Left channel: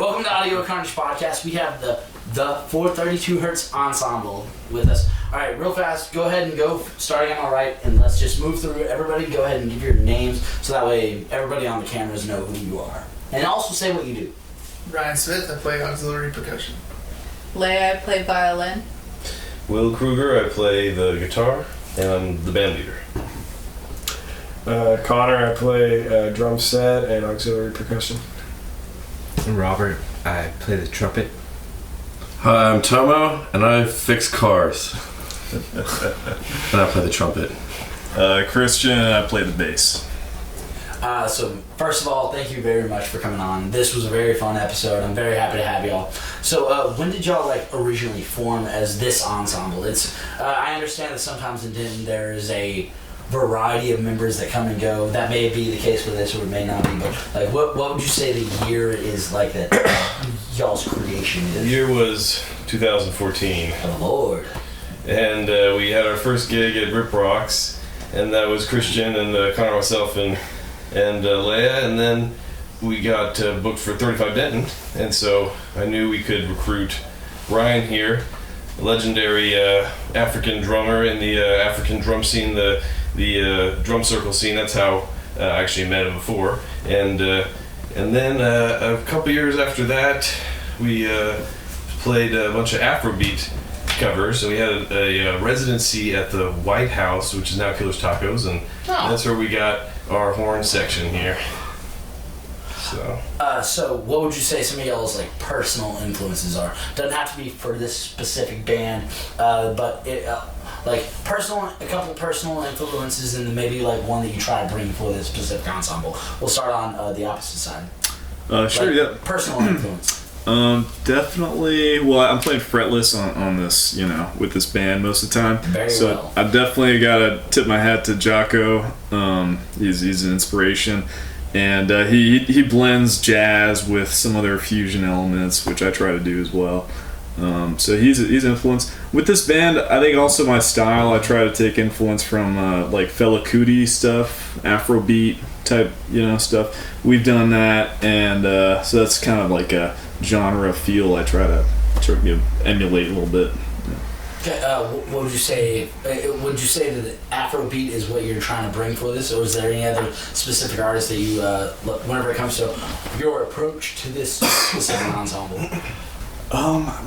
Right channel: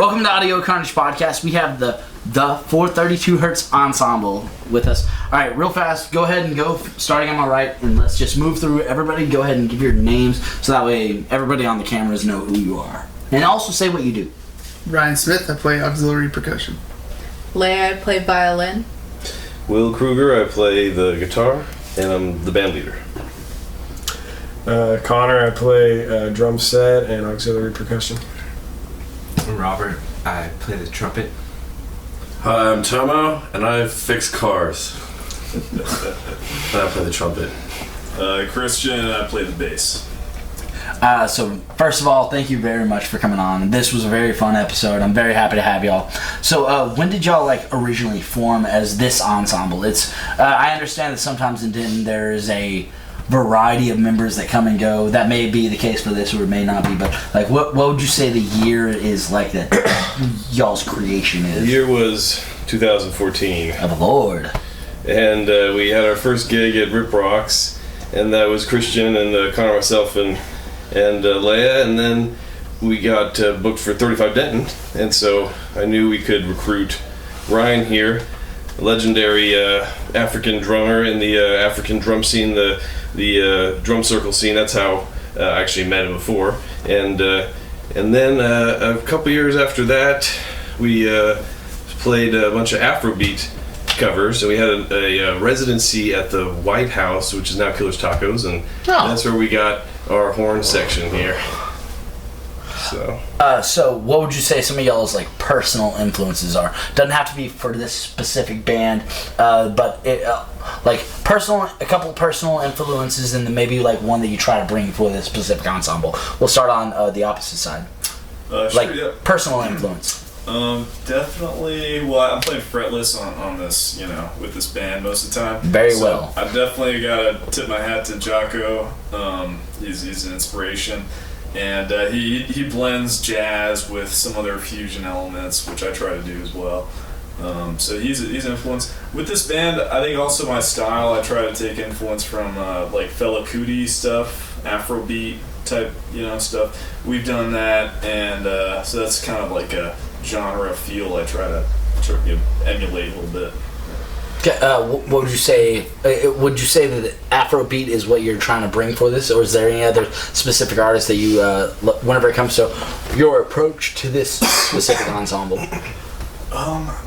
Welcome to Audio Carnage Podcast. We have the 432 Hertz Ensemble with us. All right, real fast, go ahead and go, starting on my right, and let's just move through everybody. Go ahead and give your names so that way everybody on the cameras know who you are. And also say what you do. Ryan Smith, I play auxiliary percussion. Leia, I play violin. Will Kruger, I play the guitar, and I'm the band leader. Connor, I play drum set and auxiliary percussion. Robert, I play the trumpet. Hi, I'm Tomo, and I fix cars. And I play the trumpet. Christian, and I play the bass. So first of all, thank you very much for coming on. This was a very fun episode. I'm very happy to have y'all. So when did y'all originally form as this ensemble? It's I understand that sometimes in Denton there's a variety of members that come and go. That may be the case for this, or it may not be. But what would you say the year is like that y'all's creation is? The year was 2014. Oh Lord! And we had our first gig at Rip Rocks, and that was Christian and Connor, myself, and Leia, and then we got booked for 35 Denton, and so I knew we could recruit Ryan here, a legendary African drummer in the African drum scene, the drum circle scene. That's how I actually met him before, and then a couple years after that, we played a bunch of Afrobeat covers. So we had a residency at the White House, which is now Killer's Tacos, and that's where we got our horn section here. So what would you say some of y'all's personal influences are? Doesn't have to be for this specific band, but it, a couple personal influences, and then maybe one that you try to bring for this specific ensemble. We'll start on the opposite side. Sure, yeah. Personal influence. Definitely. Well, I'm playing fretless on this, with this band most of the time. Very well. I definitely gotta tip my hat to Jocko. He's an inspiration, and he blends jazz with some other fusion elements, which I try to do as well. So he's an influence with this band. I think also my style. I try to take influence from Fela Kuti stuff, Afrobeat type, stuff. We've done that, and so that's kind of like a genre feel I try to emulate a little bit. What would you say? Would you say that Afrobeat is what you're trying to bring for this, or is there any other specific artists that you, whenever it comes to your approach to this specific ensemble?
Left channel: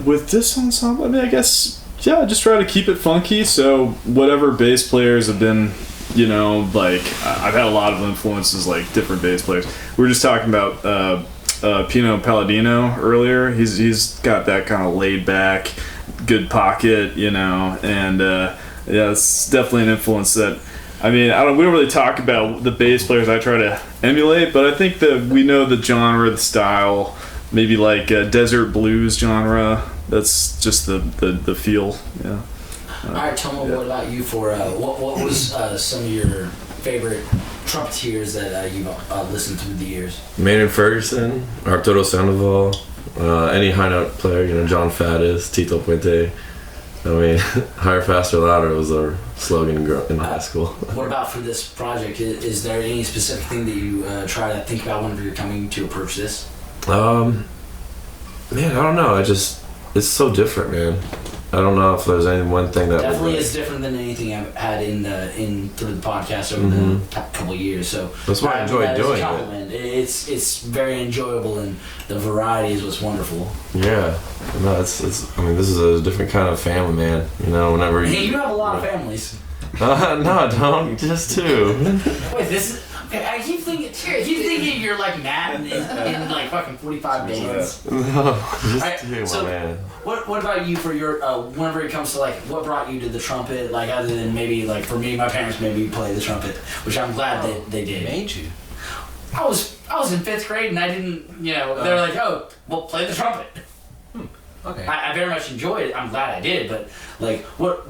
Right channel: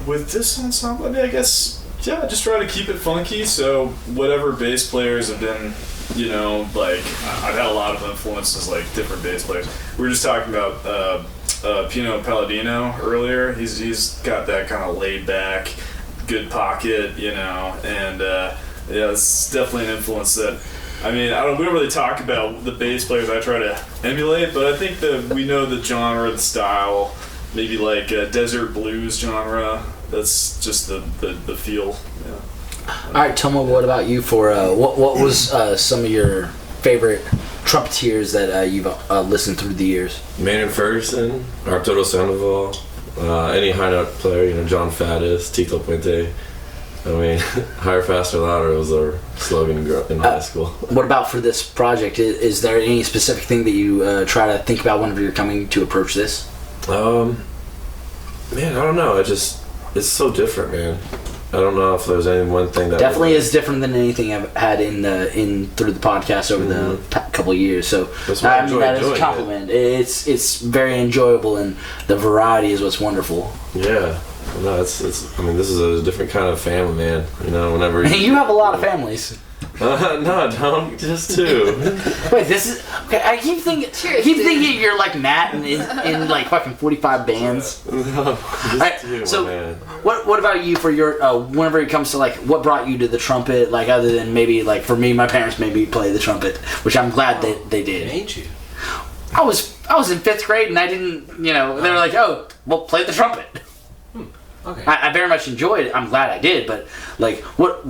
With this ensemble, I guess, I just try to keep it funky. So whatever bass players have been, I've had a lot of influences, different bass players. We were just talking about Pino Palladino earlier. He's got that kind of laid back, good pocket, and it's definitely an influence that, we don't really talk about the bass players I try to emulate, but I think that we know the genre, the style, maybe desert blues genre. That's just the feel. Yeah. All right, Tomo, what about you? For what was some of your favorite trumpeters that you've listened through the years? Maynard Ferguson, Arturo Sandoval, any high note player, John Faddis, Tito Puente. Higher, faster, louder was our slogan in high school. What about for this project? Is there any specific thing that you try to think about whenever you're coming to approach this? Man, I don't know. It's so different, man. I don't know if there's any one thing that definitely is different than anything I've had in through the podcast over the couple of years. So that's why I enjoy doing it. Compliment. It's very enjoyable, and the variety is what's wonderful. Yeah, no, it's. This is a different kind of family, man. Whenever you have a lot of families. No, I don't. Just two. Wait, this is okay. I keep thinking you're like Matt in fucking 45 bands. No, just right, two, so man. What about you for your whenever it comes to what brought you to the trumpet? Other than maybe for me, my parents made me play the trumpet, which I'm glad they did. Made you? I was in 5th grade and I didn't. They were like, oh, well, play the trumpet. Okay. I very much enjoyed it. I'm glad I did, but what.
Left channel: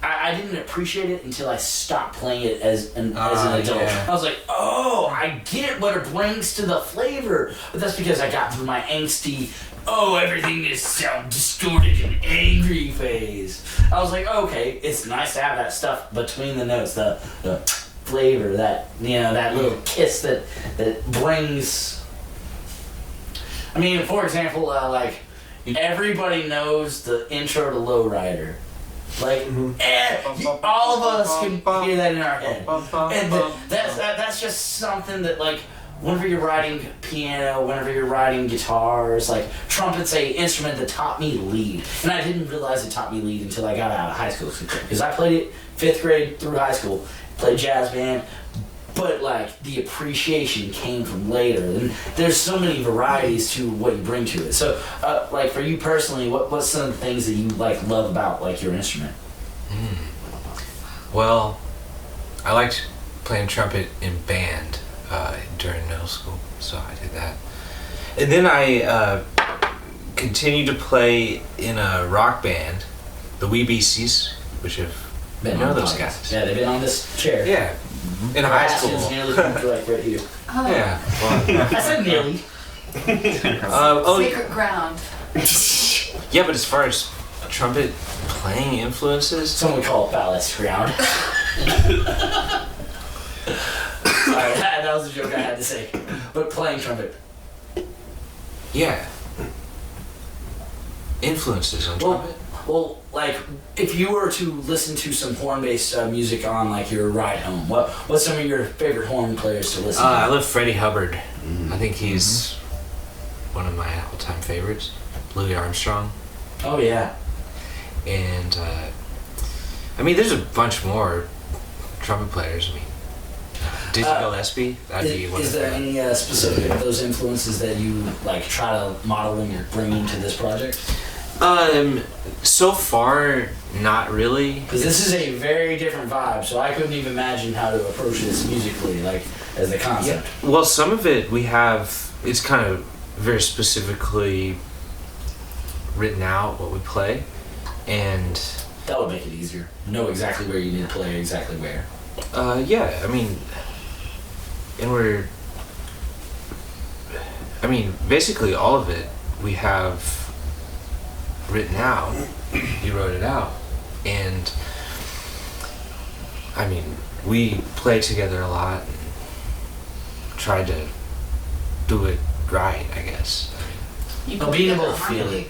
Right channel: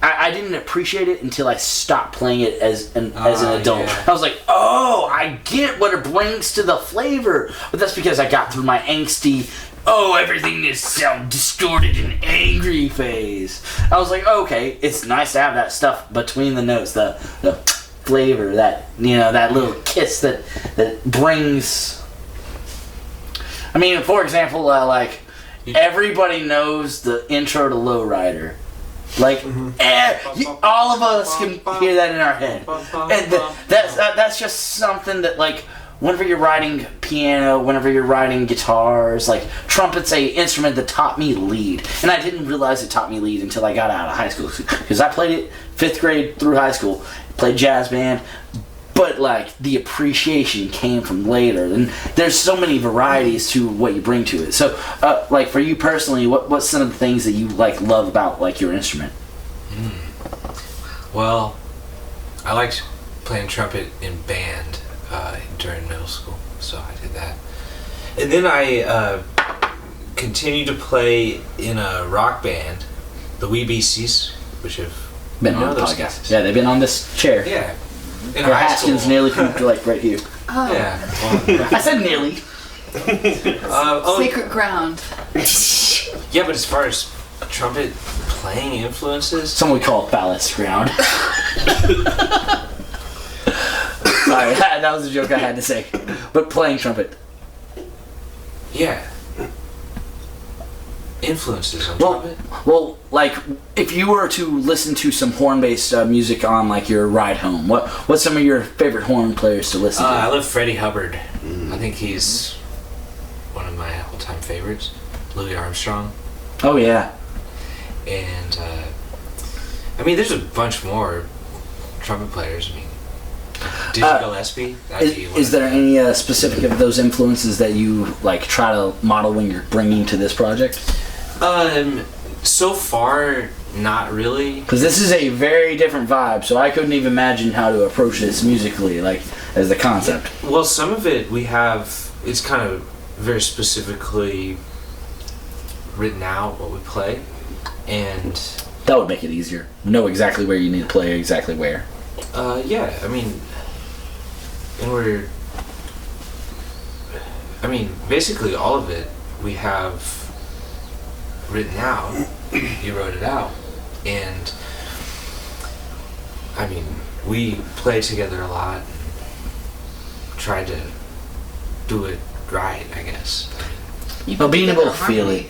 I didn't appreciate it until I stopped playing it as an adult. Yeah. I was like, oh, I get what it brings to the flavor. But that's because I got through my angsty, everything is sound distorted and angry phase. I was like, okay, it's nice to have that stuff between the notes, the flavor, that little kiss that brings I mean, for example, like everybody knows the intro to Lowrider. Like all of us can hear that in our head, and that's just something that like whenever you're writing piano, whenever you're writing guitars, like trumpet's a instrument that taught me lead, and I didn't realize it taught me lead until I got out of high school because I played it 5th grade through high school, played jazz band. But like the appreciation came from later, and there's so many varieties to what you bring to it. So, like for you personally, what's some of the things that you like love about like your instrument? Well, I liked playing trumpet in band during middle school, so I did that, and then I continued to play in a rock band, the Wee Beasties, which have Been on those podcasts. guys. Yeah, they've been on this chair. Yeah. In Their high school. Haskins nearly like right here. Oh, Yeah. Well, I said nearly. sacred ground. yeah, but as far as trumpet playing influences, Some would call it ballast ground. Sorry, that was a joke I had to say. But playing trumpet. yeah. Influences on Well, trumpet? well, like if you were to listen to some horn-based music on like your ride home, what's some of your favorite horn players to listen to? I love Freddie Hubbard. I think he's one of my all-time favorites. Louis Armstrong. Oh yeah. And, I mean, there's a bunch more trumpet players. I mean, Dizzy Gillespie. That'd be one Is of there them. any specific of those influences that you like try to model when you're bringing to this project? So far, not really. Because this is a very different vibe, so I couldn't even imagine how to approach this musically, like as the concept. Well, some of it we have, it's kind of very specifically written out what we play, and That would make it easier. Know exactly where you need to play, exactly where. yeah, I mean, basically all of it we have written out. You wrote it out, and I mean, we play together a lot and tried to do it right, I guess. But being able to feel it.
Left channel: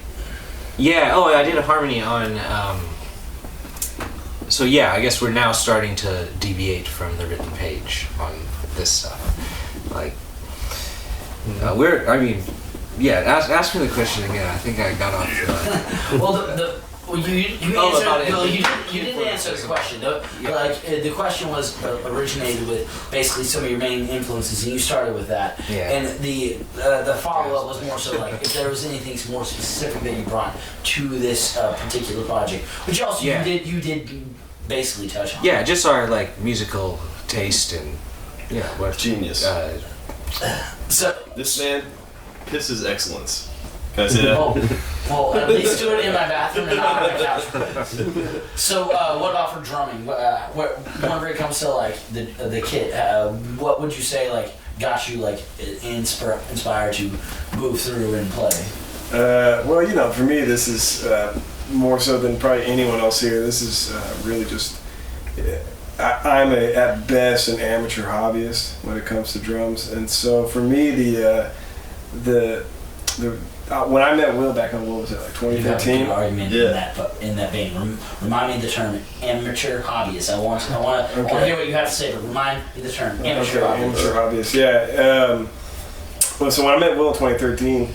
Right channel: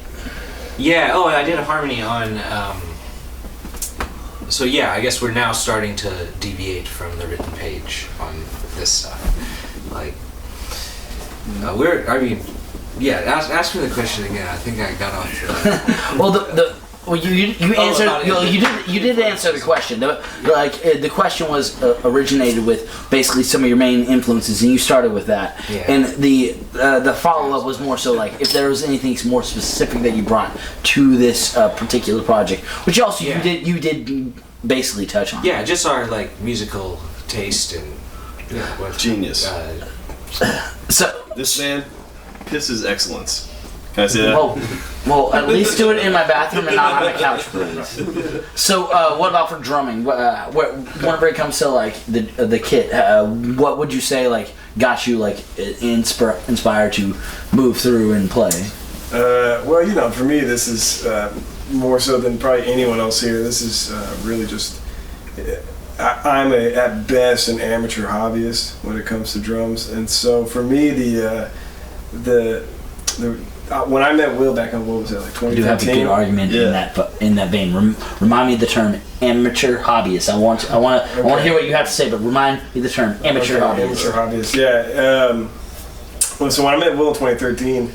Yeah, I did a harmony on, so yeah, I guess we're now starting to deviate from the written page on this stuff. Like, ask me the question again. I think I got off Well, you answered. You did answer the question. The question was originated with basically some of your main influences, and you started with that. Yeah. And the follow up was more so like if there was anything more specific that you brought to this particular project, which also you did basically touch on. Yeah, just our like musical taste and what Genius. So This man pisses excellence. Can I say that? well, at least do it in my bathroom and not on the couch, please. So, what about for drumming? Whenever it comes to like the kit, what would you say like got you like inspired to move through and play? Well, for me, this is more so than probably anyone else here. This is really just. I'm at best an amateur hobbyist when it comes to drums, and so for me, when I met Will back on, what was it, like 2015? You have a good argument in that vein. Remind me of the term amateur hobbyist. I want to hear what you have to say, but remind me the term amateur hobbyist. Amateur hobbyist, yeah. Well, so when I met Will in 2013,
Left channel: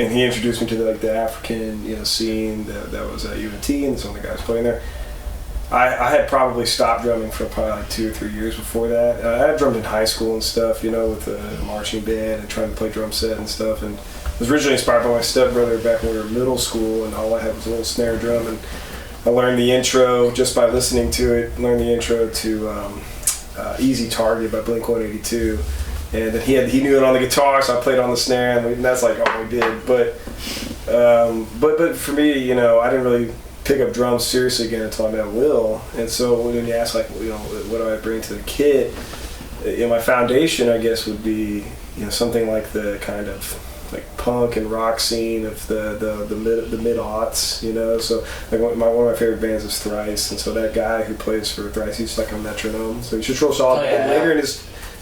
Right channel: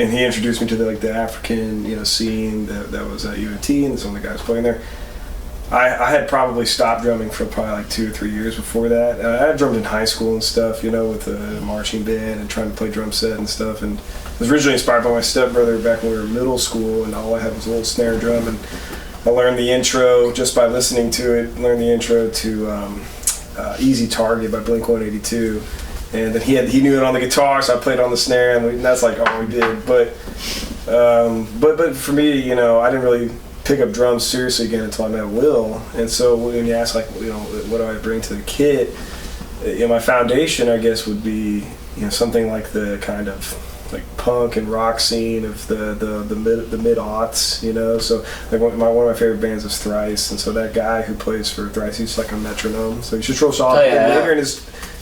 and he introduced me to the African scene that was at UNT, and some of the guys playing there. I had probably stopped drumming for probably like 2 or 3 years before that. I had drummed in high school and stuff, with the marching band and trying to play drum set and stuff. And was originally inspired by my stepbrother back when we were in middle school, and all I had was a little snare drum. And I learned the intro just by listening to it. Learned the intro to "Easy Target" by Blink-182, and then he knew it on the guitar, so I played on the snare, and that's like all we did. But for me, I didn't really pick up drums seriously again until I met Will. And so when you ask what do I bring to the kit, my foundation I guess would be something like the kind of like punk and rock scene of the mid aughts, so like one of my favorite bands is Thrice, and so that guy who plays for Thrice, he's like a metronome, so he's just real solid. Oh, yeah. And later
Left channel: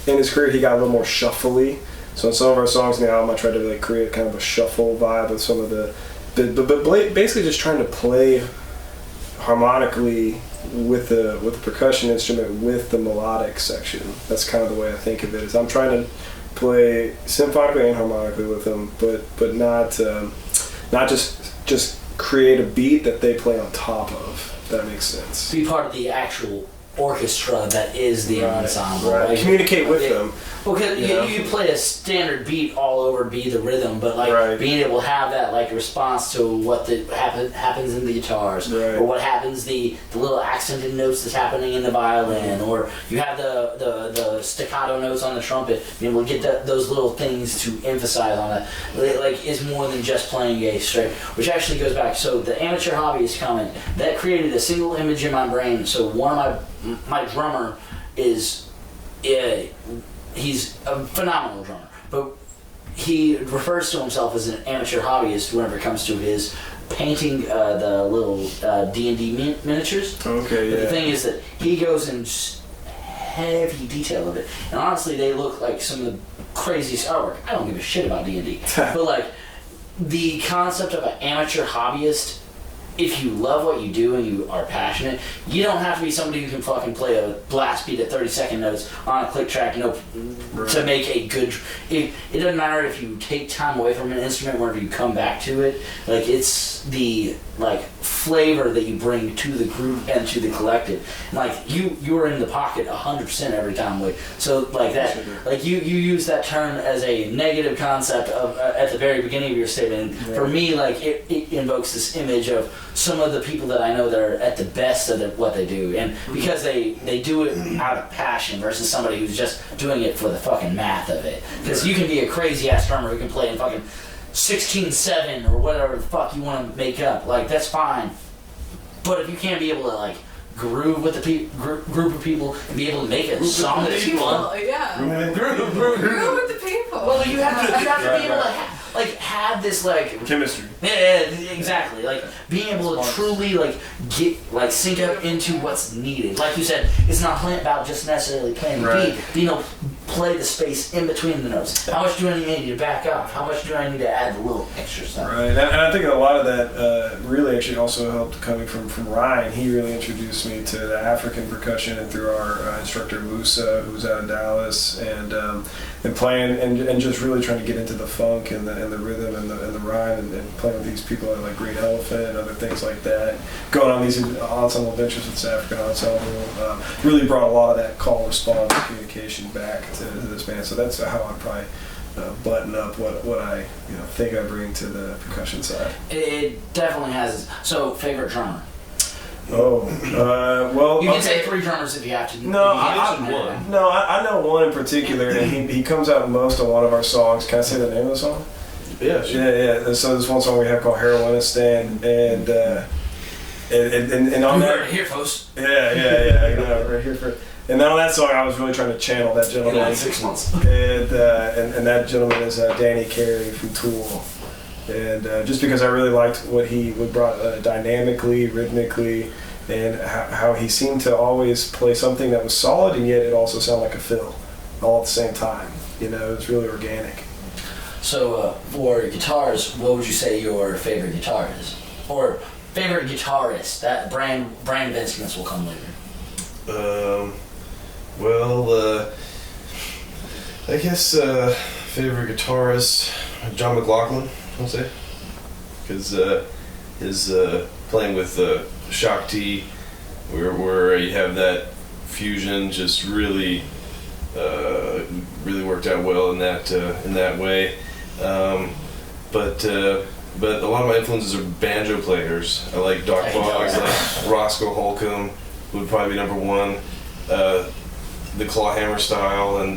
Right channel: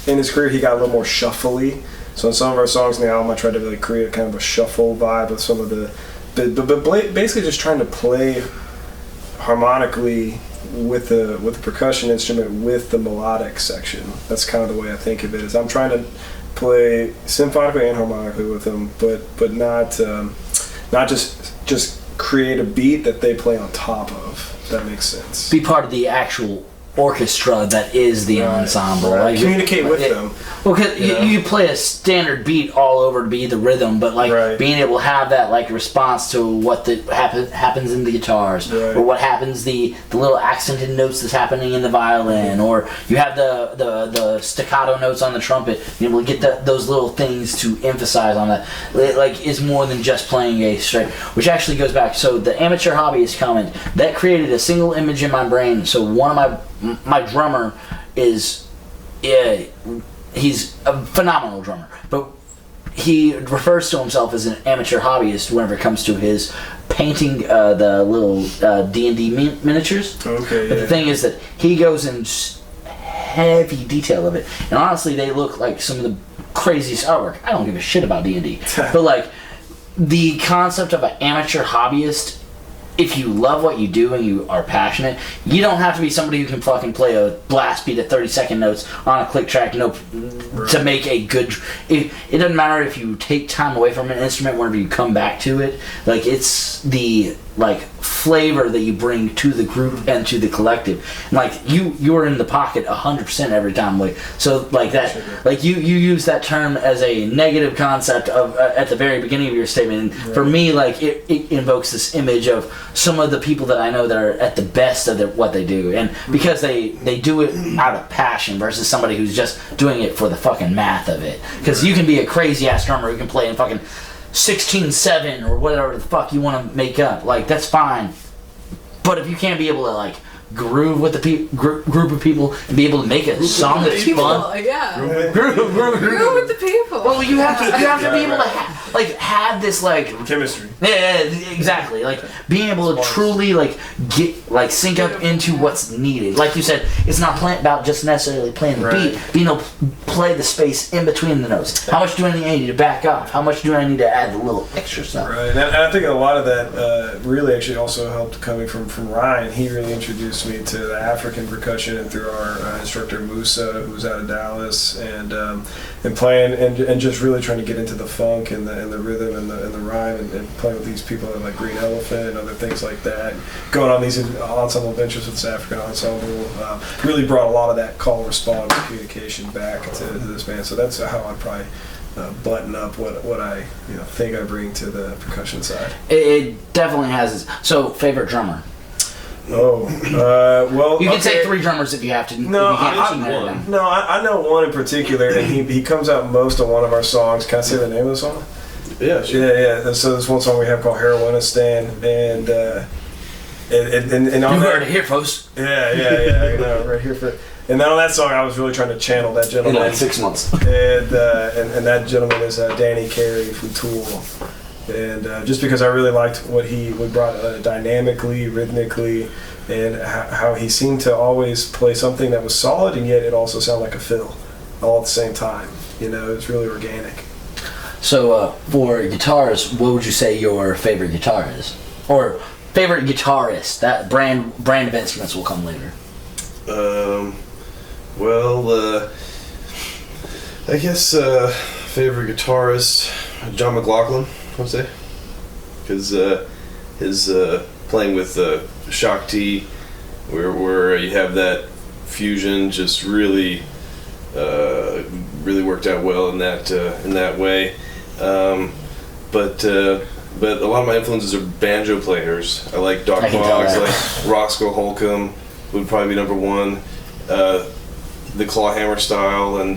in his career he got a little more shuffly, So in some of our songs in the album, I tried to really create kind of a shuffle vibe with some of but basically just trying to play harmonically with the percussion instrument with the melodic section. That's kind of the way I think of it. Is I'm trying to play symphonically and harmonically with them, but not just create a beat that they play on top of. If that makes sense. Be part of the actual orchestra that is the ensemble. Right. Like, Communicate with them. Well, because you play a standard beat all over to be the rhythm, but like being able to have that like response to what happens in the guitars, or what happens the little accented notes that's happening in the violin, or you have the staccato notes on the trumpet. Being able to get those little things to emphasize on that, like, is more than just playing a straight. Which actually goes back. So the amateur hobbyist comment that created a single image in my brain. So one of my drummer is. He's a phenomenal drummer, but he refers to himself as an amateur hobbyist whenever it comes to his painting the little D&D miniatures. Okay, But the thing is that he goes in heavy detail of it, and honestly, they look like some of the craziest artwork. I don't give a shit about D&D, but like the concept of an amateur hobbyist. If you love what you do and you are passionate, you don't have to be somebody who can fucking play a blast beat at 30-second notes on a click track to make a good... It doesn't matter if you take time away from an instrument whenever you come back to it. Like, it's the like flavor that you bring to the group and to the collective. And like, you're in the pocket 100% every time. Like, so like that, like you use that term as a negative concept of at the very beginning of your statement. And for me, like it invokes this image of some of the people that I know that are at the best of what they do, and because they do it out of passion versus somebody who's just doing it for the fucking math of it. Because you can be a crazy ass drummer who can play in fucking 16/7 or whatever the fuck you want to make up. Like, that's fine, but if you can't be able to like groove with the group of people and be able to make a song that's fun, groove with the people. well, you have to be able to have this like chemistry. Yeah, exactly. Like being able to truly like get like sync up into what's needed. Like you said, it's not about just necessarily playing the beat. Being able to play the space in between the notes. How much do I need to back off? How much do I need to add the little extra stuff? Right, and I think a lot of that really actually also helped coming from Ryan. He really introduced me to the African percussion, and through our instructor Musa, who's out of Dallas, and playing and just really trying to get into the funk and the rhythm and the rhyme, and playing with these people like Green Elephant and other things like that. Going on these ensemble ventures with this African ensemble really brought a lot of that call response communication back to this band. So that's how I'd probably button up what I think I bring to the percussion side. It definitely has. So, favorite drummer? Well, you can say 3 drummers if you have to. No, I know one in particular, and he comes out most on one of our songs. Can I say the name of the song? Yeah, sure. Yeah. So there's one song we have called Heroinistan, and on you that, heard it here, folks. Yeah, I know, right here for. And then on that song, I was really trying to channel that gentleman. In like 6 months. And that gentleman is Danny Carey from Tool. And just because I really liked what he brought dynamically, rhythmically, and how he seemed to always play something that was solid, and yet it also sounded like a fill, all at the same time. It's really organic. So for guitars, what would you say your favorite guitar is? Or favorite guitarist? That brand of instruments will come later. I guess favorite guitarist, John McLaughlin, I would say, because his playing with Shakti, where you have that fusion, just really worked out well in that way. But a lot of my influences are banjo players. I like Doc Boggs, like Roscoe Holcomb would probably be number one. The clawhammer style, and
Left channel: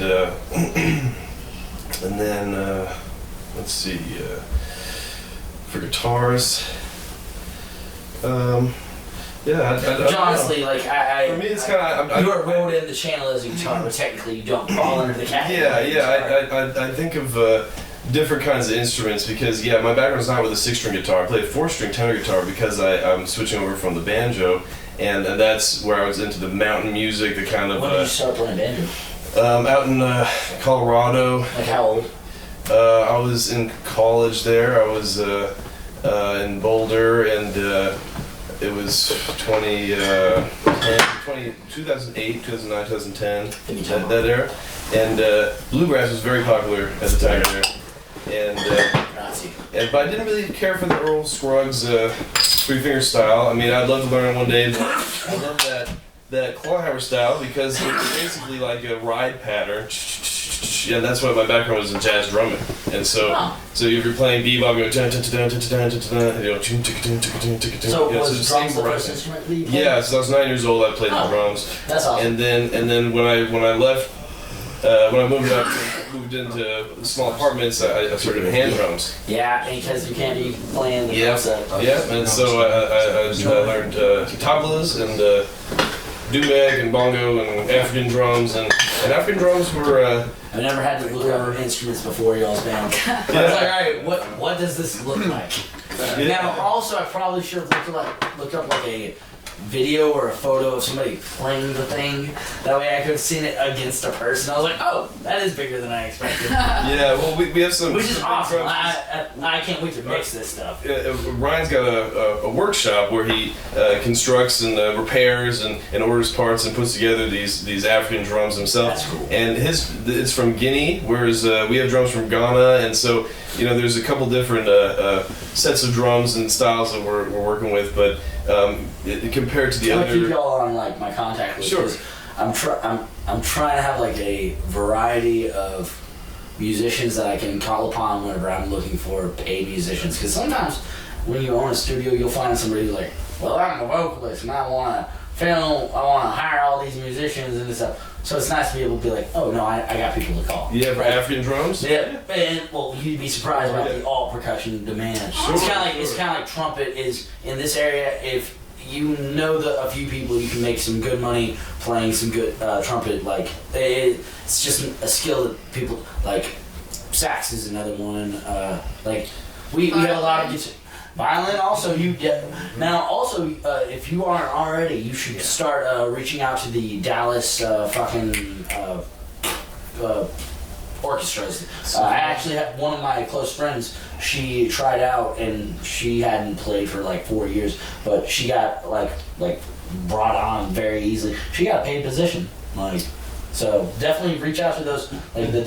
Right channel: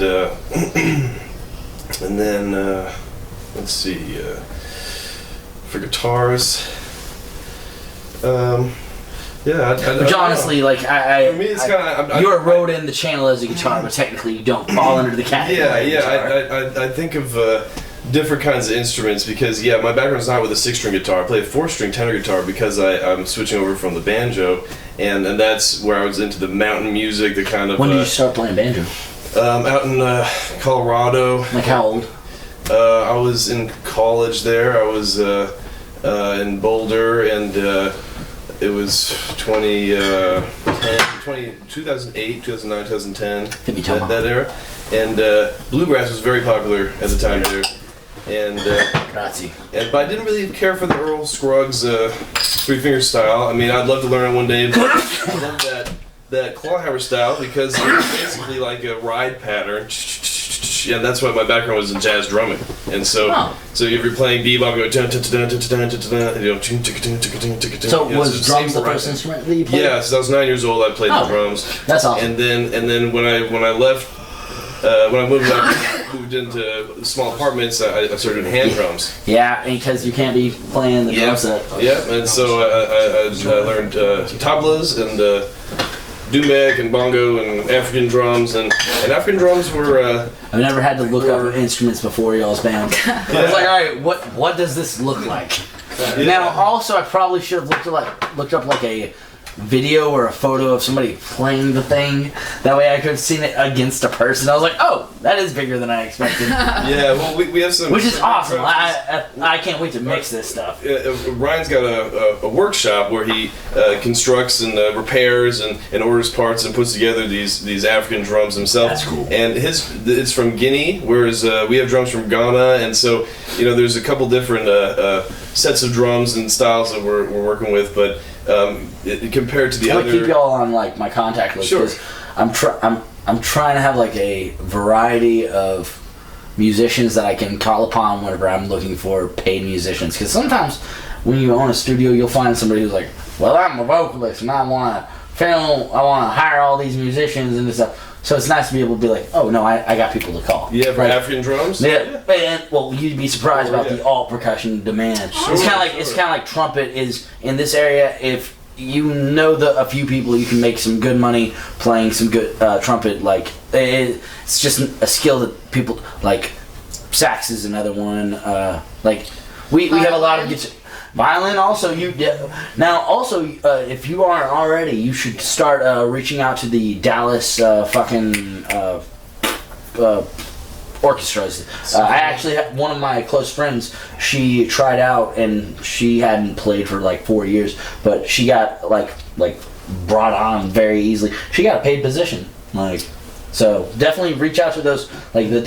then let's see, for guitars, Which honestly, like for me, it's kind of you're rode in the channel as a guitar, but technically you don't fall under the category. I think of different kinds of instruments because my background's not with a 6-string guitar. I play a 4-string tenor guitar because I'm switching over from the banjo, and that's where I was into the mountain music, the kind of. When did you start playing banjo? Out in Colorado. Like how old? I was in college there. I was in Boulder, and it was 2008, 2009, 2010, that era. And bluegrass was very popular at the time there. And but I didn't really care for the Earl Scruggs three-finger style. I mean, I'd love to learn it one day, but I love that clawhammer style because it's basically like a ride pattern. And that's why my background was in jazz drumming. And so so if you're playing bebop, you go dun dun dun dun dun dun dun, and you know, so was drums the first instrument that you played? Yeah, so I was 9 years old. I played the drums. That's awesome. And then when I left, when I moved into small apartments, I started doing hand drums. Yeah, because you can't be playing the drum set. Yeah, and so I learned tablas and doumbek and bongo and African drums, and African drums were. I've never had to look up instruments before y'all's band. I was like, all right, what does this look like? Now, also, I probably should have looked up like a video or a photo of somebody playing the thing. That way I could have seen it against a person. I was like, oh, that is bigger than I expected. Yeah, well, we have some... Which is awesome. I can't wait to mix this stuff. Ryan's got a workshop where he constructs and repairs and orders parts and puts together these African drums himself. That's cool. And it's from Guinea, whereas we have drums from Ghana, and so, there's a couple different sets of drums and styles that we're working with, but compared to the other... I keep y'all on like my contact list. Sure. I'm trying to have like a variety of musicians that I can call upon whenever I'm looking for paid musicians. Because sometimes when you own a studio, you'll find somebody who's like, well, I'm a vocalist and I want to hire all these musicians and stuff. So it's nice to be able to be like, oh no, I got people to call. Yeah, for African drums? Yeah, and well, you'd be surprised about the alt percussion demand. Sure, it's kind of like trumpet is in this area. If you know a few people, you can make some good money playing some good trumpet. Like it's just a skill that people like. Sax is another one. Like we have a lot of guitar. Violin also now also if you aren't already, you should start reaching out to the Dallas orchestras. I actually have one of my close friends. She tried out and she hadn't played for like 4 years, but she got like brought on very easily. She got a paid position. So definitely reach out to those, like the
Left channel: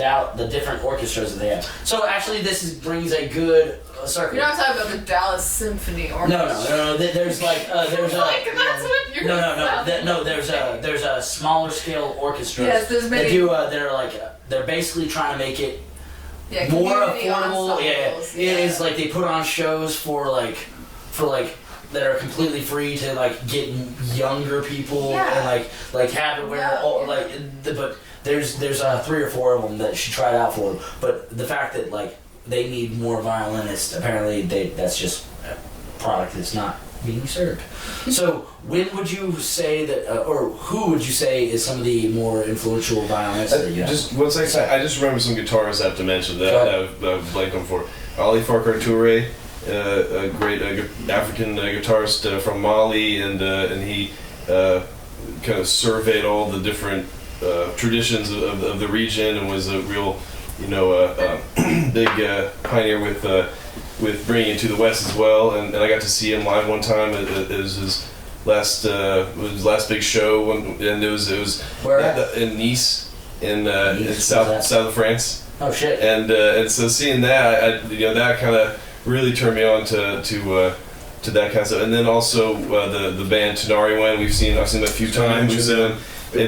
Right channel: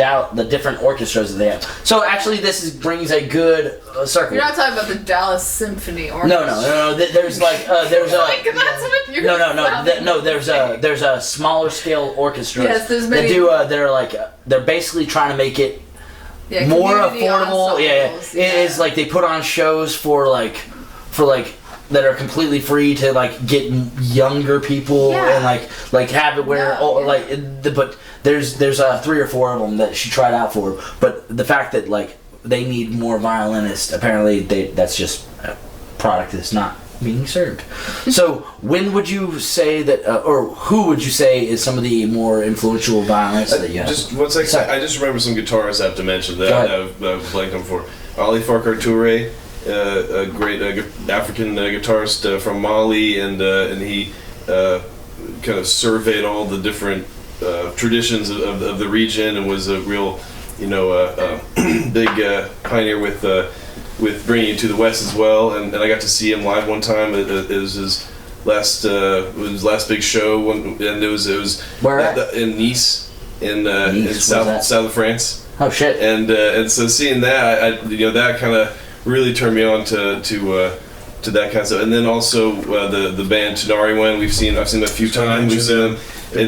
different orchestras that they have. So actually, this brings a good circle. You're not talking about the Dallas Symphony Orchestra. No. There's there's there's a smaller scale orchestra. Yes, there's many. They're basically trying to make it more community affordable. ensembles, It is like they put on shows for that are completely free to get younger people and have it where but there's 3 or 4 of them that she tried out for, but the fact that they need more violinists, apparently that's just a product that's not being served. So when would you say that or who would you say is some of the more influential violinists that you have? Just one second. I just remember some guitarists I have to mention that I've blanked on for. Ali Farquhar Touré, a great African guitarist from Mali, and he kind of surveyed all the different traditions of the region and was a real, big pioneer with bringing it to the West as well. And I got to see him live one time. It was his last big show, and it was where at? In Nice, in Nice, south of France. Oh shit! And so seeing that, that kind of really turned me on to that kind of stuff. And then also the band Tenor Guitar, I've seen them a few times. We've seen them. They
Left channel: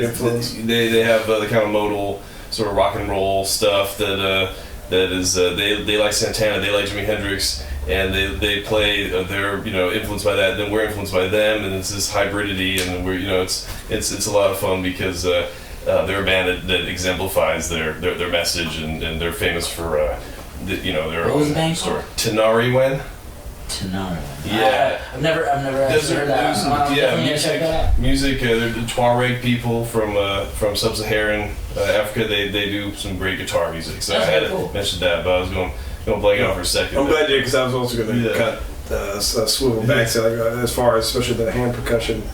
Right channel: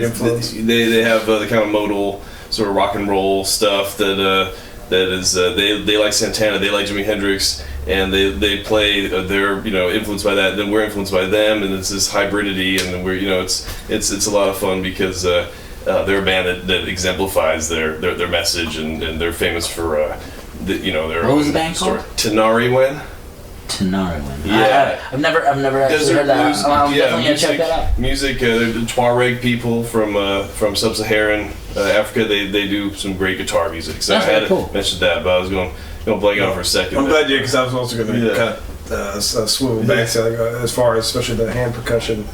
have the kind of modal sort of rock and roll stuff that is they like Santana, they like Jimi Hendrix, and they play. They're influenced by that. Then we're influenced by them, and it's this hybridity, and we're it's a lot of fun because they're a band that exemplifies their message, and they're famous for their what was the band story. called? Tenor Guitar. Tenor. Yeah. I've never actually heard that. I'm definitely gonna check that out. Music. They're the Tuareg people from sub-Saharan Africa. They do some great guitar music. So That's I had cool. to mention that, but I was going blank on for a second. I'm glad you, because I was also going to kind of swivel back to as far as especially the hand percussion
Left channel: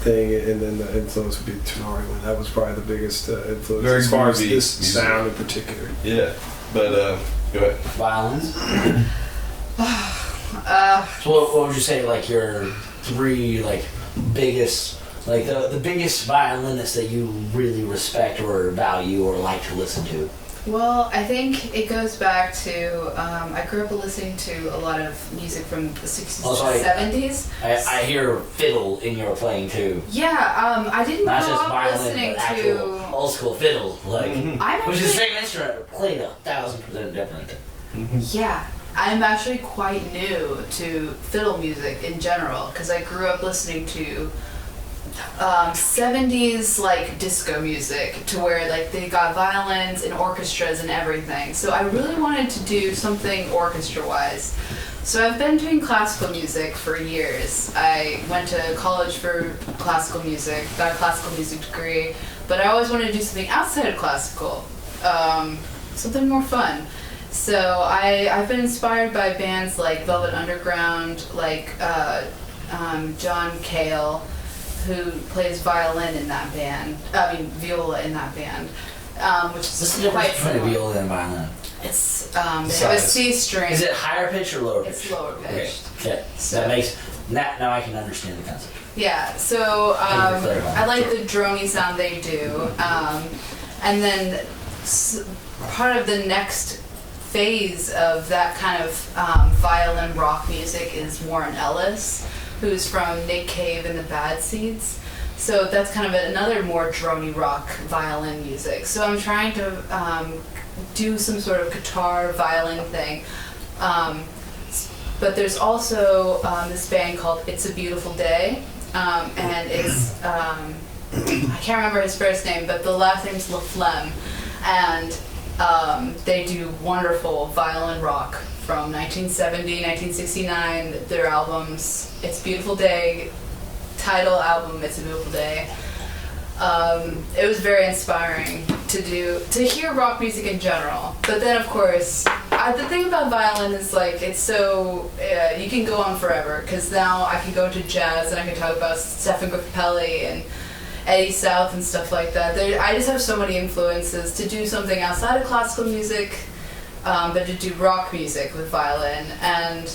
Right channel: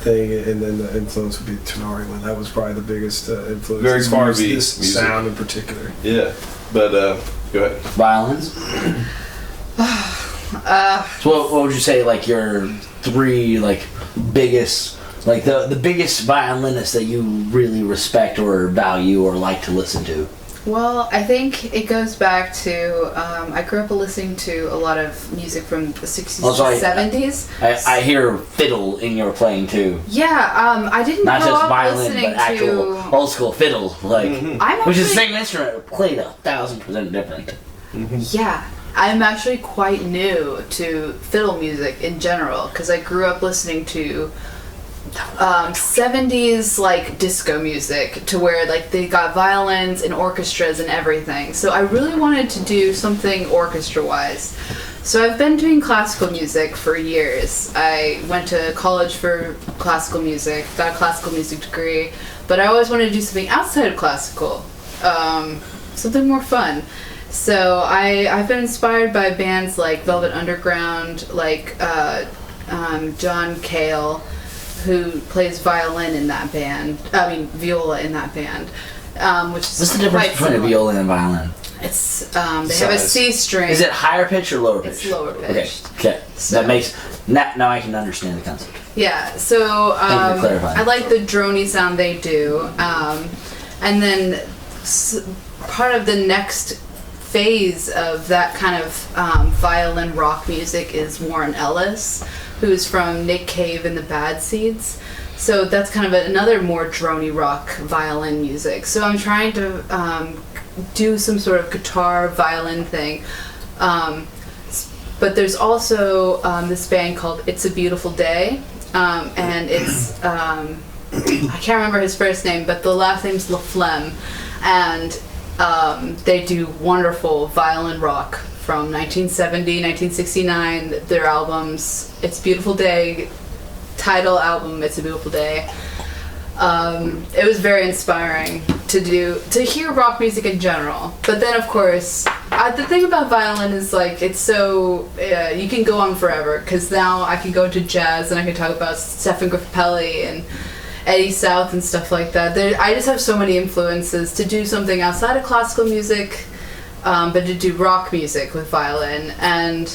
thing, and then the influence would be Tenor. That was probably the biggest influence Very as far as groovy this music. sound in particular. Yeah. But go ahead. Violins. So what would you say, like, your 3 like biggest, like the biggest violinists that you really respect or value or like to listen to? Well, I think it goes back to, I grew up listening to a lot of music from the 60s and 70s. I hear fiddle in your playing too. Yeah, I didn't Not grow just up violin, listening but actual to... old school fiddle, like, I'm which is the actually- same instrument, played 1,000% different. Yeah, I'm actually quite new to fiddle music in general, because I grew up listening to 70s like disco music, to where like they got violins and orchestras and everything. So I really wanted to do something orchestra wise. So I've been doing classical music for years. I went to college for classical music, got a classical music degree, but I always wanted to do something outside of classical, something more fun. So I've been inspired by bands like Velvet Underground, like John Cale, who plays violin in that band. I mean, viola in that band, which is What's the difference quite between a similar. viola and violin? It's they have a C string. Is it higher pitch or lower pitch? It's lower pitched. Okay. So- That makes now I can understand the concept. Yeah. So Thank you for clarifying. I like the drony sound they do, and then part of the next phase of that kind of violin rock music is Warren Ellis, who's from Nick Cave and the Bad Seeds. So that's kind of another more drony rock violin music. So I'm trying to do some sort of guitar violin thing. But there's also this band called It's a Beautiful Day, and it's I can't remember his first name, but the last name's LaFlemme, and they do wonderful violin rock from 1970, 1969. Their albums, It's a Beautiful Day, title album, It's a Beautiful Day. It was very inspiring to hear rock music in general. But then, of course, the thing about violin is like it's so you can go on forever, because now I can go into jazz and I can talk about Stephen Grappelli and Eddie South and stuff like that. I just have so many influences to do something outside of classical music, but to do rock music with violin, and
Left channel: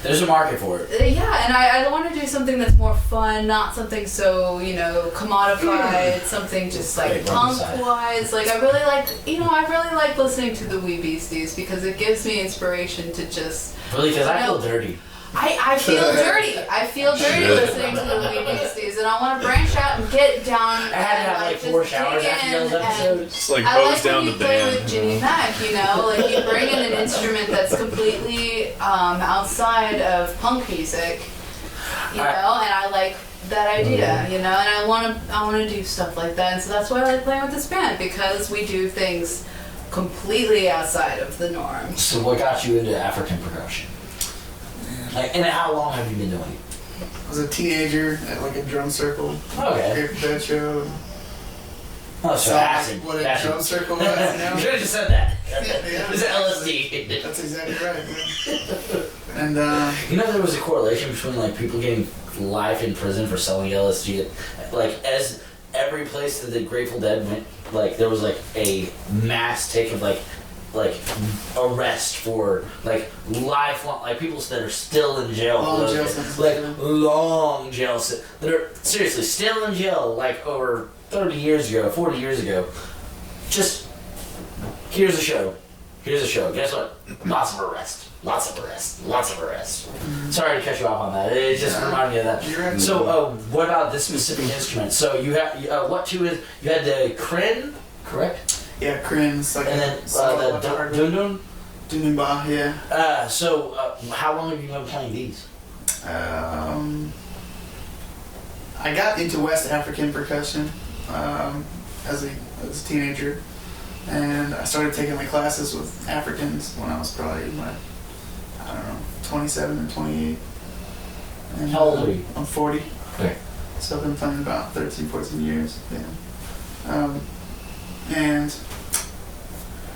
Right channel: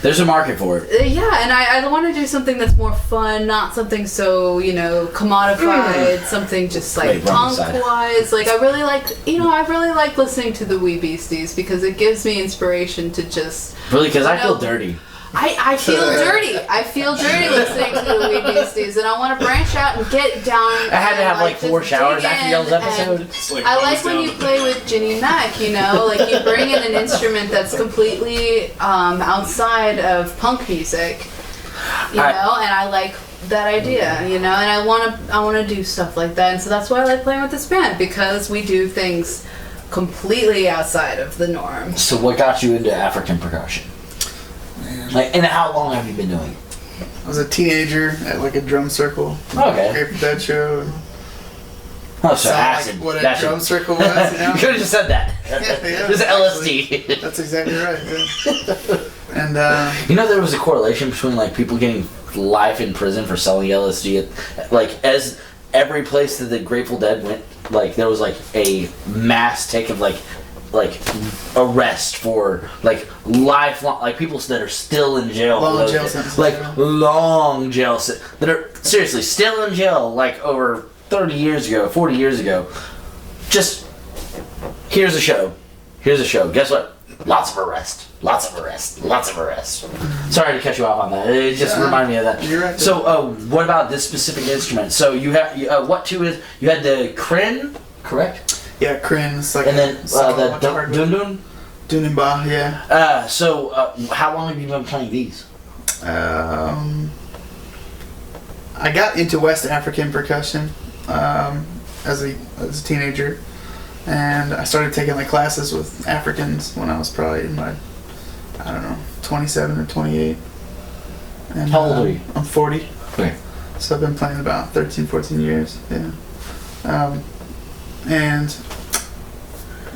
There's a market for it. yeah, and I want to do something that's more fun, not something so, commodified, something just like Wait, wrong side. punk-wise. Like, I really like listening to the Wee Beasties, because it gives me inspiration to just... Really, because I feel No. dirty. I feel dirty. I feel dirty listening to the Wee Beasties, and I want to branch out and get down. I had to have like 4 just showers dig after y'all's in and- episode. It's like I goes like when down you the play band. with Ginny Mac, like you bring in an instrument that's completely outside of punk music, and I like that idea, and I want to do stuff like that, and so that's why I like playing with this band, because we do things completely outside of the norm. So what got you into African percussion? Like, and how long have you been doing it? I was a teenager at like a drum circle. Okay. Grateful Dead show. And Oh, so saw acid. like what a Acid. drum circle was. You could have just said that. Yeah, It was LSD. That's exactly right. Yeah. And There was a correlation between like people getting life in prison for selling LSD. As every place that the Grateful Dead went, like there was like a mass take of like arrest for like lifelong, like people that are still in jail. Long for those jail days. sentences, Like yeah. long jail that are seriously still in jail like over 30 years ago, 40 years ago. Just here's a show. Guess what? Lots of arrest. Sorry to cut you off on that. It just reminded me of that. You're right. So, what about this specific instrument? So you have what two is? You had the Krin, correct? yeah, Krin. It's like And then the Dun Dundun. Dunimba, yeah. So how long have you been playing these? I got into West African percussion as a teenager, and I started taking like classes with Africans when I was probably in my 27 or 28. And, How old are you? I'm 40. Okay. So I've been playing about 13, 14 years. Yeah. And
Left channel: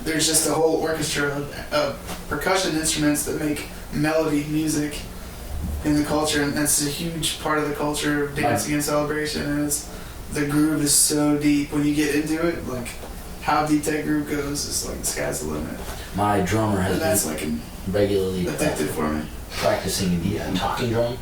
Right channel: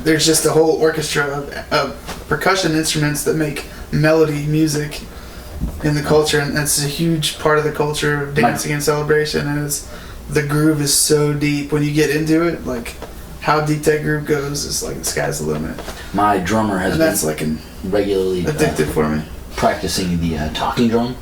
there's just a whole orchestra of percussion instruments that make melody music in the culture, and that's a huge part of the culture of dancing and celebration. And the groove is so deep when you get into it. Like how deep that group goes is like the sky's the limit. My drummer has And that's been like an regularly addictive for me. practicing the talking drum.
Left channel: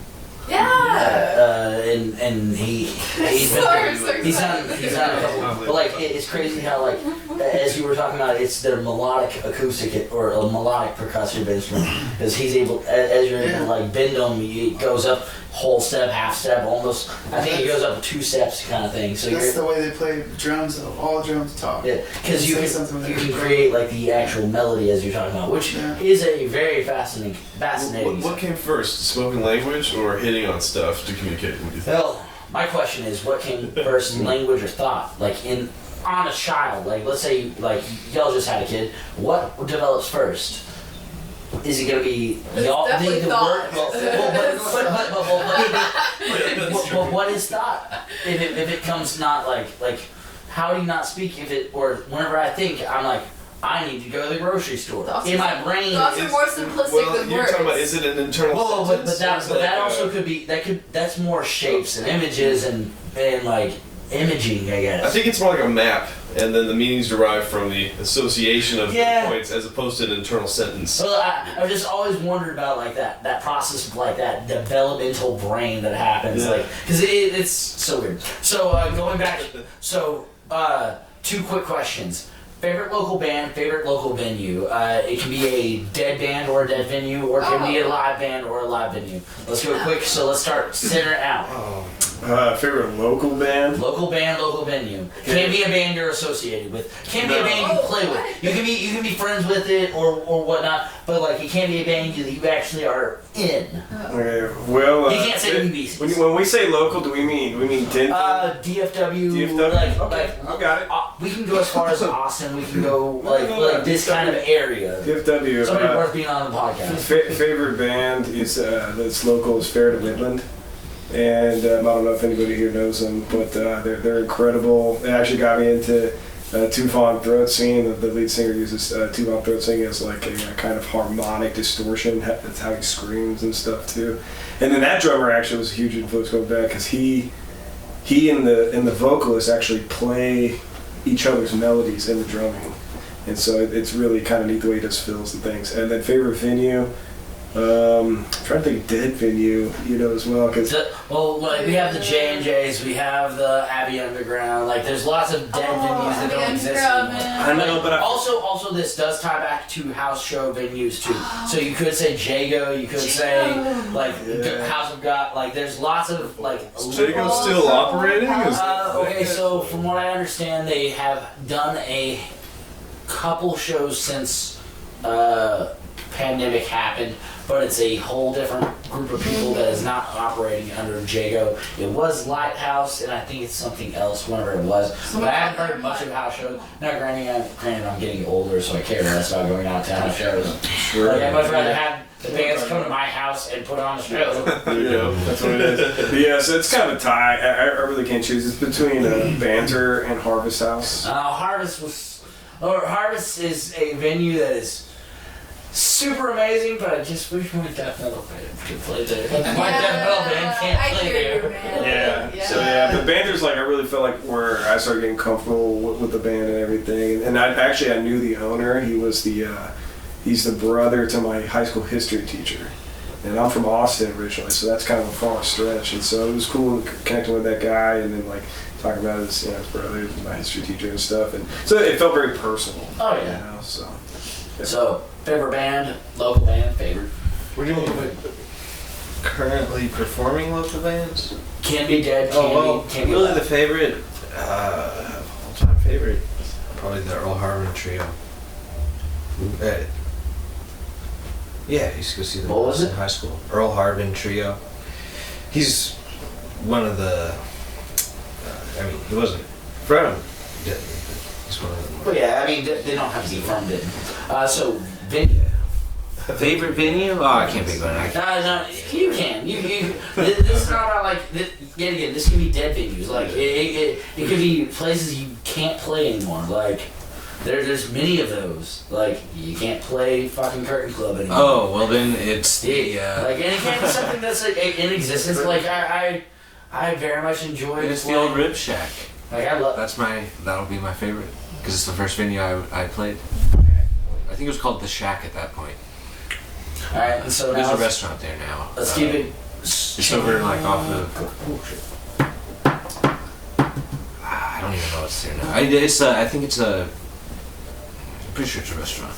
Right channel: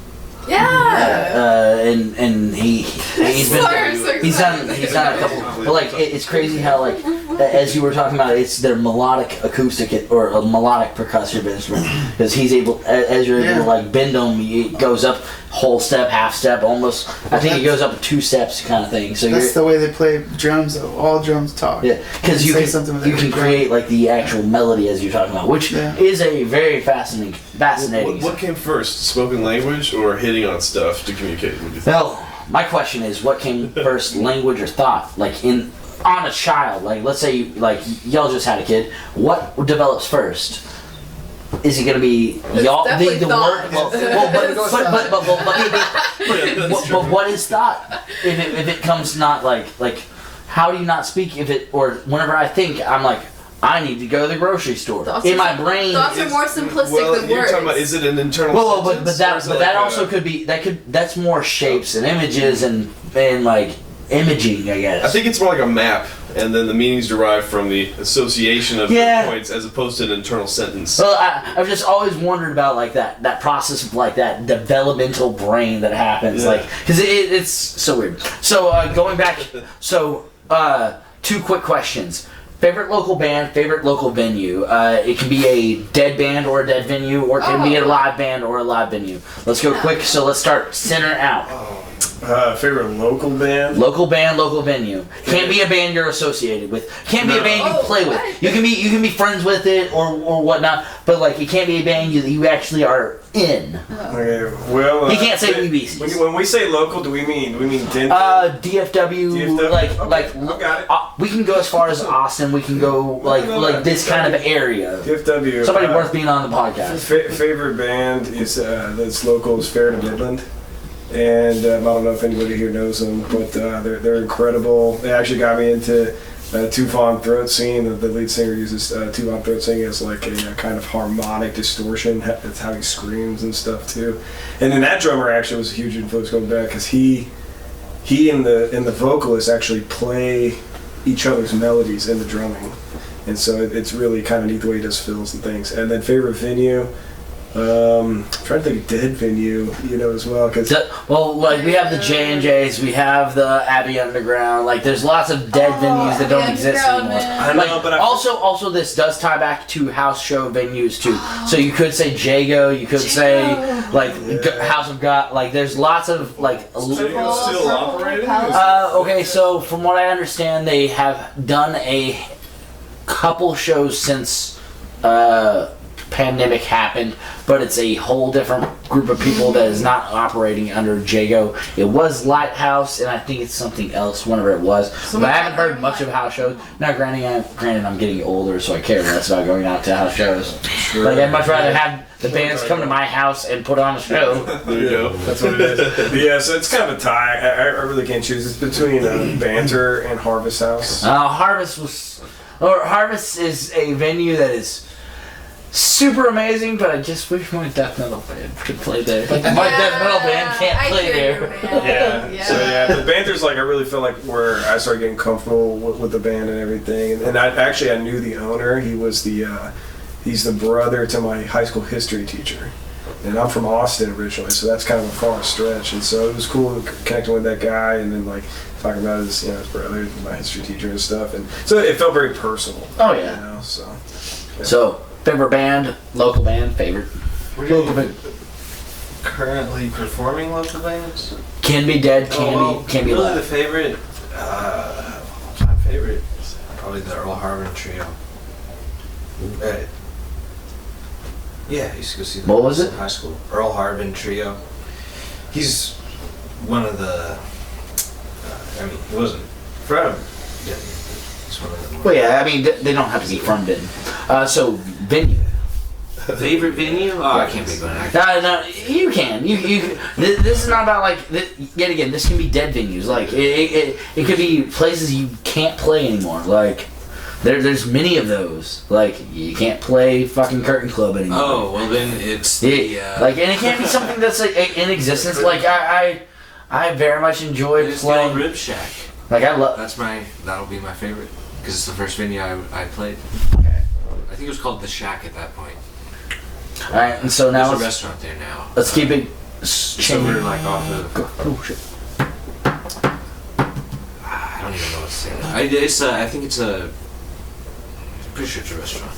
Yeah. And he's been Sorry, I'm so he's done excited. a couple, but like it's crazy how like as you were talking about, it's their melodic acoustic or a melodic percussive instrument because he's able as you're able to like bend them, it goes up whole step, half step, almost. I think it goes up 2 steps kind of thing. So That's the way they play drums though. All drums talk. yeah, because you Say can something with you every can drum. create like the actual melody as you're talking about, which is a very fascinating. What came first, spoken language or hitting on stuff to communicate? What do you think? Well, my question is, what came first, language or thought? Like on a child, like let's say like y'all just had a kid, what develops first? Is it gonna be y'all the definitely thought. but what is thought? If it comes not like how do you not speak if it or whenever I think I'm like I need to go to the grocery store. Thoughts In are- my brain. Thoughts are more simplistic than you're words. talking about, is it an internal Well, sentence? but that or is it but like that also could be that's more shapes and images and like imaging, I guess. I think it's more like a map, and then the meanings derived from the association of the points as opposed to an internal sentence. Well, I've just always wondered about like that process of like that developmental brain that happens, like because it's so weird. So going back, so 2 quick questions. Favorite local band, favorite local venue. It can be a dead band or a dead venue, or it can be a live band or a live venue. Let's go quick. So let's start center out. Favorite local band? Local band, local venue. Can't be a band you're associated with. Can't be a band you play with. You can be friends with it or whatnot, but like it can't be a band you actually are in. Okay, well, You can't say UBCs. When we say local, do we mean Denton? DFW, DFW? like I got it. we can go as far as Austin. We can go like this kind of area. DFW. Somebody worth being on the podcast. Favorite band is that's local is Fair to Midland, and I don't know if anybody here knows them, but they're incredible. They actually got me into two-von throat singing. The lead singer uses two-von throat singing as like a kind of harmonic distortion. That's how he screams and stuff too. And then that drummer actually was a huge influence going back because he and the vocalist actually play each other's melodies in the drumming, and so it's really kind of neat the way he does fills and things. And then favorite venue. I'm trying to think of dead venue, as well, because Well, like we have the J&Js, we have the Abbey Underground. Like, there's lots of dead venues that don't Abbey exist Underground, anymore. man. I know, but also this does tie back to house show venues too. So you could say Jago, you could say like House of God. Like, there's lots of like. Jago's still operating? Okay, so from what I understand, they have done a couple shows since pandemic happened, but it's a whole different group of people that is not operating under Jago. It was Lighthouse, and I think it's something else, whenever it was. But I haven't heard much of house shows. Now, granted, I'm getting older, so I care less about going out to house shows. Like, I'd much rather have the bands come to my house and put on a show. There you go. that's what it is. Yeah, so it's kind of a tie. I really can't choose. It's between Banter and Harvest House. Harvest is a venue that is super amazing, but I just wish my death metal band could play there. But my death metal band can't play there. So but Banter's like I really felt like where I started getting comfortable with the band and everything. And I knew the owner. He was he's the brother to my high school history teacher. And I'm from Austin originally, so that's kind of a far stretch. And so it was cool connecting with that guy and then like talking about his brother, my history teacher and stuff. And so it felt very personal. Oh yeah. So favorite band, local band, favorite. Local band. Currently performing local bands? Can be dead, can be really alive. the favorite, all-time favorite, probably the Earl Harbin Trio. Yeah, I used to go see them What was it? in high school. Earl Harbin Trio. He's one of the, he wasn't from Denton, but he's one of the more... Well, yeah, I mean, they don't have to be from Denton. So, venue. Favorite venue? Oh, I can't pick one. No, you can. You. This is not about like. Yet again, this can be dead venues. Like it could be places you can't play anymore. Like there's many of those. Like you can't play fucking Curtain Club anymore. Oh well, then it's the like, and it can't be something that's like in existence. Like I very much enjoy it's the playing. old Rib Shack. Like I love. That'll be my favorite. because it's the first venue I played. I think it was called The Shack at that point. All right, and so now There's a restaurant there now. let's keep it. Just over like off of. Oh shit. I don't even know what's there now. I think it's a. I'm pretty sure it's a restaurant.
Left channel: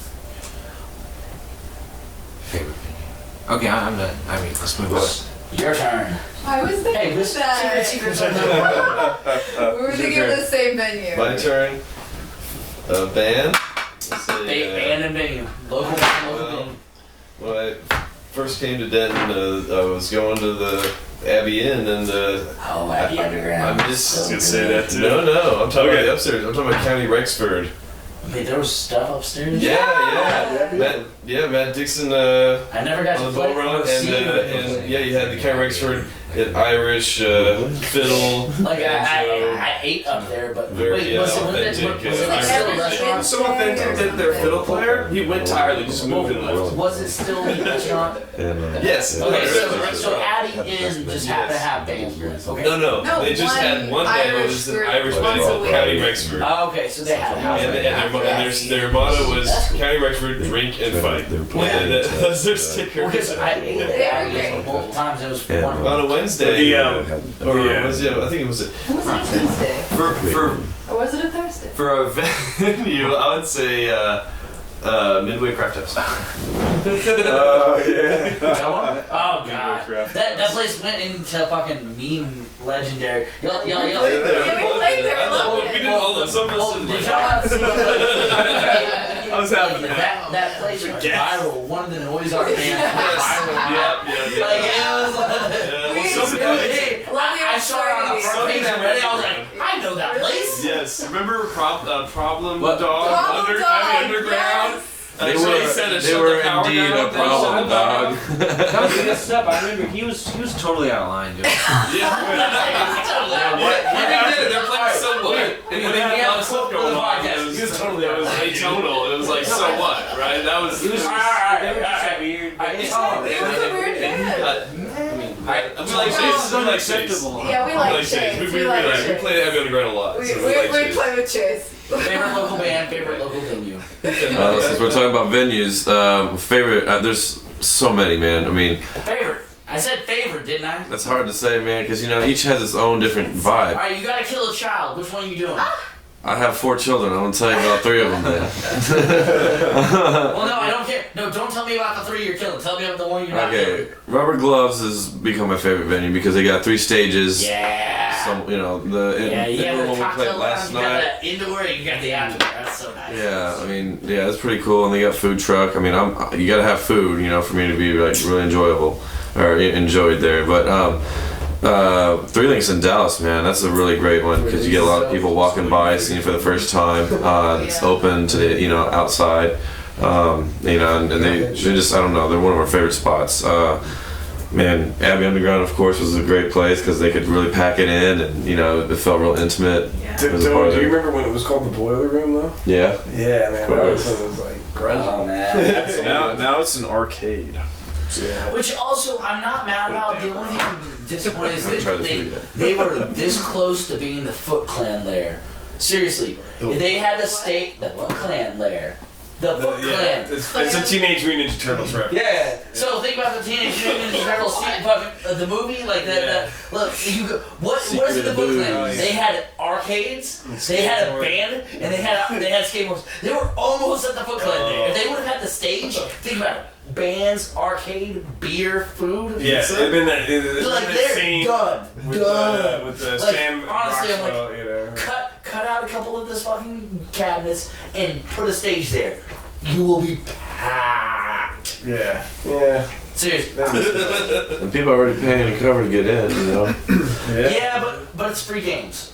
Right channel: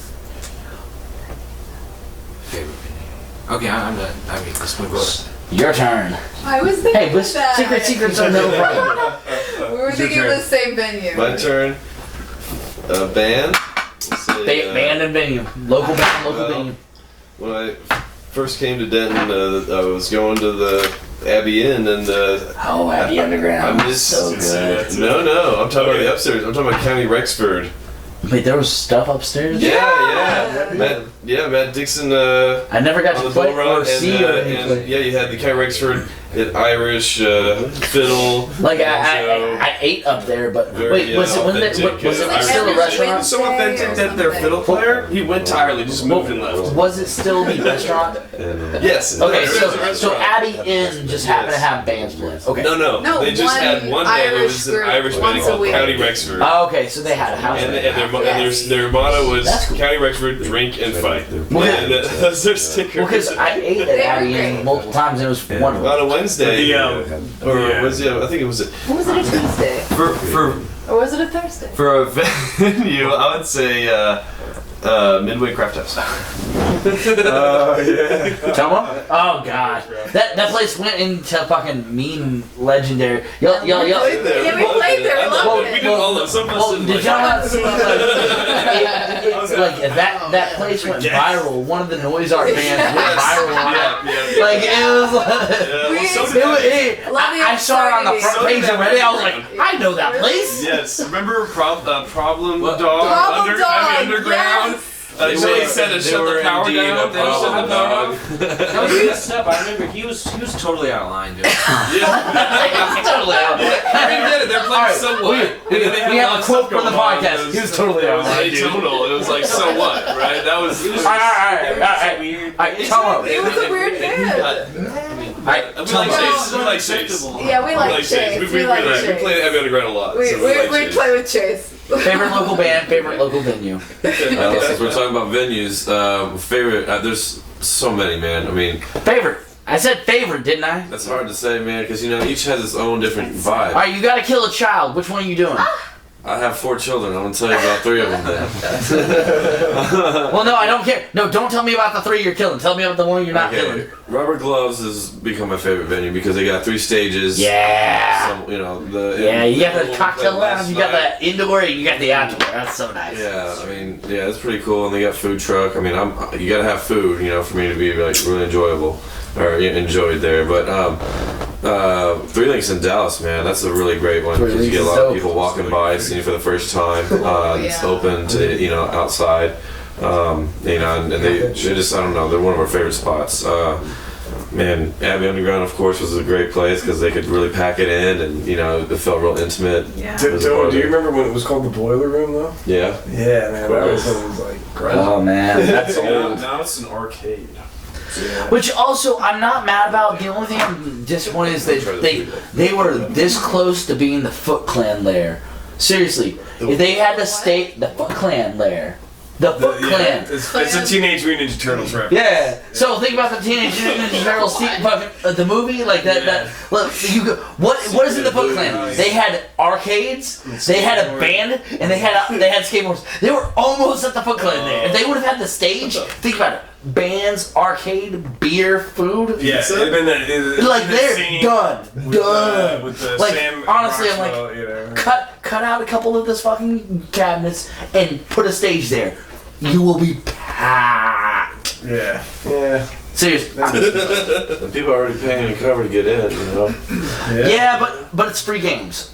Favorite venue. Okay, I'm done. I mean, this movie's. Your turn. I was thinking Hey, of that. secrets on the We were thinking of the same venue. My turn. Band. Let's say, band and venue. Local band, local venue. When I first came to Denton, I was going to the Abbey Inn, and Abbey Underground. I'm just I was gonna say that too. No, I'm talking about the upstairs. I'm talking about County Rexford. Wait, there was stuff upstairs? Yeah. Matt Dixon. I never got on to the play ball run, or see you. and yeah, you had the County Rexford, Irish fiddle. Like banjo. I ate up there, but Very, wait, was it authentic, still a restaurant? So authentic that their fiddle player, he went entirely, just moved and left. Was it still the restaurant? Yes. Okay, there's a so restaurant. Abbey Inn just happened to have bands playing. Okay. No. They just had one band. It was an Irish band once a called week. County Rexford. Oh, okay, so they had a house. And band. their motto was That's cool. County Rexford, drink and fight. Well, And that's their sticker. Well, because I ate at Abbey Inn multiple times and it was wonderful. On a Wednesday, was it? I think it was Or was it a Tuesday? for Or was it a Thursday? for a venue. I would say Midway Craft House. Oh yeah. Come on. Oh god. That place went into fucking meme legendary. Y'all. Yeah, we played there. We loved We it. did all of some of Well, us. did y'all not see like that place went viral? One of the noise art bands went viral on it. Like it was like I saw it on the front page already. I was like, I know that place. Yes. Remember Problem What? Dog? Problem Dog, Underground. yes. They said to shut the power down. They shut the power down. That was messed up. I remember he was totally out of line, dude. Totally out. They did it. They're playing So What. We have a quote for the podcast. He was totally out. It was atonal. It was like So What, right? That was. All right. Weird. It was a weird band. We like Chase. We like Chase. Yeah, we like Chase. We play Abbey Underground a lot. We so like we Chase. play with Chase. Favorite local band, favorite local venue. Since we're talking about venues, favorite, there's so many, man. I mean, Favorite. I said favorite, didn't I? that's hard to say, man, because each has its own different vibe. All right, you gotta kill a child. Which one are you doing? I have 4 children. I'm gonna tell you about 3 of them then. Well, no, I don't care. No, don't tell me about the 3 you're killing. Tell me about the one you're not killing. Okay, Rubber Gloves has become my favorite venue because they got 3 stages. Yeah. Some, you got the cocktail lounge, you got the indoor, you got the outdoor. That's so nice. Yeah, I mean, yeah, it's pretty cool, and they got food truck. I mean, you gotta have food, for me to be like really enjoyable or enjoyed there. But 3 Links in Dallas, man, that's a really great one because you get a lot of people walking by, seeing it for the first time. It's open to outside, and they just, I don't know, they're one of our favorite spots. Man, Abbey Underground, of course, was a great place because they could really pack it in, and it felt real intimate. Yeah. Do you remember when it was called the Boiler Room though? Yeah. Yeah, man, that was like grungy. Oh man, that's Now it's an arcade. Yeah. Which also I'm not mad about. The only thing I'm disappointed is that they were this close to being the Foot Clan lair. Seriously, if they had to stay the Foot Clan lair, the Foot Clan. It's a Teenage Mutant Ninja Turtles reference. Yeah. So think about the Teenage Mutant Ninja Turtles the movie like that. That look, what is it? The Foot Clan? They had arcades, they had a band, and they had skateboards. They were almost at the Foot Clan there. If they would have had the stage, think about it. Bands, arcade, beer, food. Yeah, pizza. like they're done. With the Like, Sam honestly, I'm like, Rockwell, cut out a couple of this fucking cabinets and put a stage there. You will be packed. Yeah. Seriously. And people are already paying a cover to get in, Yeah, but it's free games.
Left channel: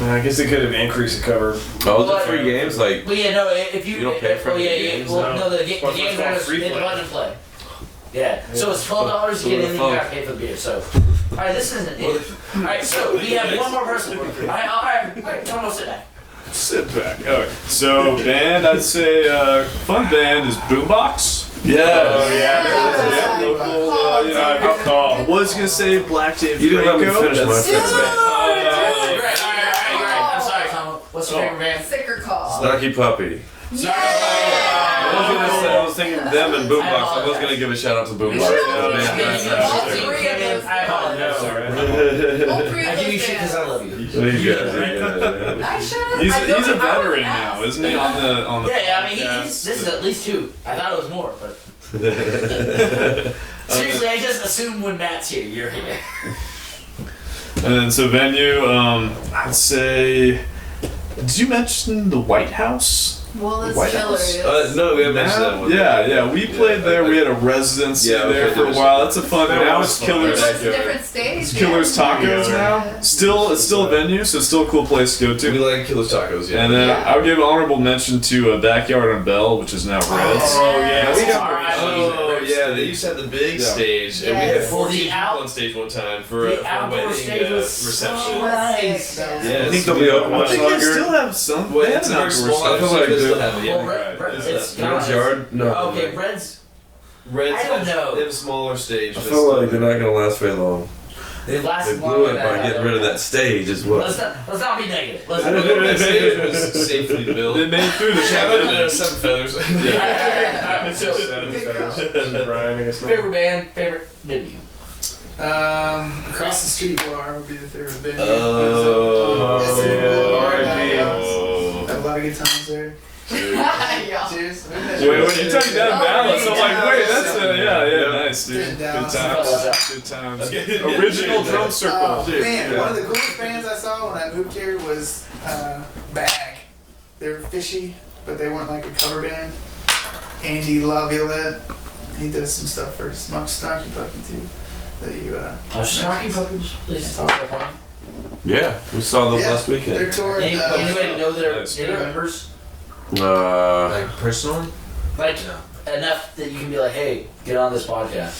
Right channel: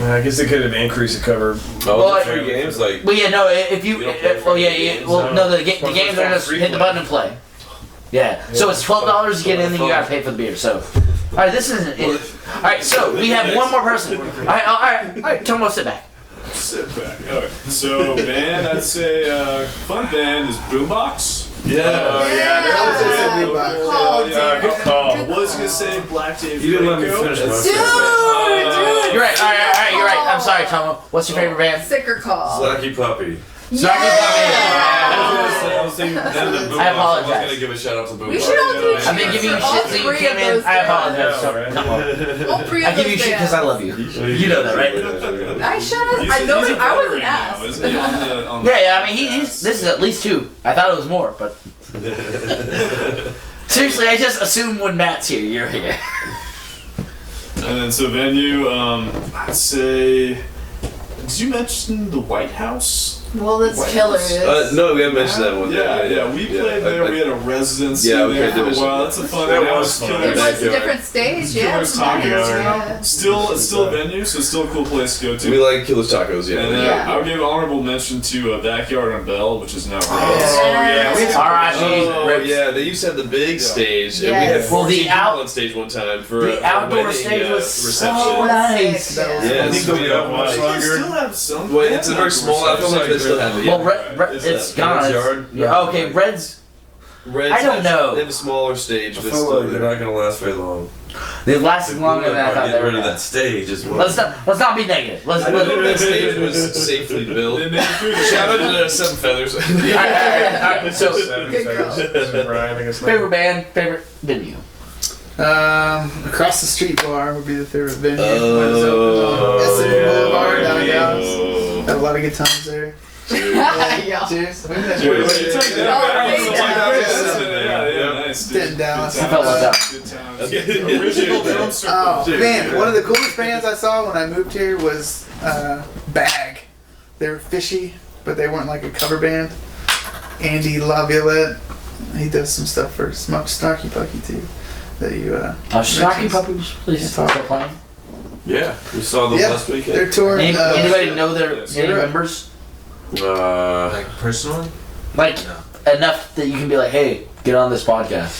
I guess they could have increased the cover. Oh, the free games, like. Well, yeah, no. If you, don't pay for the games, the games are just hit the button and play. Yeah. So it's $12 to get in, then you gotta pay for the beer. So, all right, this isn't it. All right, so we have one more person. All right, Tomo, sit back. Sit back. Alright. So band, I'd say fun band is Boombox. Good call. I was gonna say Black Dave You didn't let me Franco. finish my Dude! You're right. All right. You're right. I'm sorry. Sorry, Tom. What's your favorite band? Sicker call. Lucky Puppy. Yeah. I was thinking them and Boombox. I was gonna give a shout out to Boombox. We should all do I've been giving you all shit. three of those I apologize. bands. All three of I give you those shit because I bands. love you. You know that, right? I should have. He's I know a that I veteran wasn't now, asked. isn't he? On the Yeah, I mean, this is at least 2. I thought it was more, but seriously, I just assume when Matt's here, you're here. And then so venue, I'd say. Did you mention the White House? Well, that's White killer. House? No, we haven't mentioned that one. Yeah, we played there. We had a residency Yeah, we there did for a mention while. that. That's a fun. That Now was it's fun. Killers. It was a backyard. different stage. It's Killers Tacos Yeah. now. It's still a venue, so it's still a cool place to go to. We like Killer's Tacos, yeah. And then Yeah. I would give honorable mention to Backyard on Bell, which is now Reds. yeah. We Oh, yeah, they used to have the big stage, and we had Yes. 14 Well, the people on stage one time for The a outdoor wedding stage was reception. so nice. Sick, That was- yeah. Yeah, I think they'll be open much They longer. still have some. Well, it's a very small. I feel like they still have it. Well, Yeah. it's that gone. Red's Yard? No. Okay, Reds. Reds I don't has- know. They have a smaller stage. I but feel still like they're not gonna last very long. They've They lasted blew longer it than I by thought. getting they rid of were. that stage as well. Let's not be negative. Let's I don't know if that stage was safely built. They made it through the Shout out to Seven Feathers. So, Good girl. Brian, I guess not. favorite band, favorite venue. Across the street bar would be the favorite venue. Oh, It's in yeah. Boulevard downtown. Oh. Had a lot of good times there. Yeah. Cheers. Wait, you talking Oh, that yeah. yeah, nice, dude. Did in Dallas. Good I felt left times. Good times. Yeah. Original drum circle. Oh man, one of the coolest bands I saw when I moved here was Bag. They were fishy, but they weren't like a cover band. Andy LaViolette, he does some stuff for Snarky Pucky too. That you Snarky Puppies, please Yeah. start playing. Yeah, we saw them Yeah, last weekend. they're touring. Anybody know their Yes. any members? Like personally? Like No. enough that you can be like, hey, get on this podcast.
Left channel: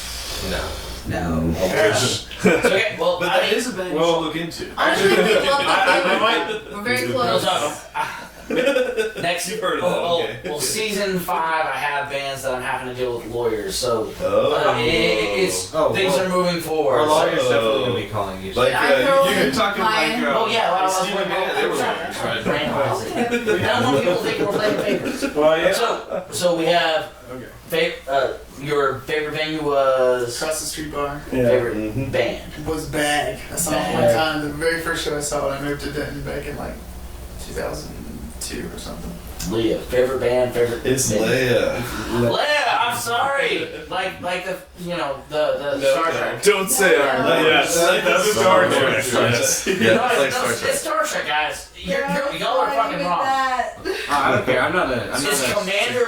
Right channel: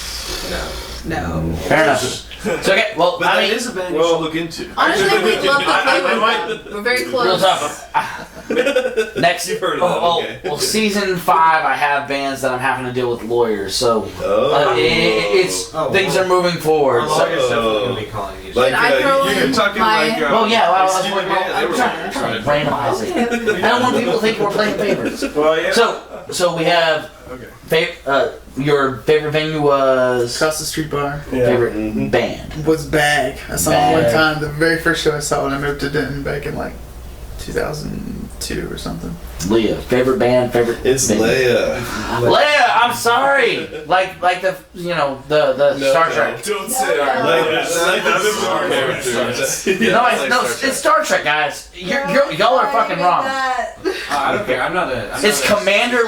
No. Fair enough. So, okay, well, But I that mean, is a band you should look into. Honestly, we love I the We're very real close. talk. Next, You've heard of them, okay. well, season 5, I have bands that I'm having to deal with lawyers, so it's Oh, things well. are moving forward. Our So, lawyer's definitely gonna be calling you. Like, Can I throw you're in talking my- like. well, yeah, well, I was Steven like, Mann, they I'm were trying to trying. randomize it. I don't want people to think we're playing favorites. Well, yeah. So we have your favorite venue was Across the street bar Yeah. favorite band. was Bag. I saw them one Bag. time. The very first show I saw when I moved to Denton back in like 2002 or something. Leah, favorite band, favorite. It's venue. Leia. Leia, I'm sorry. Like the No, Star no. Trek. Don't say our Leia. Like That's the Star Trek. Wars. It's Star Trek, guys. Y'all are fucking wrong. I don't care. I'm not a. It's Commander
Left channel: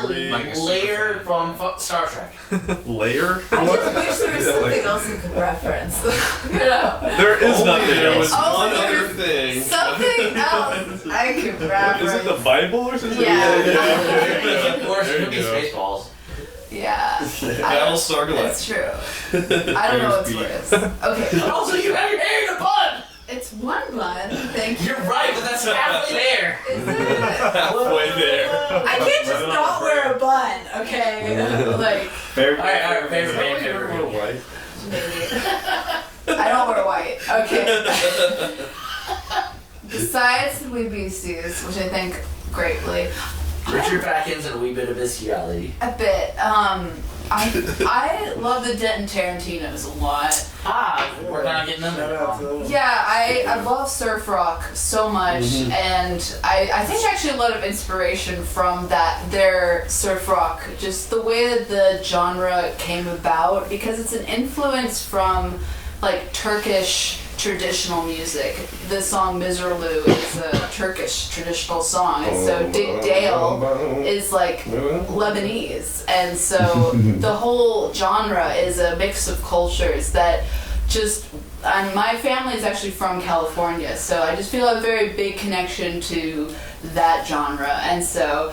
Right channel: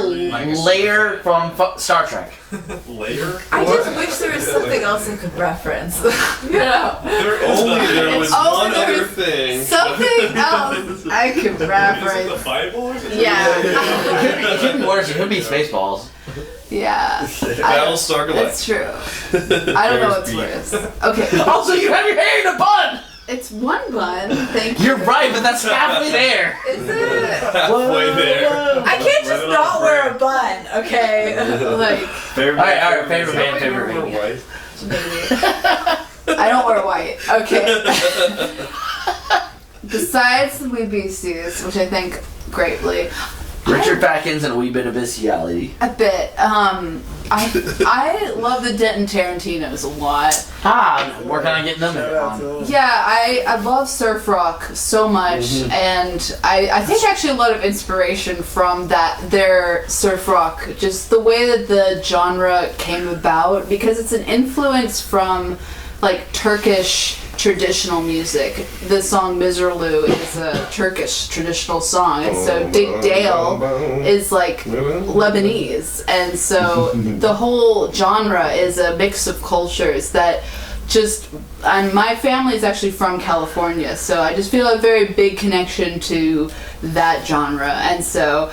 Lair from Star Trek. Layer? I just wish there was something else I could reference. You know, There is Only nothing. there was Oh, one there other was thing. Something else I could Is it the reference. Bible or something? Yeah. It could be worse. It could be Spaceballs. Yeah. Battlestar That's Galactica. true. I don't know what's worse. Okay. Also, you have your hair in a bun. It's one bun. Thank you. You're right, but that's halfway there. Is it? Halfway there. I can't just not wear a bun, okay? Like, Favorite All right, favorite band, favorite venue. white. I don't wear white. Okay. Besides the Wee Beasties, which I think greatly, Richard Packins and a wee bit of bestiality. a bit. I love the Denton Tarantinos a lot. Working on getting them Shout out to them. Yeah, I love surf rock so much, and I think actually a lot of inspiration from their surf rock, just the way that the genre came about, because it's an influence from like Turkish traditional music. The song Miserlou is a Turkish traditional song, and so Big Dale is like Lebanese, and so the whole genre is a mix of cultures that and my family is actually from California, so I just feel a very big connection to that genre, and so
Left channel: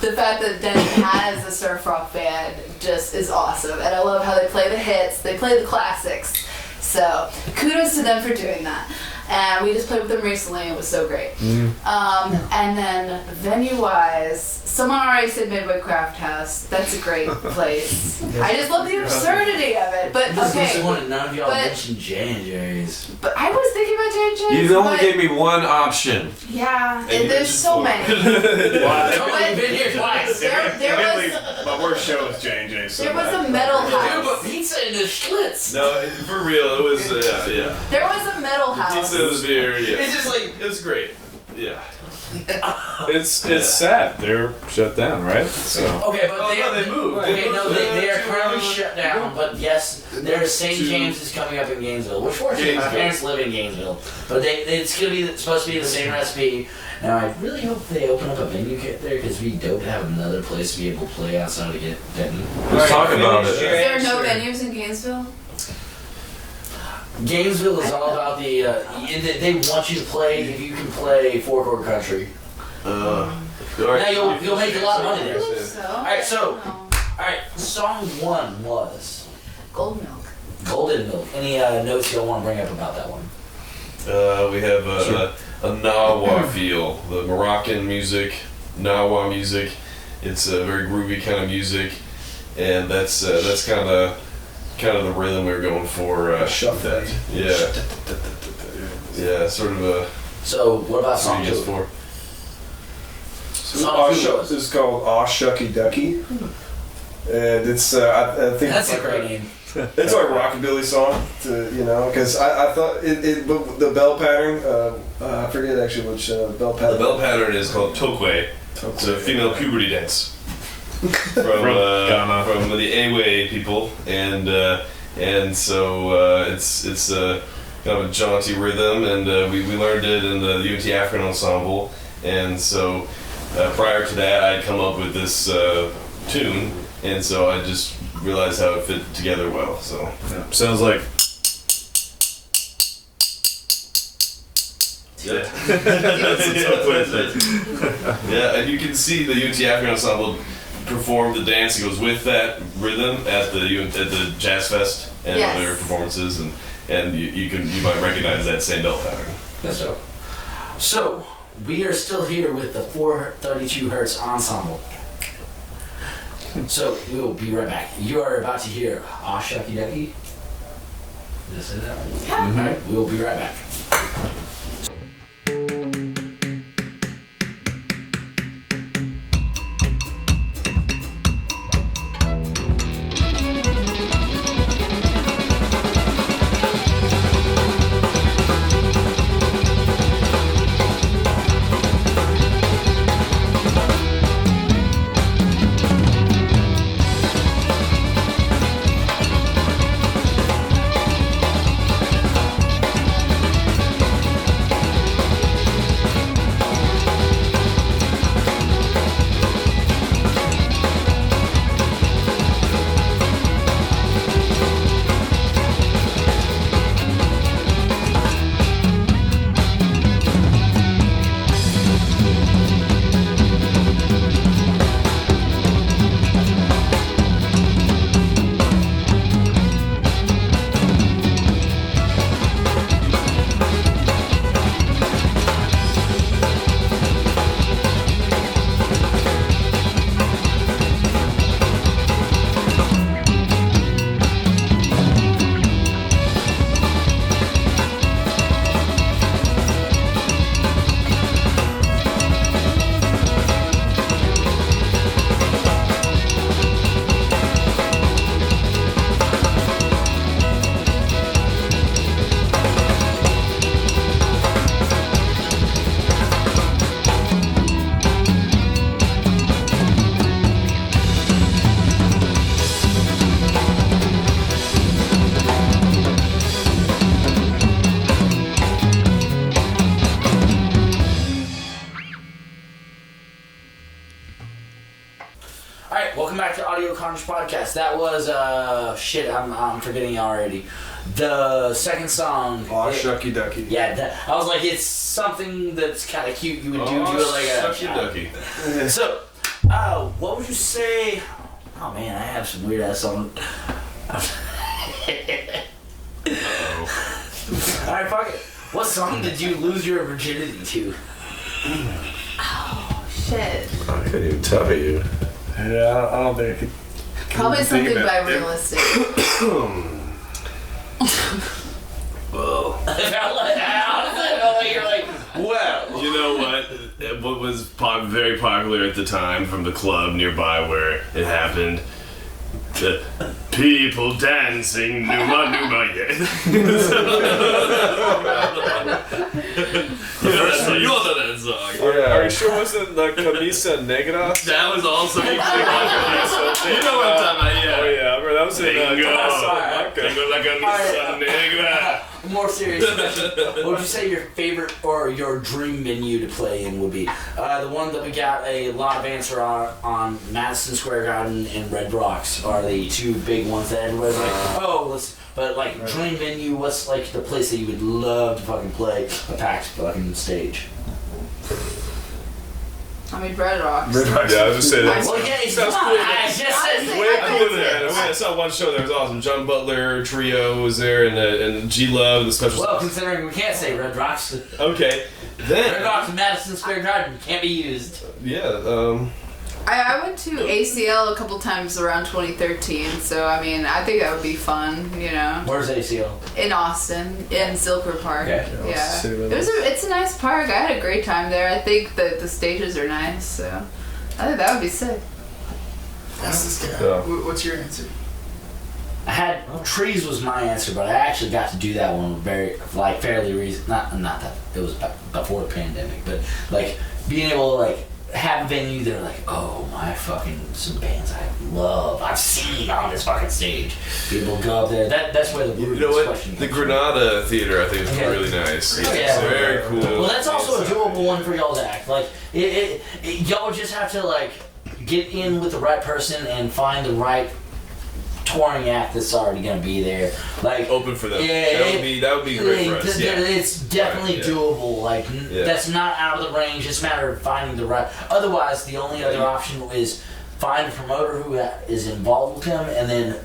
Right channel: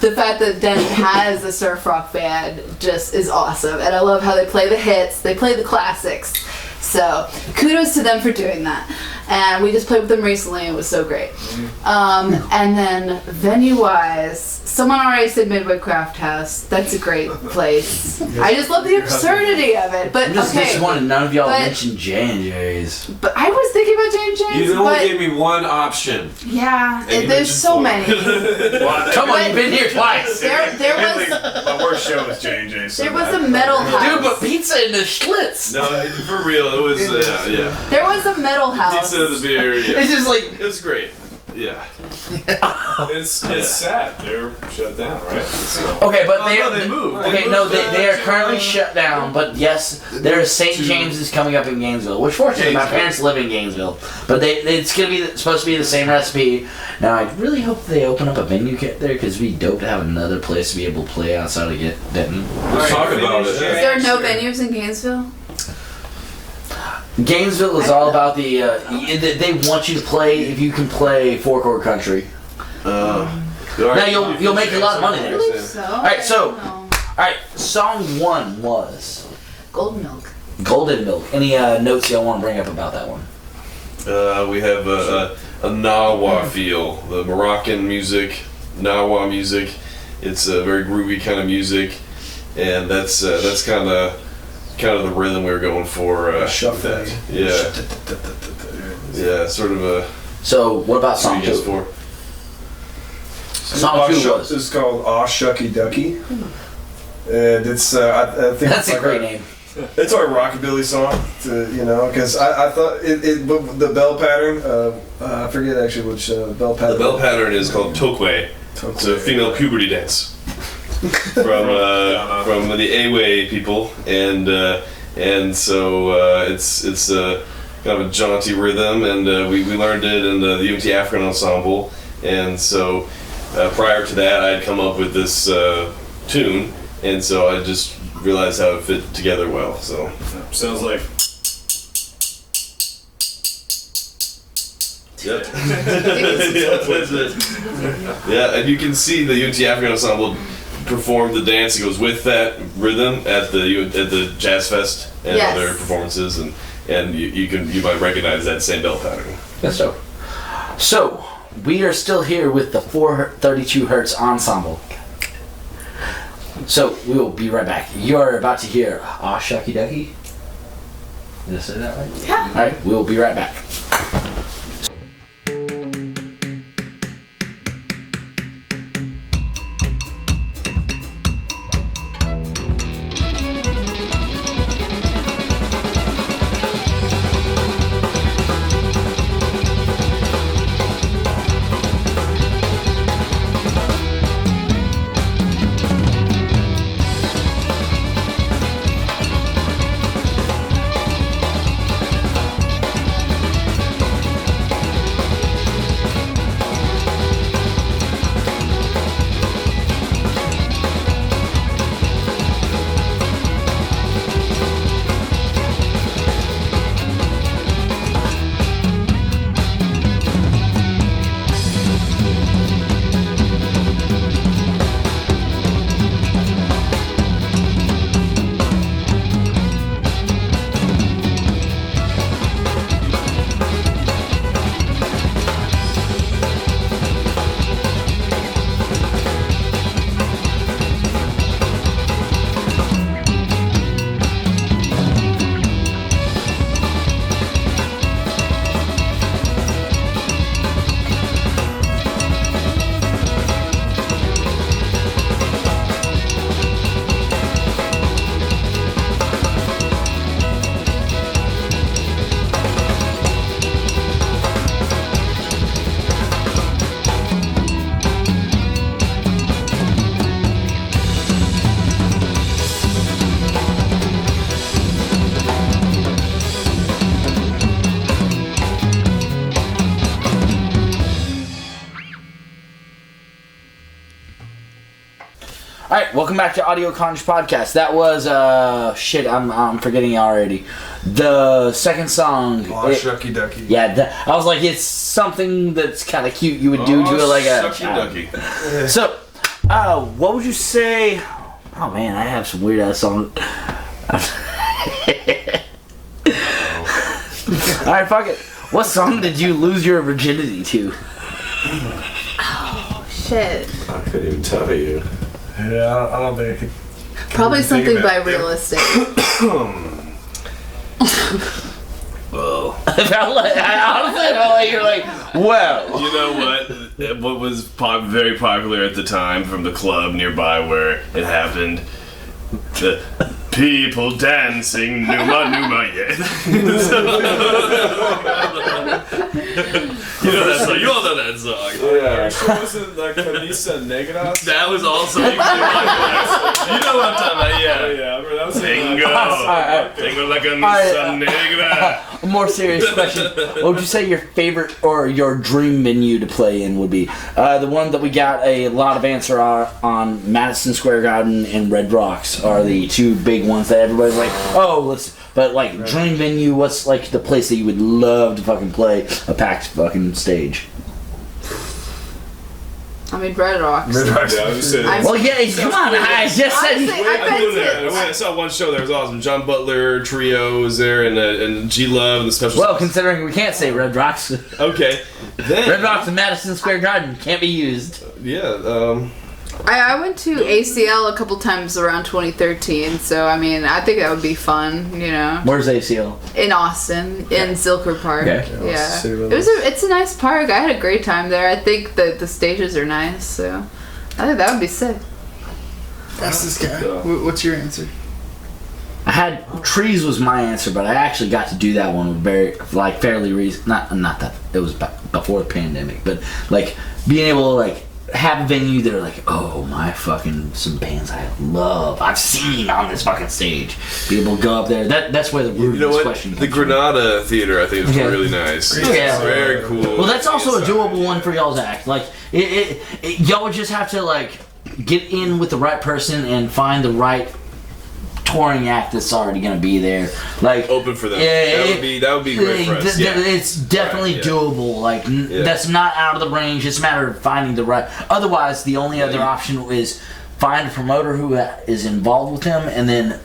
the fact that Denton has a surf rock band just is awesome, and I love how they play the hits, they play the classics. So kudos to them for doing that, and we just played with them recently and it was so great. And then venue wise, Someone already said Midway Craft House. That's a great place. I just love the absurdity of it. But I'm just okay, disappointed none of y'all but- mentioned J&J's. but I was thinking about J&J's. You only but gave me one option. yeah, and you there's mentioned so four. many. Come on, you've been here twice. There Mainly, was my worst show was J&J. So there was a metal Dude, house. but pizza in the Schlitz. No, for real, it was yeah. There was a metal house. Pizza, the beer, yeah. It's just like It was great. Yeah. It's sad. They're shut down, right? So. okay, but they moved. Okay, no, they are currently shut down. But yes, there's St. James is coming up in Gainesville, which fortunately my parents live in Gainesville. But it's gonna be supposed to be the same recipe. Now I really hope they open up a venue kit there because it'd be dope to have another place to be able to play outside of Denton. Let's talk about Is it. there no venues in Gainesville? Gainesville is all about the. They want you to play if you can play four-chord country. Now you'll make a lot of money I there. believe so. Alright, so- I don't know. All right, song 1 was Gold Milk. Golden Milk. Any notes y'all want to bring up about that one? We have a Nawa feel, the Moroccan music, Nawa music. It's a very groovy kind of music, and that's kind of the rhythm we were going for. Shuffle. Yeah, yeah, sort of a. So what about song 2? 4. Song 2 was. This is called Aw Shucky Ducky. And it's I think That's it's a great name. It's our rockabilly song, because I thought but the bell pattern. I forget actually which bell pattern. The bell pattern is called Tokwe. It's a female puberty dance from the Awe people, and so it's kind of a jaunty rhythm, and we learned it in the UNT African Ensemble, and so prior to that I'd come up with this tune, and so I just realized how it fit together well. So Sounds like. yeah, yeah, and you can see the UNT African Ensemble perform the dance that goes with that rhythm at the Jazz Fest and Yes. other performances, and you might recognize that same bell pattern. That's dope. So we are still here with the 432 Hertz Ensemble. So we will be right back. You are about to hear Aw Shucky Ducky. Did I say that right? Yeah. All right, we will be right back. Alright, welcome back to Audio Carnage Podcast. That was, shit, I'm forgetting already. The second song. Aw Shucky Ducky. Yeah, I was like, it's something that's kind of cute you would do to like a. Shucky Ducky. So, what would you say? Oh man, I have some weird ass songs. Alright, fuck it. What song did you lose your virginity to? Oh shit. Shit. I couldn't even tell you. Yeah, I don't think I could. Probably something about by it. real estate. Whoa. I honestly felt like you're like, well. You know what? What was very popular at the time from the club nearby where it happened? The people dancing, Numa Numa, yeah. You know that song. You all know that song. Are you sure it wasn't the Camisa Negra? That was also equally popular. You know what I'm talking about, yeah. Oh, yeah, I remember that was Alright. Tengo la camisa negra. A more serious question. What would you say your favorite or your dream venue to play in would be? The one that we got a lot of answer on Madison Square Garden and Red Rocks are the two big ones that everybody's like, oh, let's. But like dream venue, what's like the place that you would love to fucking play a packed fucking stage? I mean, Red Rocks. Yeah, I was just saying. I'm- Well, yeah, come on. I just said. Honestly, I've I've been been there. to. I saw one show there. It was awesome. John Butler Trio was there, and G Love and the special. Well, considering we can't say Red Rocks, Okay, then Red Rocks and Madison Square Garden can't be used. Yeah. I went to ACL a couple times around 2013, so I mean, I think that would be fun, you know. Where's ACL? In Austin, in Zilker Park. Okay. Yeah. City It's a nice park. I had a great time there. I think that the stages are nice, so I think that would be sick. Ask this guy. Yeah. What's your answer? I had trees was my answer, but I actually got to do that one fairly recent. Not that it was before the pandemic, but like being able to like have a venue that are like, oh my fucking some bands I love, I've seen on this fucking stage. Be able to go up there. That's where the root You of know this what? question The comes from. Granada Theater, I think, is Yeah. really nice. Yeah. Very cool. Well, that's also a doable one for y'all's act. Like y'all would just have to like get in with the right person and find the right touring act that's already gonna be there. Like Open for them. Yeah, that would be great for us. Yeah. It's definitely Right, yeah. doable. Like Yeah. that's not out of the range. It's a matter of finding the right. Otherwise, the only other option is find a promoter who is involved with him, and then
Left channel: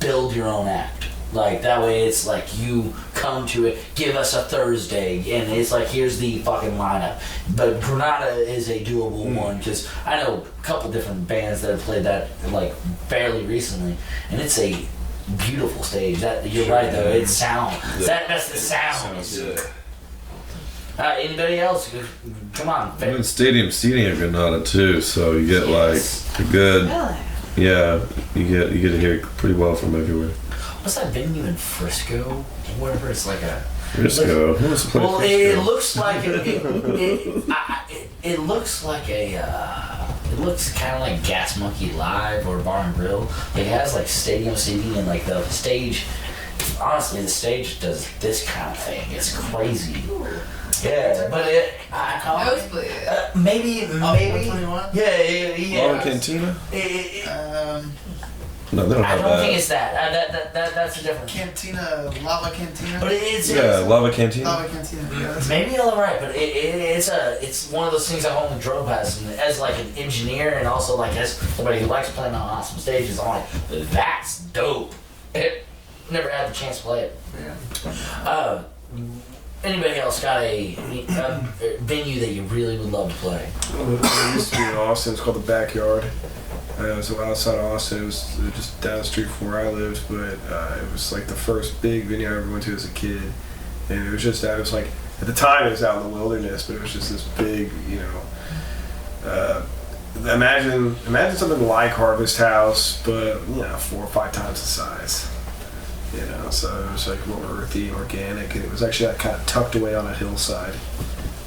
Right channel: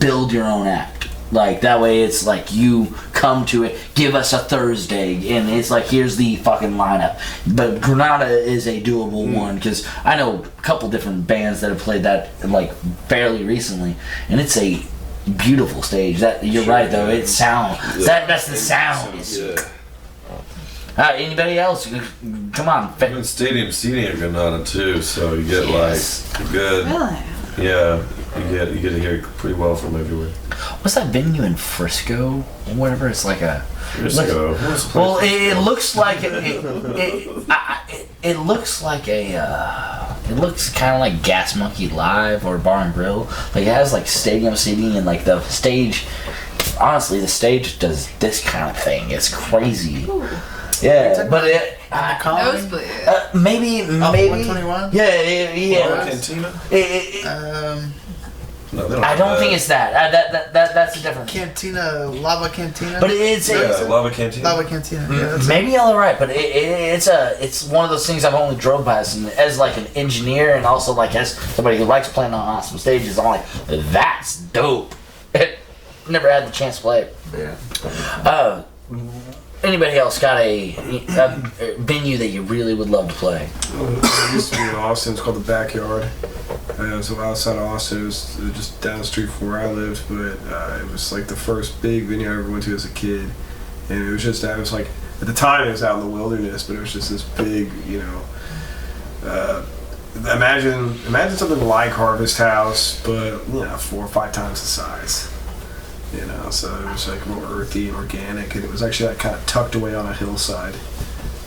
build your own act. Like that way, it's like you come to it. Give us a Thursday, and it's like here's the fucking lineup. But Granada is a doable one because I know a couple different bands that have played that like fairly recently, and it's a beautiful stage. That you're right though. It's sound. That's the sound. Yeah. Anybody else? Come on. Even stadium seating at Granada too, so you get Yes. like a good. Really? Yeah, you get to hear pretty well from everywhere. What's that venue in Frisco? Or whatever. It's like a. Frisco. What's the place Well, Frisco? it looks like it looks like a. It looks kind of like Gas Monkey Live or Bar and Grill. Like it has like stadium seating and like the stage. Honestly, the stage does this kind of thing. It's crazy. Yeah, but it. Nosebleed. Maybe. 121? Yeah. Lava Cantina? No, they don't I have don't that. think it's that. That's a different. Cantina, Lava Cantina? But it's Yeah, Lava Cantina. Lava Cantina. Yeah, that's maybe y'all are right, but it's one of those things I've only drove past, and as like an engineer and also like as somebody who likes playing on awesome stages, I'm like, that's dope. Never had the chance to play it. Yeah. Anybody else got a venue that you really would love to play? It used to be in Austin. It's called the Backyard. So outside of Austin, it was just down the street from where I lived, but it was like the first big venue I ever went to as a kid, and it was just that. It was like at the time it was out in the wilderness, but it was just this big, you know. Imagine something like Harvest House, but 4 or 5 times the size. You know, so it was like more earthy, organic, and it was actually like kind of tucked away on a hillside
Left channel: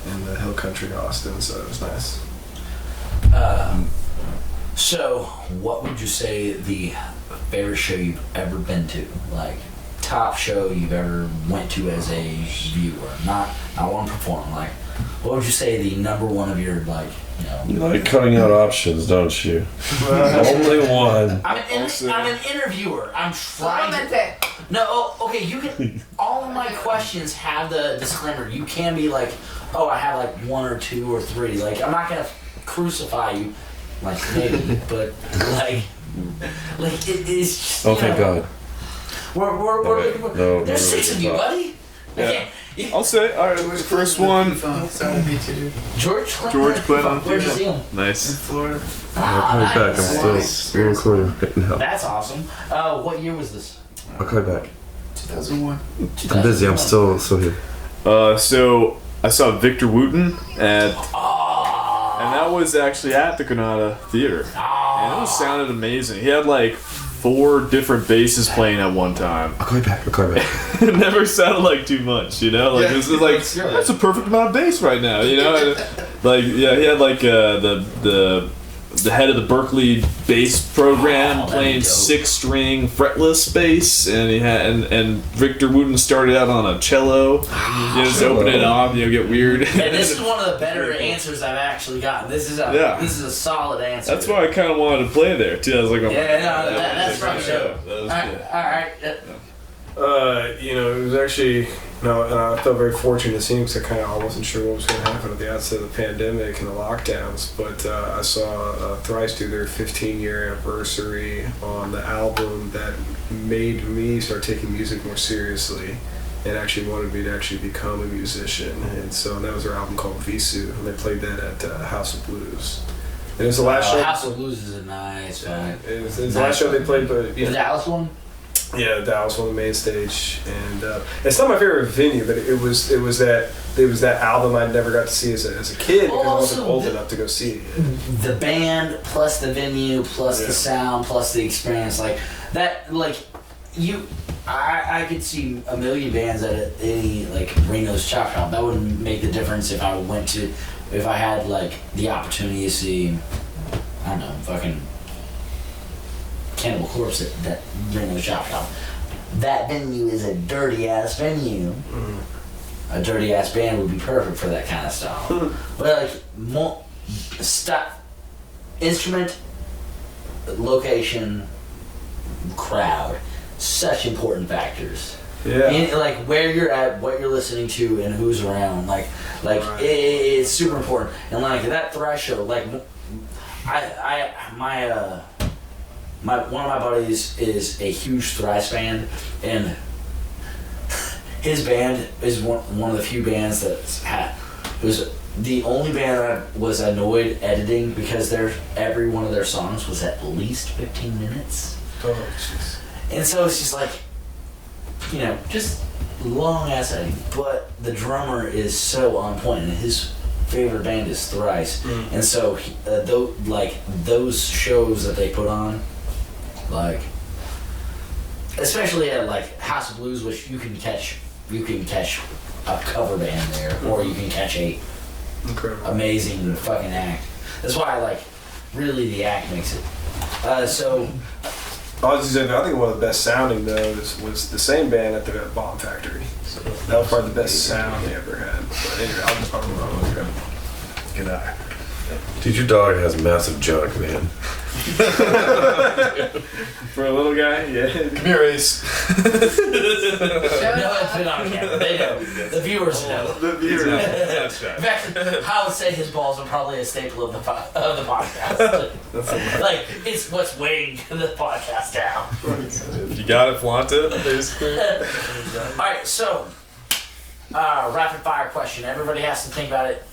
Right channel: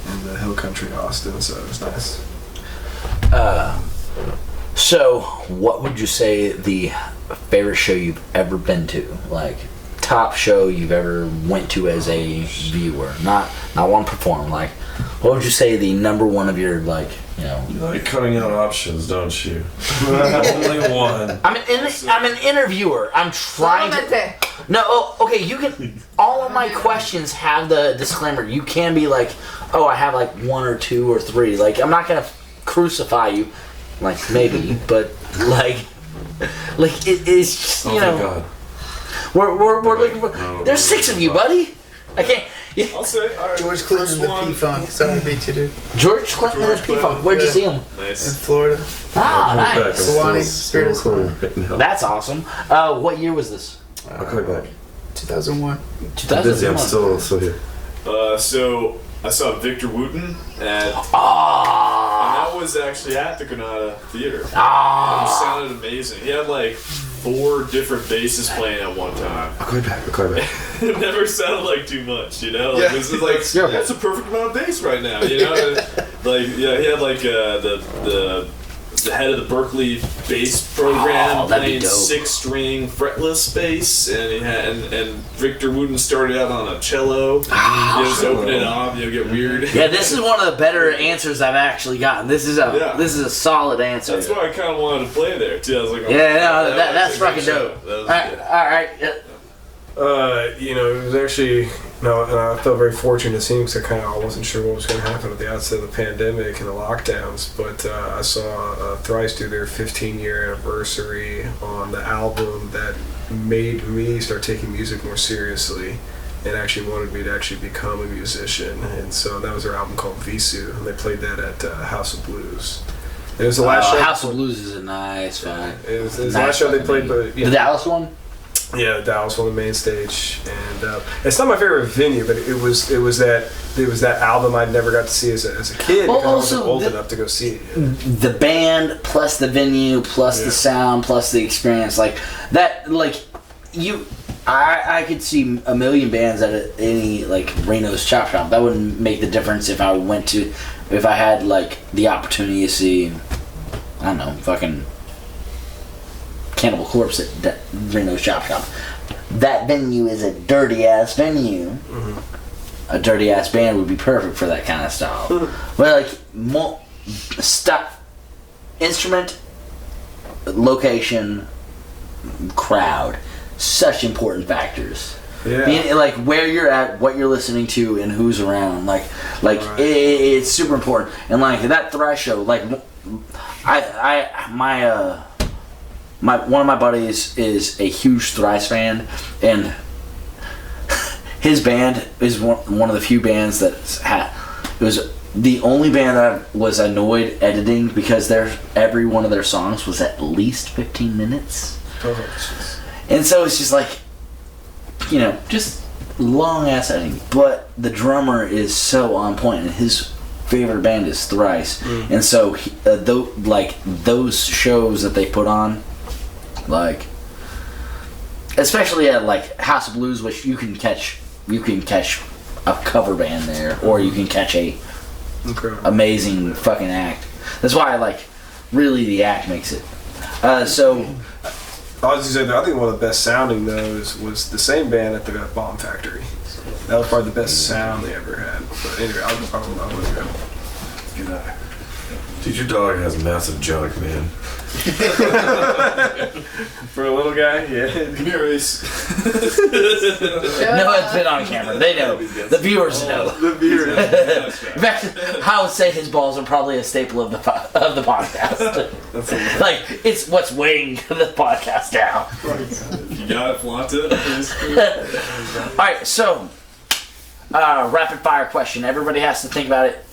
in the hill country of Austin, so it was nice. So, what would you say the favorite show you've ever been to? Like, top show you've ever went to as a viewer, not one performer. Like, what would you say the number one of your like, you know? You like cutting out options, don't you? Only one. I'm an interviewer. I'm trying to. Solamente. No, okay. You can. All of my questions have the disclaimer. You can be like, oh, I have like 1 or 2 or 3. Like, I'm not gonna crucify you. Like maybe, but like it's just, Oh, you thank know. God. We're looking for. No, There's no, 6 of you, buddy. I I'll say. All right, George first Clinton, one. P-Funk. Sorry, beat you, dude. George Clinton. George Clinton. Where'd you see him? In Nice. Florida. Ah, I'll call you back. I'm nice. Hawaii. still recording right now. That's awesome. What year was this? I'll call you back. 2001. I'm busy. I'm still here. So I saw Victor Wooten and Ah. that was actually at the Granada Theater. Ah. And it sounded amazing. He had like 4 different basses playing at one time. I'll call you back. It never sounded like too much, you know? Like this is like that's a perfect amount of bass right now, you know? Like he had like the head of the Berkeley bass program that'd be playing dope. 6-string fretless bass, and he had and Victor Wooten started out on a cello. He was opening it off, get weird. Yeah, this is one of the better answers I've actually gotten. This is a solid answer. That's why I kind of wanted to play there too. I was like, oh, that's fucking dope. That was All right, good. all right. Yeah. It was actually, and I felt very fortunate to see him because I kind of wasn't sure what was going to happen at the outset of the pandemic and the lockdowns. But I saw Thrice do their 15-year anniversary on the album that made me start taking music more seriously and actually wanted me to actually become a musician. And so that was their album called Visu, and they played that at House of Blues. And it was the last show. House of Blues is a nice one. It was the last show they played, but The Dallas one? yeah, Dallas on the main stage, and it's not my favorite venue, but it was that album I never got to see as a kid because I wasn't old enough to go see it. The band plus the venue plus the sound plus the experience, like that, like I could see a million bands at any like Reno's Chop Shop. That wouldn't make the difference if I had like the opportunity to see, I don't know, fucking Cannibal Corpse at that Reno's Chop Shop. That venue is a dirty ass venue. Mm-hmm. A dirty ass band would be perfect for that kind of stuff. But like instrument, location, crowd, such important factors. Yeah. Like where you're at, what you're listening to, and who's around. Like Right. it's super important. And like that thrash show, like one of my buddies is a huge thrash fan, and his band is one of the few bands that it was the only band that I was annoyed editing because every one of their songs was at least 15 minutes. Oh, jeez. And so it's just like, just long ass editing. But the drummer is so on point, and his favorite band is Thrice. And so those shows that they put on, like especially at like House of Blues, which you can catch a cover band there, or you can catch a amazing fucking act. That's why really the act makes it. So I was just saying, I think one of the best sounding though was the same band at the Bomb Factory. So that was probably the best sound they ever had. But anyway, I'll let you go. Good eye. Dude, your dog has massive junk, man. For a little guy, yeah. Come here, Ace. no, it's been on camera. They know. The viewers know. The viewers. In fact, I would say his balls are probably a staple of the podcast. Like it's what's weighing the podcast down. If you got it, flaunt it. All right, so rapid fire question. Everybody has to think about it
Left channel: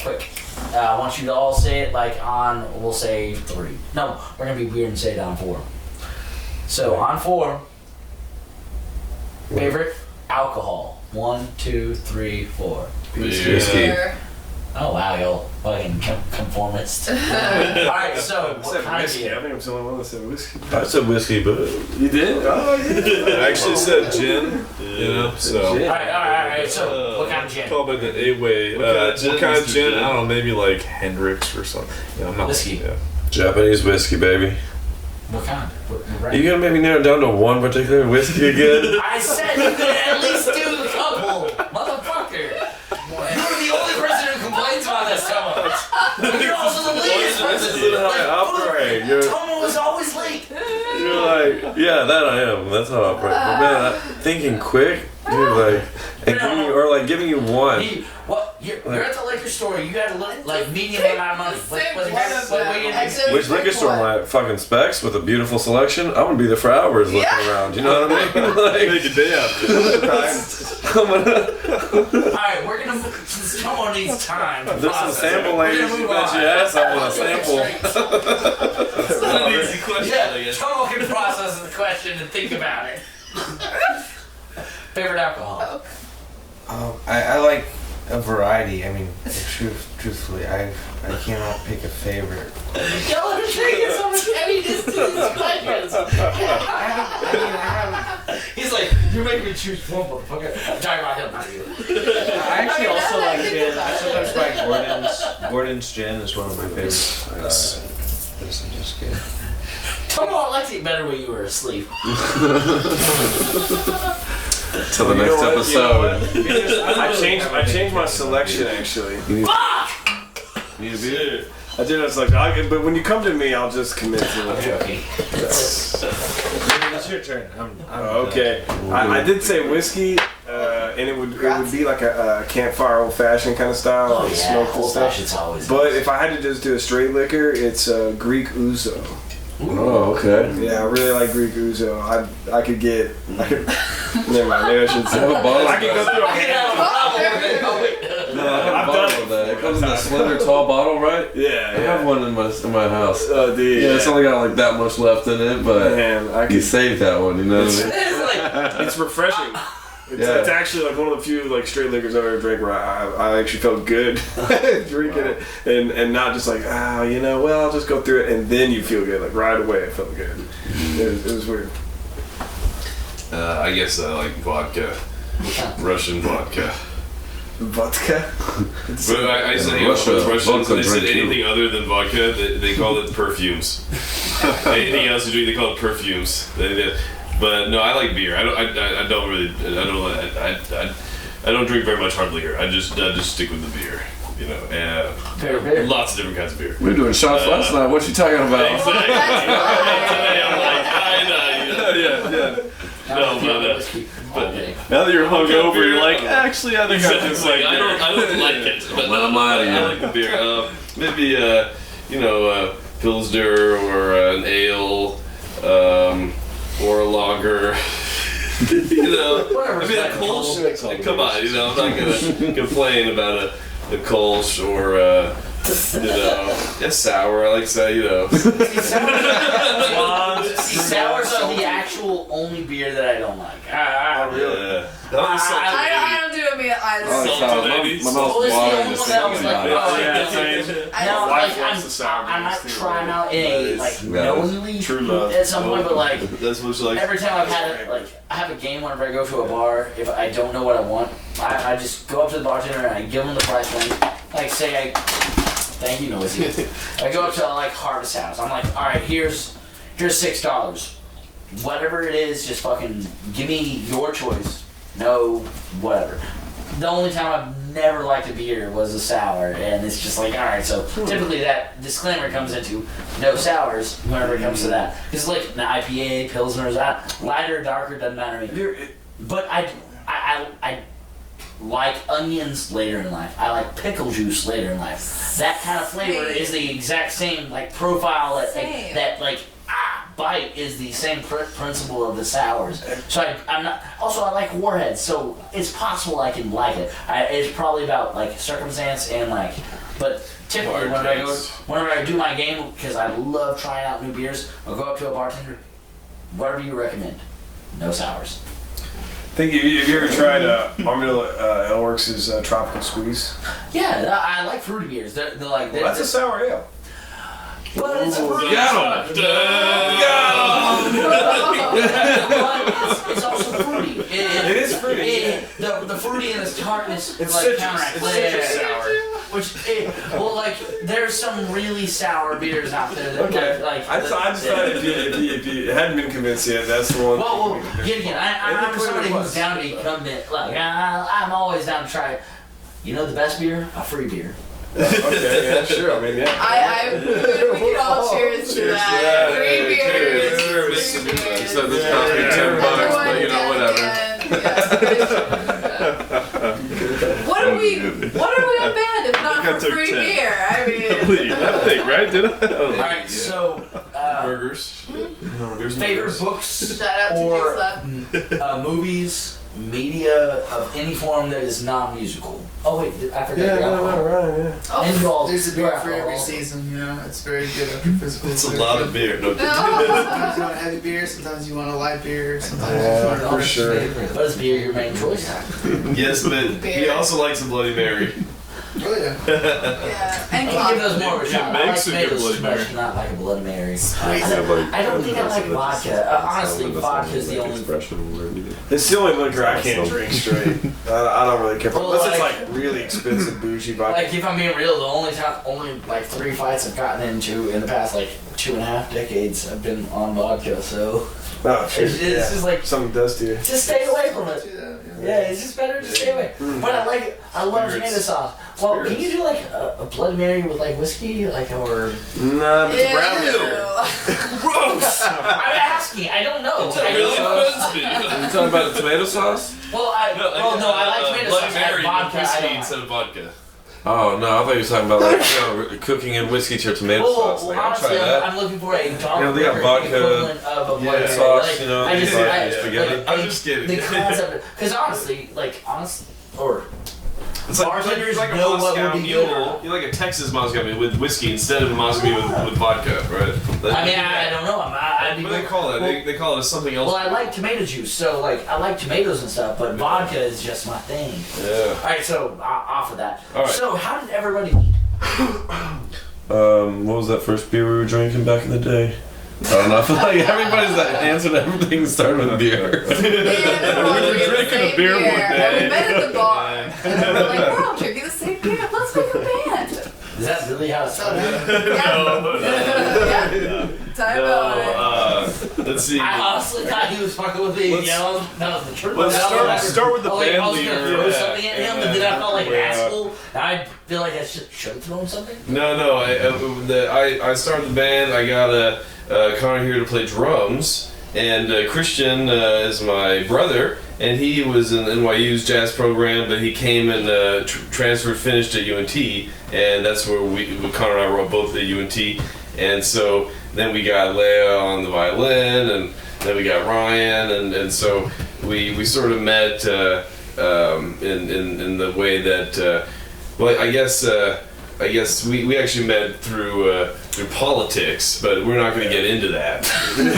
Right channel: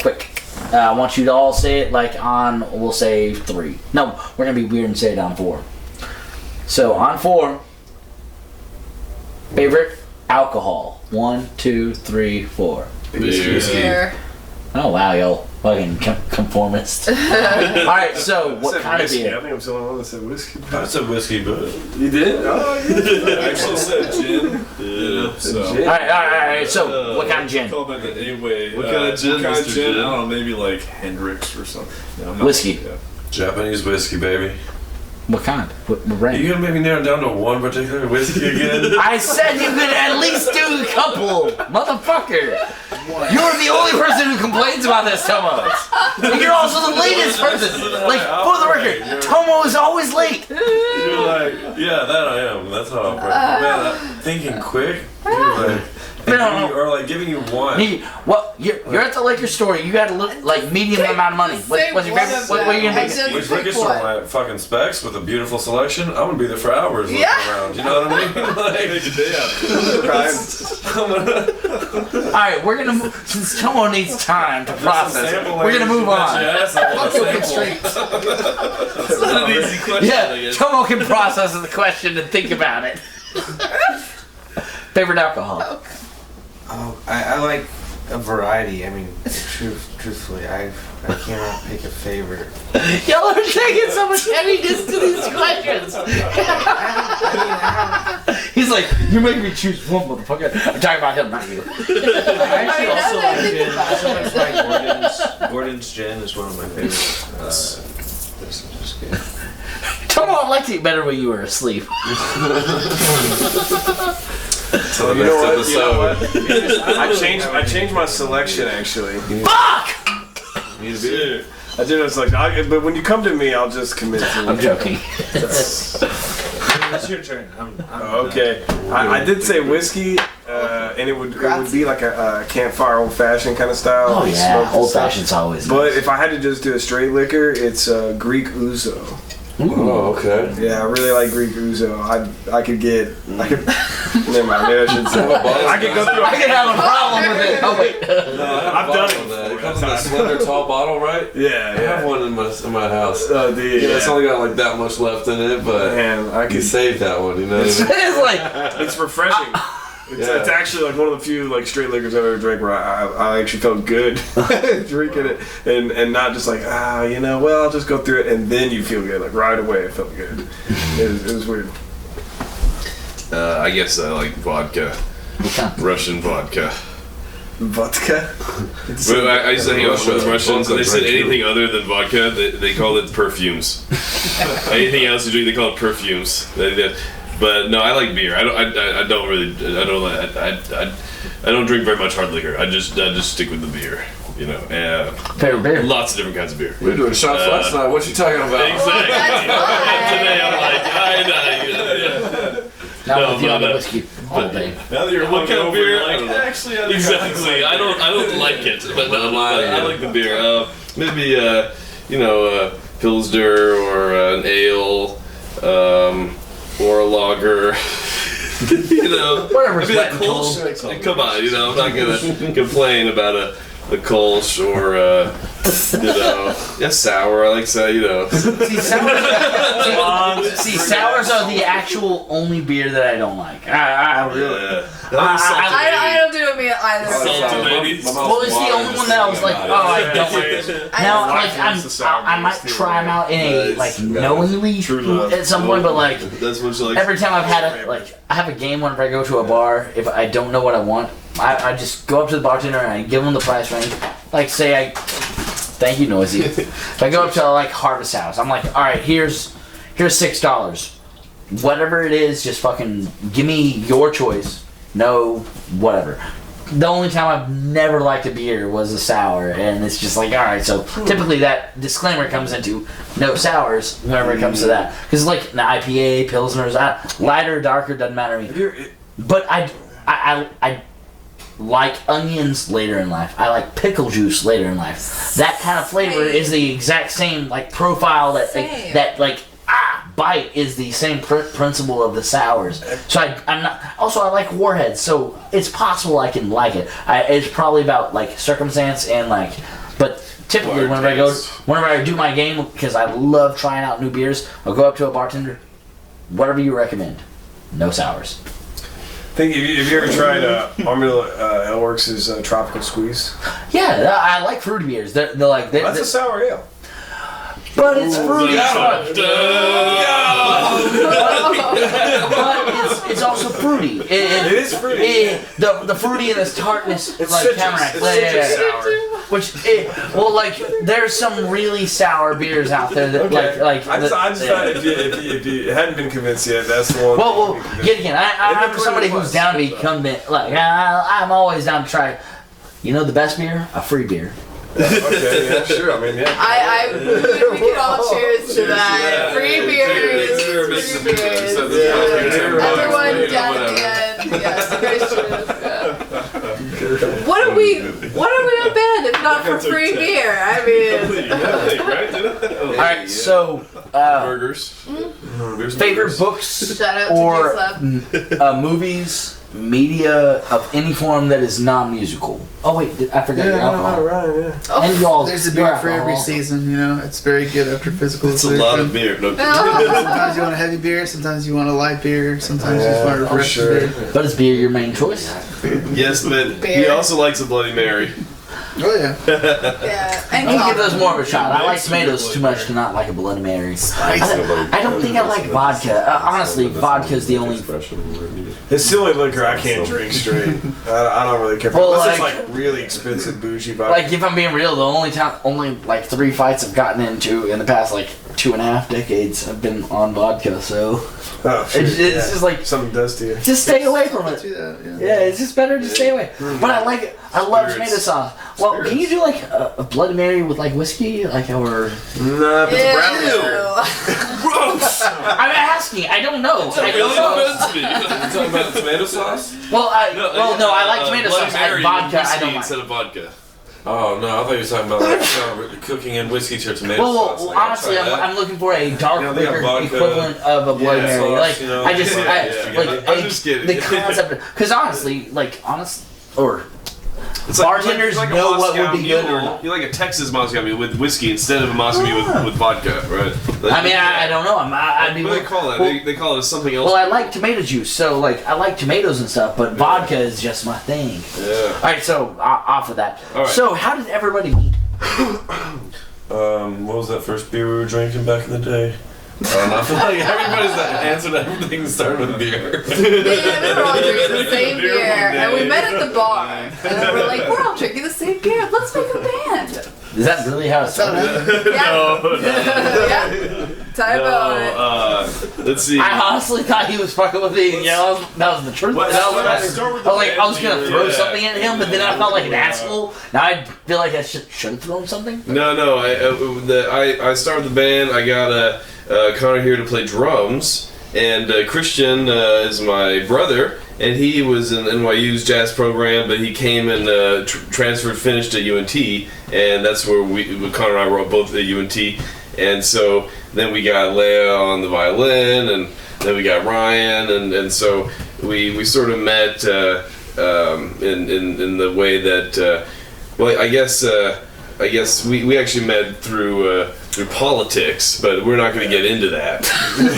quick. I want you to all say it we'll say 3. No, we're gonna be weird and say it on 4. So on 4, favorite alcohol. 1, 2, 3, 4. Beer. Oh wow, y'all fucking conformist. All right, so what kind of whiskey. beer? I think I'm the only one that said whiskey. I said whiskey, but You did? Oh, yeah. I actually said gin. So. Gin. All right. So what kind of gin? Call it the A-way. What kind of gin, What kind of Mr. gin? Gin? I don't know, maybe like Hendrix or something. Yeah, I'm not- Whiskey. Yeah. Japanese whiskey, baby. What kind? What You brand? gonna maybe narrow it down to one particular whiskey again? I said you could at least do a couple, motherfucker. You're the only person who complains about this, Tomo. And you're also the latest person. Like, for the record, Tomo is always late. You're like, yeah, that I am. That's how I operate. Man, thinking quick. You're like, Giving you one. You're at the liquor store. You got to look like medium amount of money. What's your favorite? What are you gonna do? Which liquor store am I at? Fucking Specs with a beautiful selection. I'm gonna be there for hours looking around. You know what I mean? All right, we're gonna move, since Tomo needs time to process. We're gonna move on. Yes, I want a sample. It's not an easy question, I Yeah, guess. Tomo can process the question and think about it. Favorite alcohol? Oh, I like a variety. I mean, truthfully, I cannot pick a favorite. Y'all are taking so much heaviness to these questions. He's like, you're making me choose one, motherfucker. I'm talking about him, not you. I actually also like think gin. about I sometimes like Gordon's gin is one of my favorites. This is just good. Tomo, I liked it better when you were asleep. Till the next episode. I changed my selection actually. Fuck! Need a beer? I did a selection, but when you come to me, I'll just commit to it. I'm joking. It's your turn. I'm Okay, I did say whiskey, and it would be like a campfire old fashioned kind of style. Oh like yeah, smoked and old stuff. fashioned's always. But if I had to just do a straight liquor, it's Greek ouzo. Oh, okay. Yeah, I really like Greek ouzo. I could. Never mind. Maybe I should say. I could go through. I could have a problem with it. Oh, wait. I've done it. It comes in a slender, tall bottle, right? Yeah, I yeah. have one in my house. Oh, dude. Yeah, it's only got like that much left in it, but Man, I you could. saved that one, you know what I mean? It's like, It's refreshing. It's actually like one of the few like straight liquors I've ever drank where I actually felt good drinking it and not just like I'll just go through it and then you feel good like right away. I felt good. It was weird. I guess I like vodka. Russian vodka. Vodka. But I used to hang out with Russians and they said anything other than vodka, they called it perfumes. Anything else you drink, they call it perfumes. But no, I like beer. I don't drink very much hard liquor. I just stick with the beer. You know, favorite beer. lots of different kinds of beer. We were doing shots last night. What you talking about? Exactly. That's fine. Today I'm like, yeah. Now No, with the but, other whiskey all day. Now that you're looking over, beer, you're like, actually, I think exactly. I don't like it, but Well, I'm lying, I yeah. like the beer. Maybe Pilsner or an ale, or a lager. Whatever's Maybe a wet and Kolsch. cold. Come on, I'm not gonna complain about a Kolsch or sour. I like sour. See, sours are the actual only beer that I don't like. Really? I don't do it either. Well, it's the only one that I was like, oh, I don't like. Now, like, I might try them out in a knowingly at some point, but like That's what you like. every time I've had I have a game whenever I go to a bar. If I don't know what I want, I just go up to the bartender and I give him the price range. Like, say thank you, Noisy. If I go up to like Harvest House, I'm like, all right, here's $6. Whatever it is, just fucking give me your choice. No, whatever. The only time I've never liked a beer was a sour, and it's just like, all right. So typically that disclaimer comes into no sours whenever it comes to that, because like an IPA, Pilsners, lighter, darker doesn't matter to me. But I like onions later in life. I like pickle juice later in life. That kind of flavor is the exact same profile that bite is the same principle of the sours. So I'm not. Also, I like Warheads, so it's possible I can like it. It's probably about circumstance and but typically whenever I do my game, because I love trying out new beers, I'll go up to a bartender, whatever you recommend, no sours. Have you ever tried Armadillo Aleworks' Tropical Squeeze? Yeah, I like fruity beers. They're like That's a sour ale. but it's fruity. Got him. But it's also fruity. It is fruity. The fruity and the tartness, It's like citrus. tamarack. It's citrus sour. There's some really sour beers out there that I just thought if you hadn't been convinced yet, that's the one. Well, yet again, I'm somebody who's down to be convinced. I'm always down to try. You know the best beer? A free beer. Okay, yeah, sure. I mean, yeah. We can all cheers to that. Free beers. Free beers. So this costs me $10, Everyone but down whatever. again. Yes, Christian. What are we a band if not for free beer? I mean, right? Did I? All right, so Burgers. favorite books shout out to or J-Slab. movies, media of any form that is non-musical. Oh wait, I forgot your alcohol. right, yeah. And y'all, There's a your beer for every alcohol. season, you know. It's very good after physical. It's a lot of beer. No, Sometimes you want a heavy beer, sometimes you want a light beer, sometimes you just want a fresh beer. But is beer your main choice? yes, but he Beer. also likes a Bloody Mary. Oh yeah. Yeah, and I'm gonna give those coffee. more of a shot. I like Makes a good tomatoes too Bloody much to not like a Bloody Mary. Spicy. I don't think I like vodka. Honestly, vodka is the only. It's the only liquor I can't drink straight. I don't really care. Well, Unless like- it's like really expensive bougie vodka. Like if I'm being real, the only like 3 fights I've gotten into in the past like 2.5 decades have been on vodka. So oh shit. it's yeah. just like Something does to you. just stay away from it. Yeah. Yeah, it's just better to stay away. But I like it. I love Spirits. tomato sauce. Well, can you do like a Bloody Mary with like whiskey, like or? Nah, if it's brown Ew. Gross. I'm asking. I don't know. I don't know. You talking about the tomato sauce? Well, I like tomato Bloody sauce. I Mary like vodka. with I whiskey don't like. instead of vodka. Oh no, I thought you were talking about like cooking in whiskey to your tomato sauce. Well, Like, I'll honestly, try that. I'm looking for a dark You know, they got liquor vodka, equivalent of a Bloody Mary. sauce, Like, you know, I just, yeah, I, yeah, like, yeah. I'm just kidding. The concept, because honestly, It's bartenders like a know what Moscow would be good or Mule. not. You're like a Texas Moscow Mule with whiskey instead of a Moscow Mule with vodka, right? I mean, I don't know. I'd be. What do they call it? Well, They call it something else. well, I like tomato juice, so like I like tomatoes and stuff, but vodka is just my thing. Yeah. All right, so off of that. All right. So how did everybody meet? What was that first beer we were drinking back in the day? I don't know. I feel like everybody's answered everything started with beer. Yeah, we were all drinking the drinking same a beer beer, one and we day. met at the bar, and then we're like, we're all drinking the same beer. Let's make a band. Is that really how it started? Yeah. Yeah. Time about Let's see. I honestly thought he was fucking with me. Yeah, that was the truth. Let's start with the I was band gonna beer. throw Yeah. something at him, but then I felt like an asshole. Now I feel like I shouldn't throw him something. No. I started the band. I got Connor here to play drums, and Christian is my brother, and he was in NYU's jazz program, but he came and transferred, finished at UNT, and that's where Connor and I were both at UNT, and so then we got Leah on the violin, and then we got Ryan, and so we sort of met in the way that well, I guess we actually met through politics, but we're not going to get into that. We're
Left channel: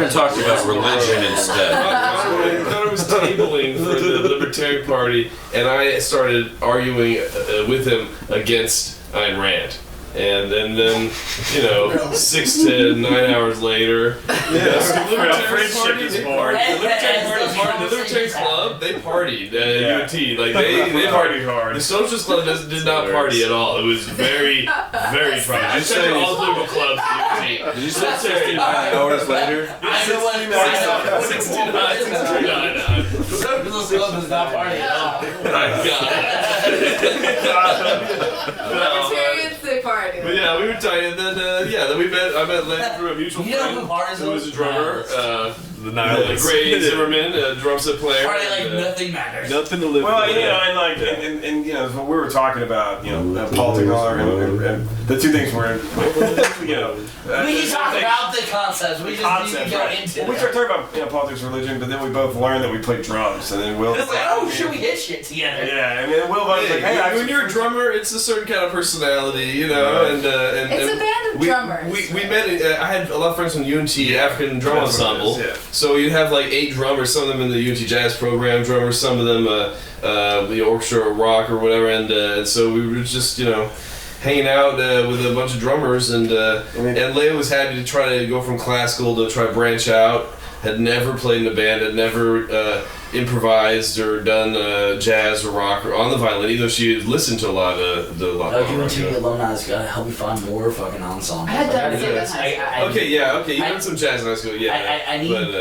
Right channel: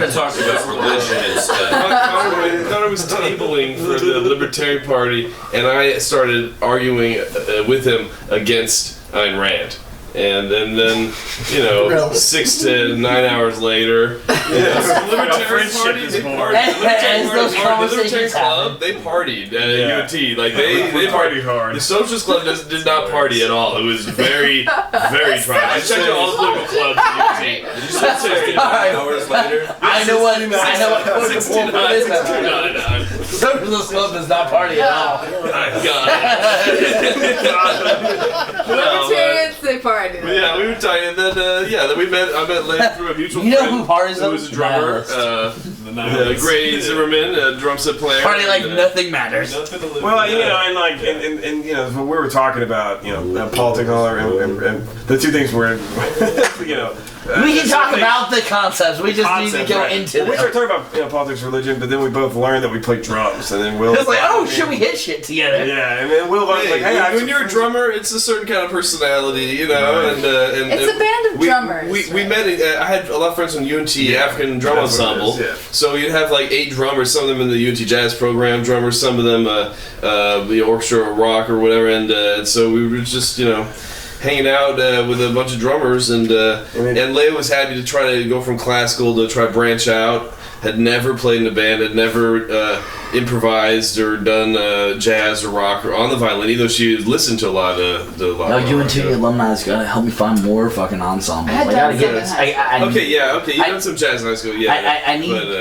gonna talk about religion instead. Connor was tabling for the Libertarian Party, and I started arguing with him against Ayn Rand. And then 6 to 9 hours later, the Libertarian Party, the Libertarian Club, they partied at UNT. Like they partied hard. The Socialist Club did not party at all. It was very, very trying. I checked out all the political clubs at UNT. Did you say 69 hours later? I know what. 69. Socialist Club does not party at all. Libertarians, they party. But yeah, we were tight, and then then we met. I met Len through a mutual You know friend who parties who was a drummer, The nihilists. Gray Zimmerman, a drum set player. Party like and, nothing matters. Nothing to live Well, with. and like, and when we were talking about, politics and all that, and the two things were, We can talk about the concepts. We just need to go into Well, we them. started talking about politics, religion, but then we both learned that we played drums, and then Will. It's like, oh, should we hit shit together? Yeah, and then Will was like, hey, when you're a drummer, it's a certain kind of personality, and It's a band of drummers. We met. I had a lot of friends from UNT African Drum That's what it Ensemble. is, yeah. So you'd have like 8 drummers. Some of them in the UNT Jazz program drummers. Some of them the orchestra or rock or whatever. And so we were just hanging out with a bunch of drummers. And Leia was happy to try to go from classical to try to branch out. Had never played in a band. Had never improvised or done jazz or rock or on the violin, even though she had listened to a lot of No, UNT alumni is gonna help me find more fucking ensemble. I had gotta done get some in this. high school. Okay. You've done some jazz in high school, yeah.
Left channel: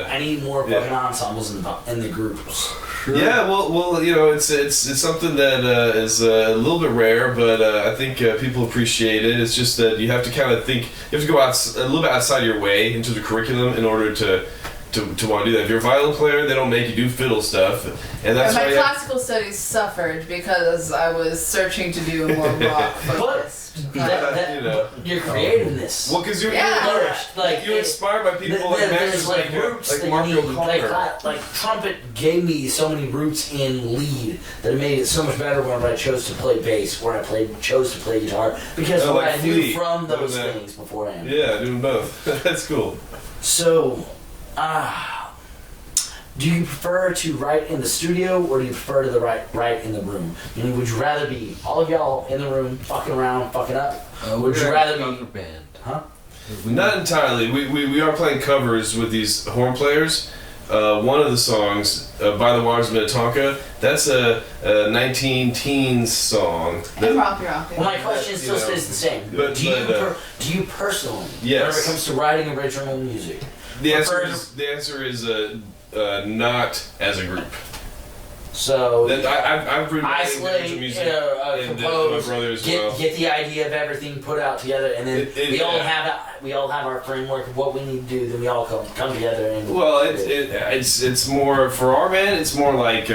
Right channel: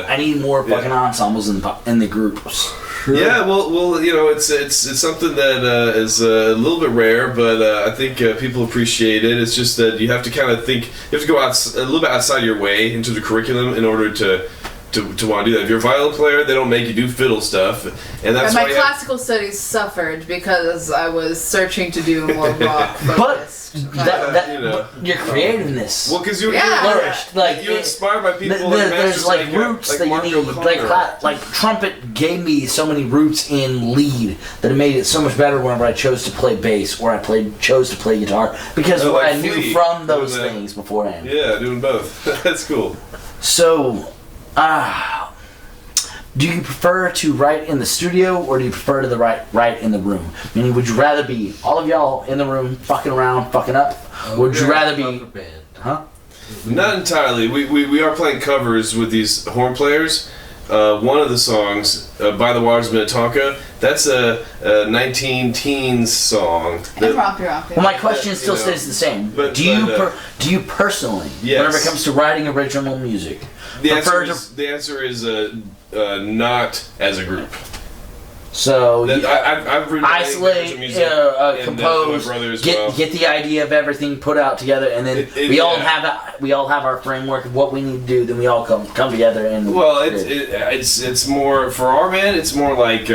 I need more fucking ensembles in the groups. Yeah, well, it's something that is a little bit rare, but I think people appreciate it. It's just that you have to kind of think, you have to go out a little bit outside your way into the curriculum in order to to want to do that. If you're a violin player, they don't make you do fiddle stuff, and that's And my why classical studies suffered because I was searching to do more rock focused. That, you know. your creativeness. Well, because you're flourished. Like you're inspired by people like there's masters like roots like that Marco you need. O'Connor. Like trumpet gave me so many roots in lead that it made it so much better whenever I chose to play bass or chose to play guitar because Oh, what like I knew Flea. from those Doing that. things beforehand. Yeah, doing both. That's cool. So, do you prefer to write in the studio or do you prefer to write in the room? Meaning, would you rather be all of y'all in the room fucking around, fucking up? Would you rather be... band? Huh? Not entirely. We are playing covers with these horn players. One of the songs, By the Waters of Minnetonka, that's a 19-teens song. And rompy. Well, my question still You know, stays the same. but- do you but, do you personally, yes. whenever it comes to writing original music, The prefer answer is not as a group. So That, I've written isolate, original music, and my compose, brother as get well. get the idea of everything put out together, and then we all have our framework of what we need to do. Then we all come together and. Well, it's more for our band. It's more like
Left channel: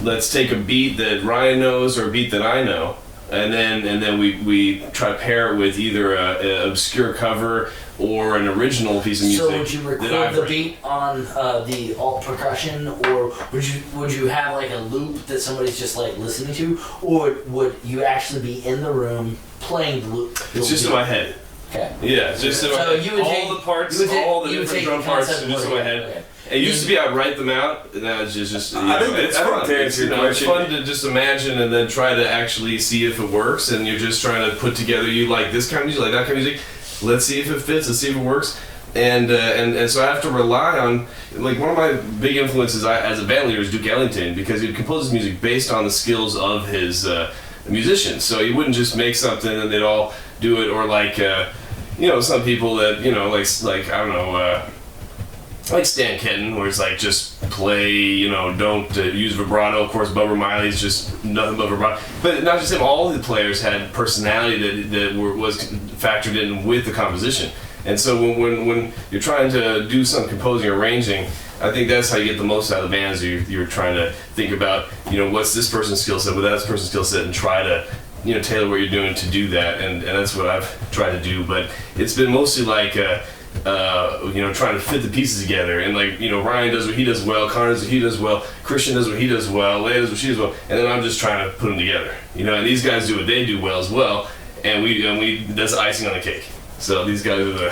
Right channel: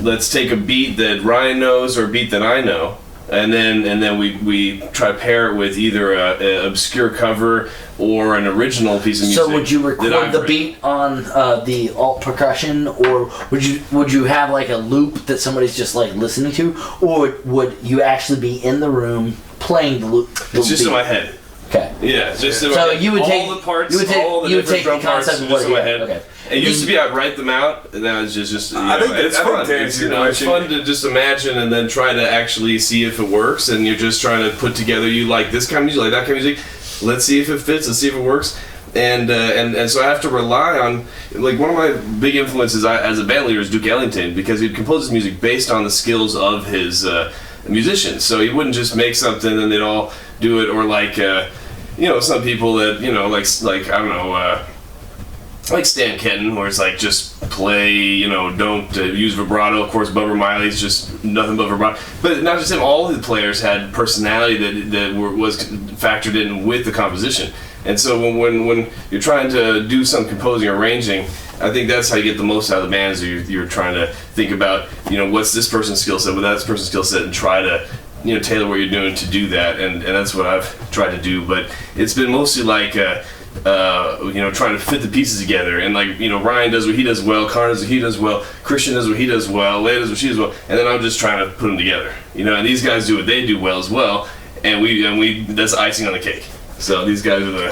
let's take a beat that Ryan knows or a beat that I know, and then we try to pair it with either a obscure cover or an original piece of music. So would you record the beat on the alt percussion, or would you have like a loop that somebody's just like listening to, or would you actually be in the room playing the loop? It's just beat? in my head. Okay. Yeah, it's just in my So head. you would all take the parts, you would take, all the you would different take drum the parts concept are of just in my what- head. Okay. It used to be I'd write them out, and now it's just you I know, think it's I think fun. to It's, answer you your know, it's question- fun to just imagine and then try to actually see if it works. And you're just trying to put together. You like this kind of music, like that kind of music. Let's see if it fits. Let's see if it works. And so I have to rely on, like, one of my big influences as a band leader is Duke Ellington, because he'd compose his music based on the skills of his musicians. So he wouldn't just make something and they'd all do it, or like you know, some people that, you know, like I don't know, like Stan Kenton, where it's like just play, you know, don't use vibrato. Of course, Bubba Miley's just nothing but vibrato. But not just him, all the players had personality that was factored in with the composition. And so when you're trying to do some composing or arranging, I think that's how you get the most out of the bands. You're trying to think about, you know, what's this person's skill set, what's that person's skill set, and try to, you know, tailor what you're doing to do that. And that's what I've tried to do. But it's been mostly like, you know, trying to fit the pieces together. And like, you know, Ryan does what he does well, Carnage does what he does well, Christian does what he does well, Leia does what she does well, and then I'm just trying to put them together. You know, and these guys do what they do well as well, and we that's icing on the cake. So these guys are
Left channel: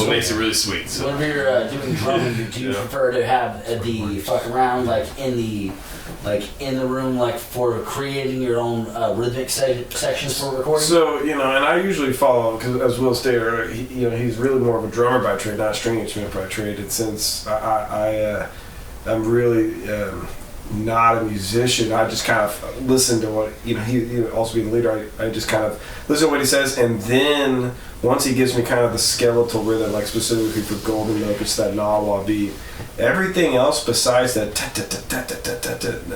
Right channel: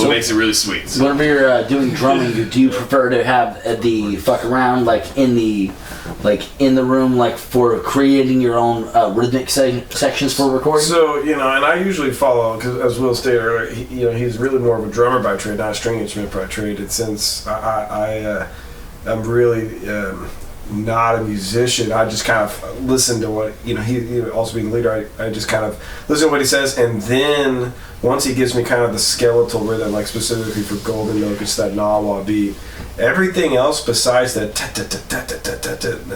what makes it really sweet. So. Whenever you're doing drumming, do you prefer to have the fuck around like in the room, like for creating your own rhythmic sections for recording? So, you know, and I usually follow, because as Will stated earlier, you know, he's really more of a drummer by trade, not a string instrument by trade. And since I'm really not a musician, I just kind of listen to what, you know, he also being the leader, I just kind of listen to what he says, and then once he gives me kind of the skeletal rhythm, like specifically for Golden Milk, it's that Nawa beat. Everything else besides that,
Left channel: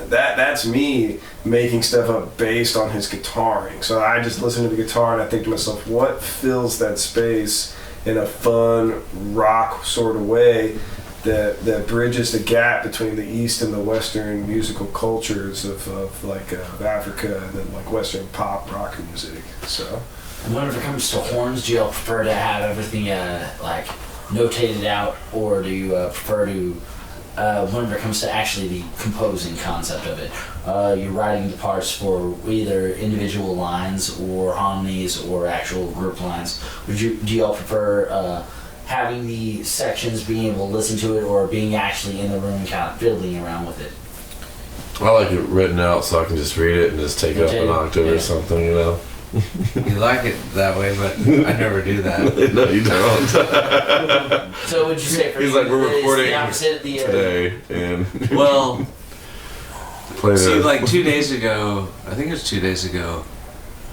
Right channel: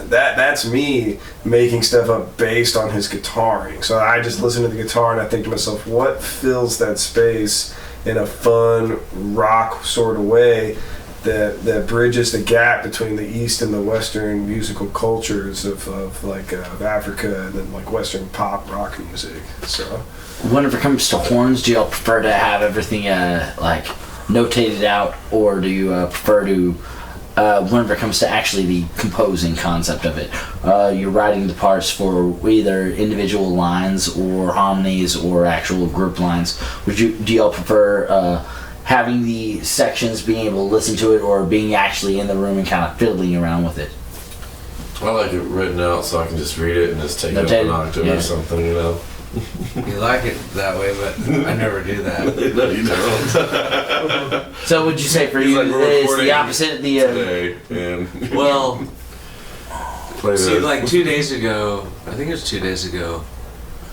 that's me making stuff up based on his guitaring. So I just listen to the guitar and I think to myself, what fills that space in a fun rock sort of way that bridges the gap between the East and the Western musical cultures of Africa and then like Western pop rock music. So Whenever it comes to horns, do you all prefer to have everything like notated out, or do you prefer to whenever it comes to actually the composing concept of it, you're writing the parts for either individual lines or harmonies or actual group lines? Do you all prefer having the sections, being able to listen to it, or being actually in the room and kind of fiddling around with it? I like it written out so I can just read it and just take it up an octave or something, you know. You like it that way, but I never do that. No, you don't. So would you say for He's you like, we're is recording the opposite the today, and Well, play see, this. like 2 days ago, I think it was 2 days ago,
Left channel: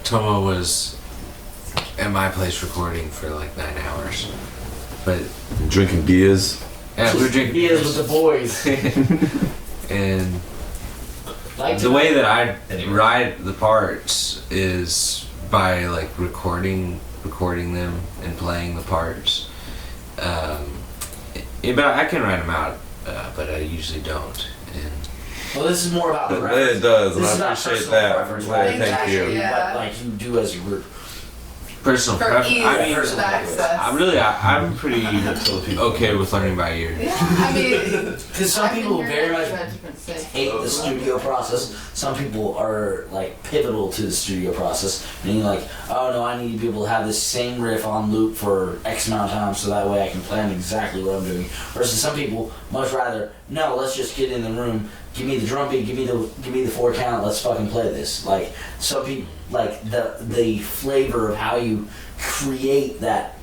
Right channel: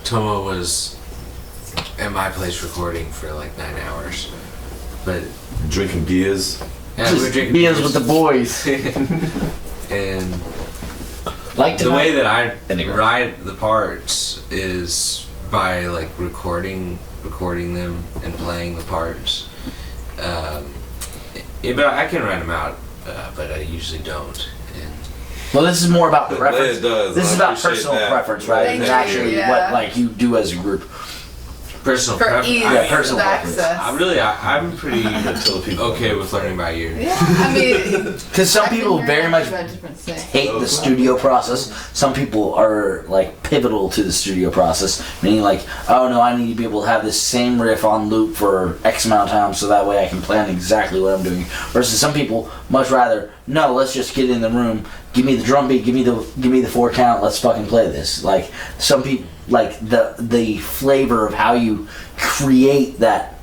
Tomo was at my place recording for like 9 hours. But Drinking beers. yeah, we were drinking beers beers. with the boys? And Like the way that I Anyway. write the parts is by like recording them and playing the parts. Yeah, but I can write them out, but I usually don't. And Well, this is more about But preference. Leia does. This is and I about appreciate personal that. preference, right? Thank It's actually you. Yeah. what like you do as a group. personal For preference. ease I of mean, personal access. I'm pretty okay with learning by ear. Yeah, I mean, Because some I've been people hearing very much about different things. hate the studio process. Some people are like pivotal to the studio process, meaning like, oh no, I need to be able to have this same riff on loop for X amount of time, so that way I can plan exactly what I'm doing. Versus some people much rather, no, let's just get in the room, give me the drum beat, give me the 4 count, let's fucking play this. Like some people like the flavor of how you create that.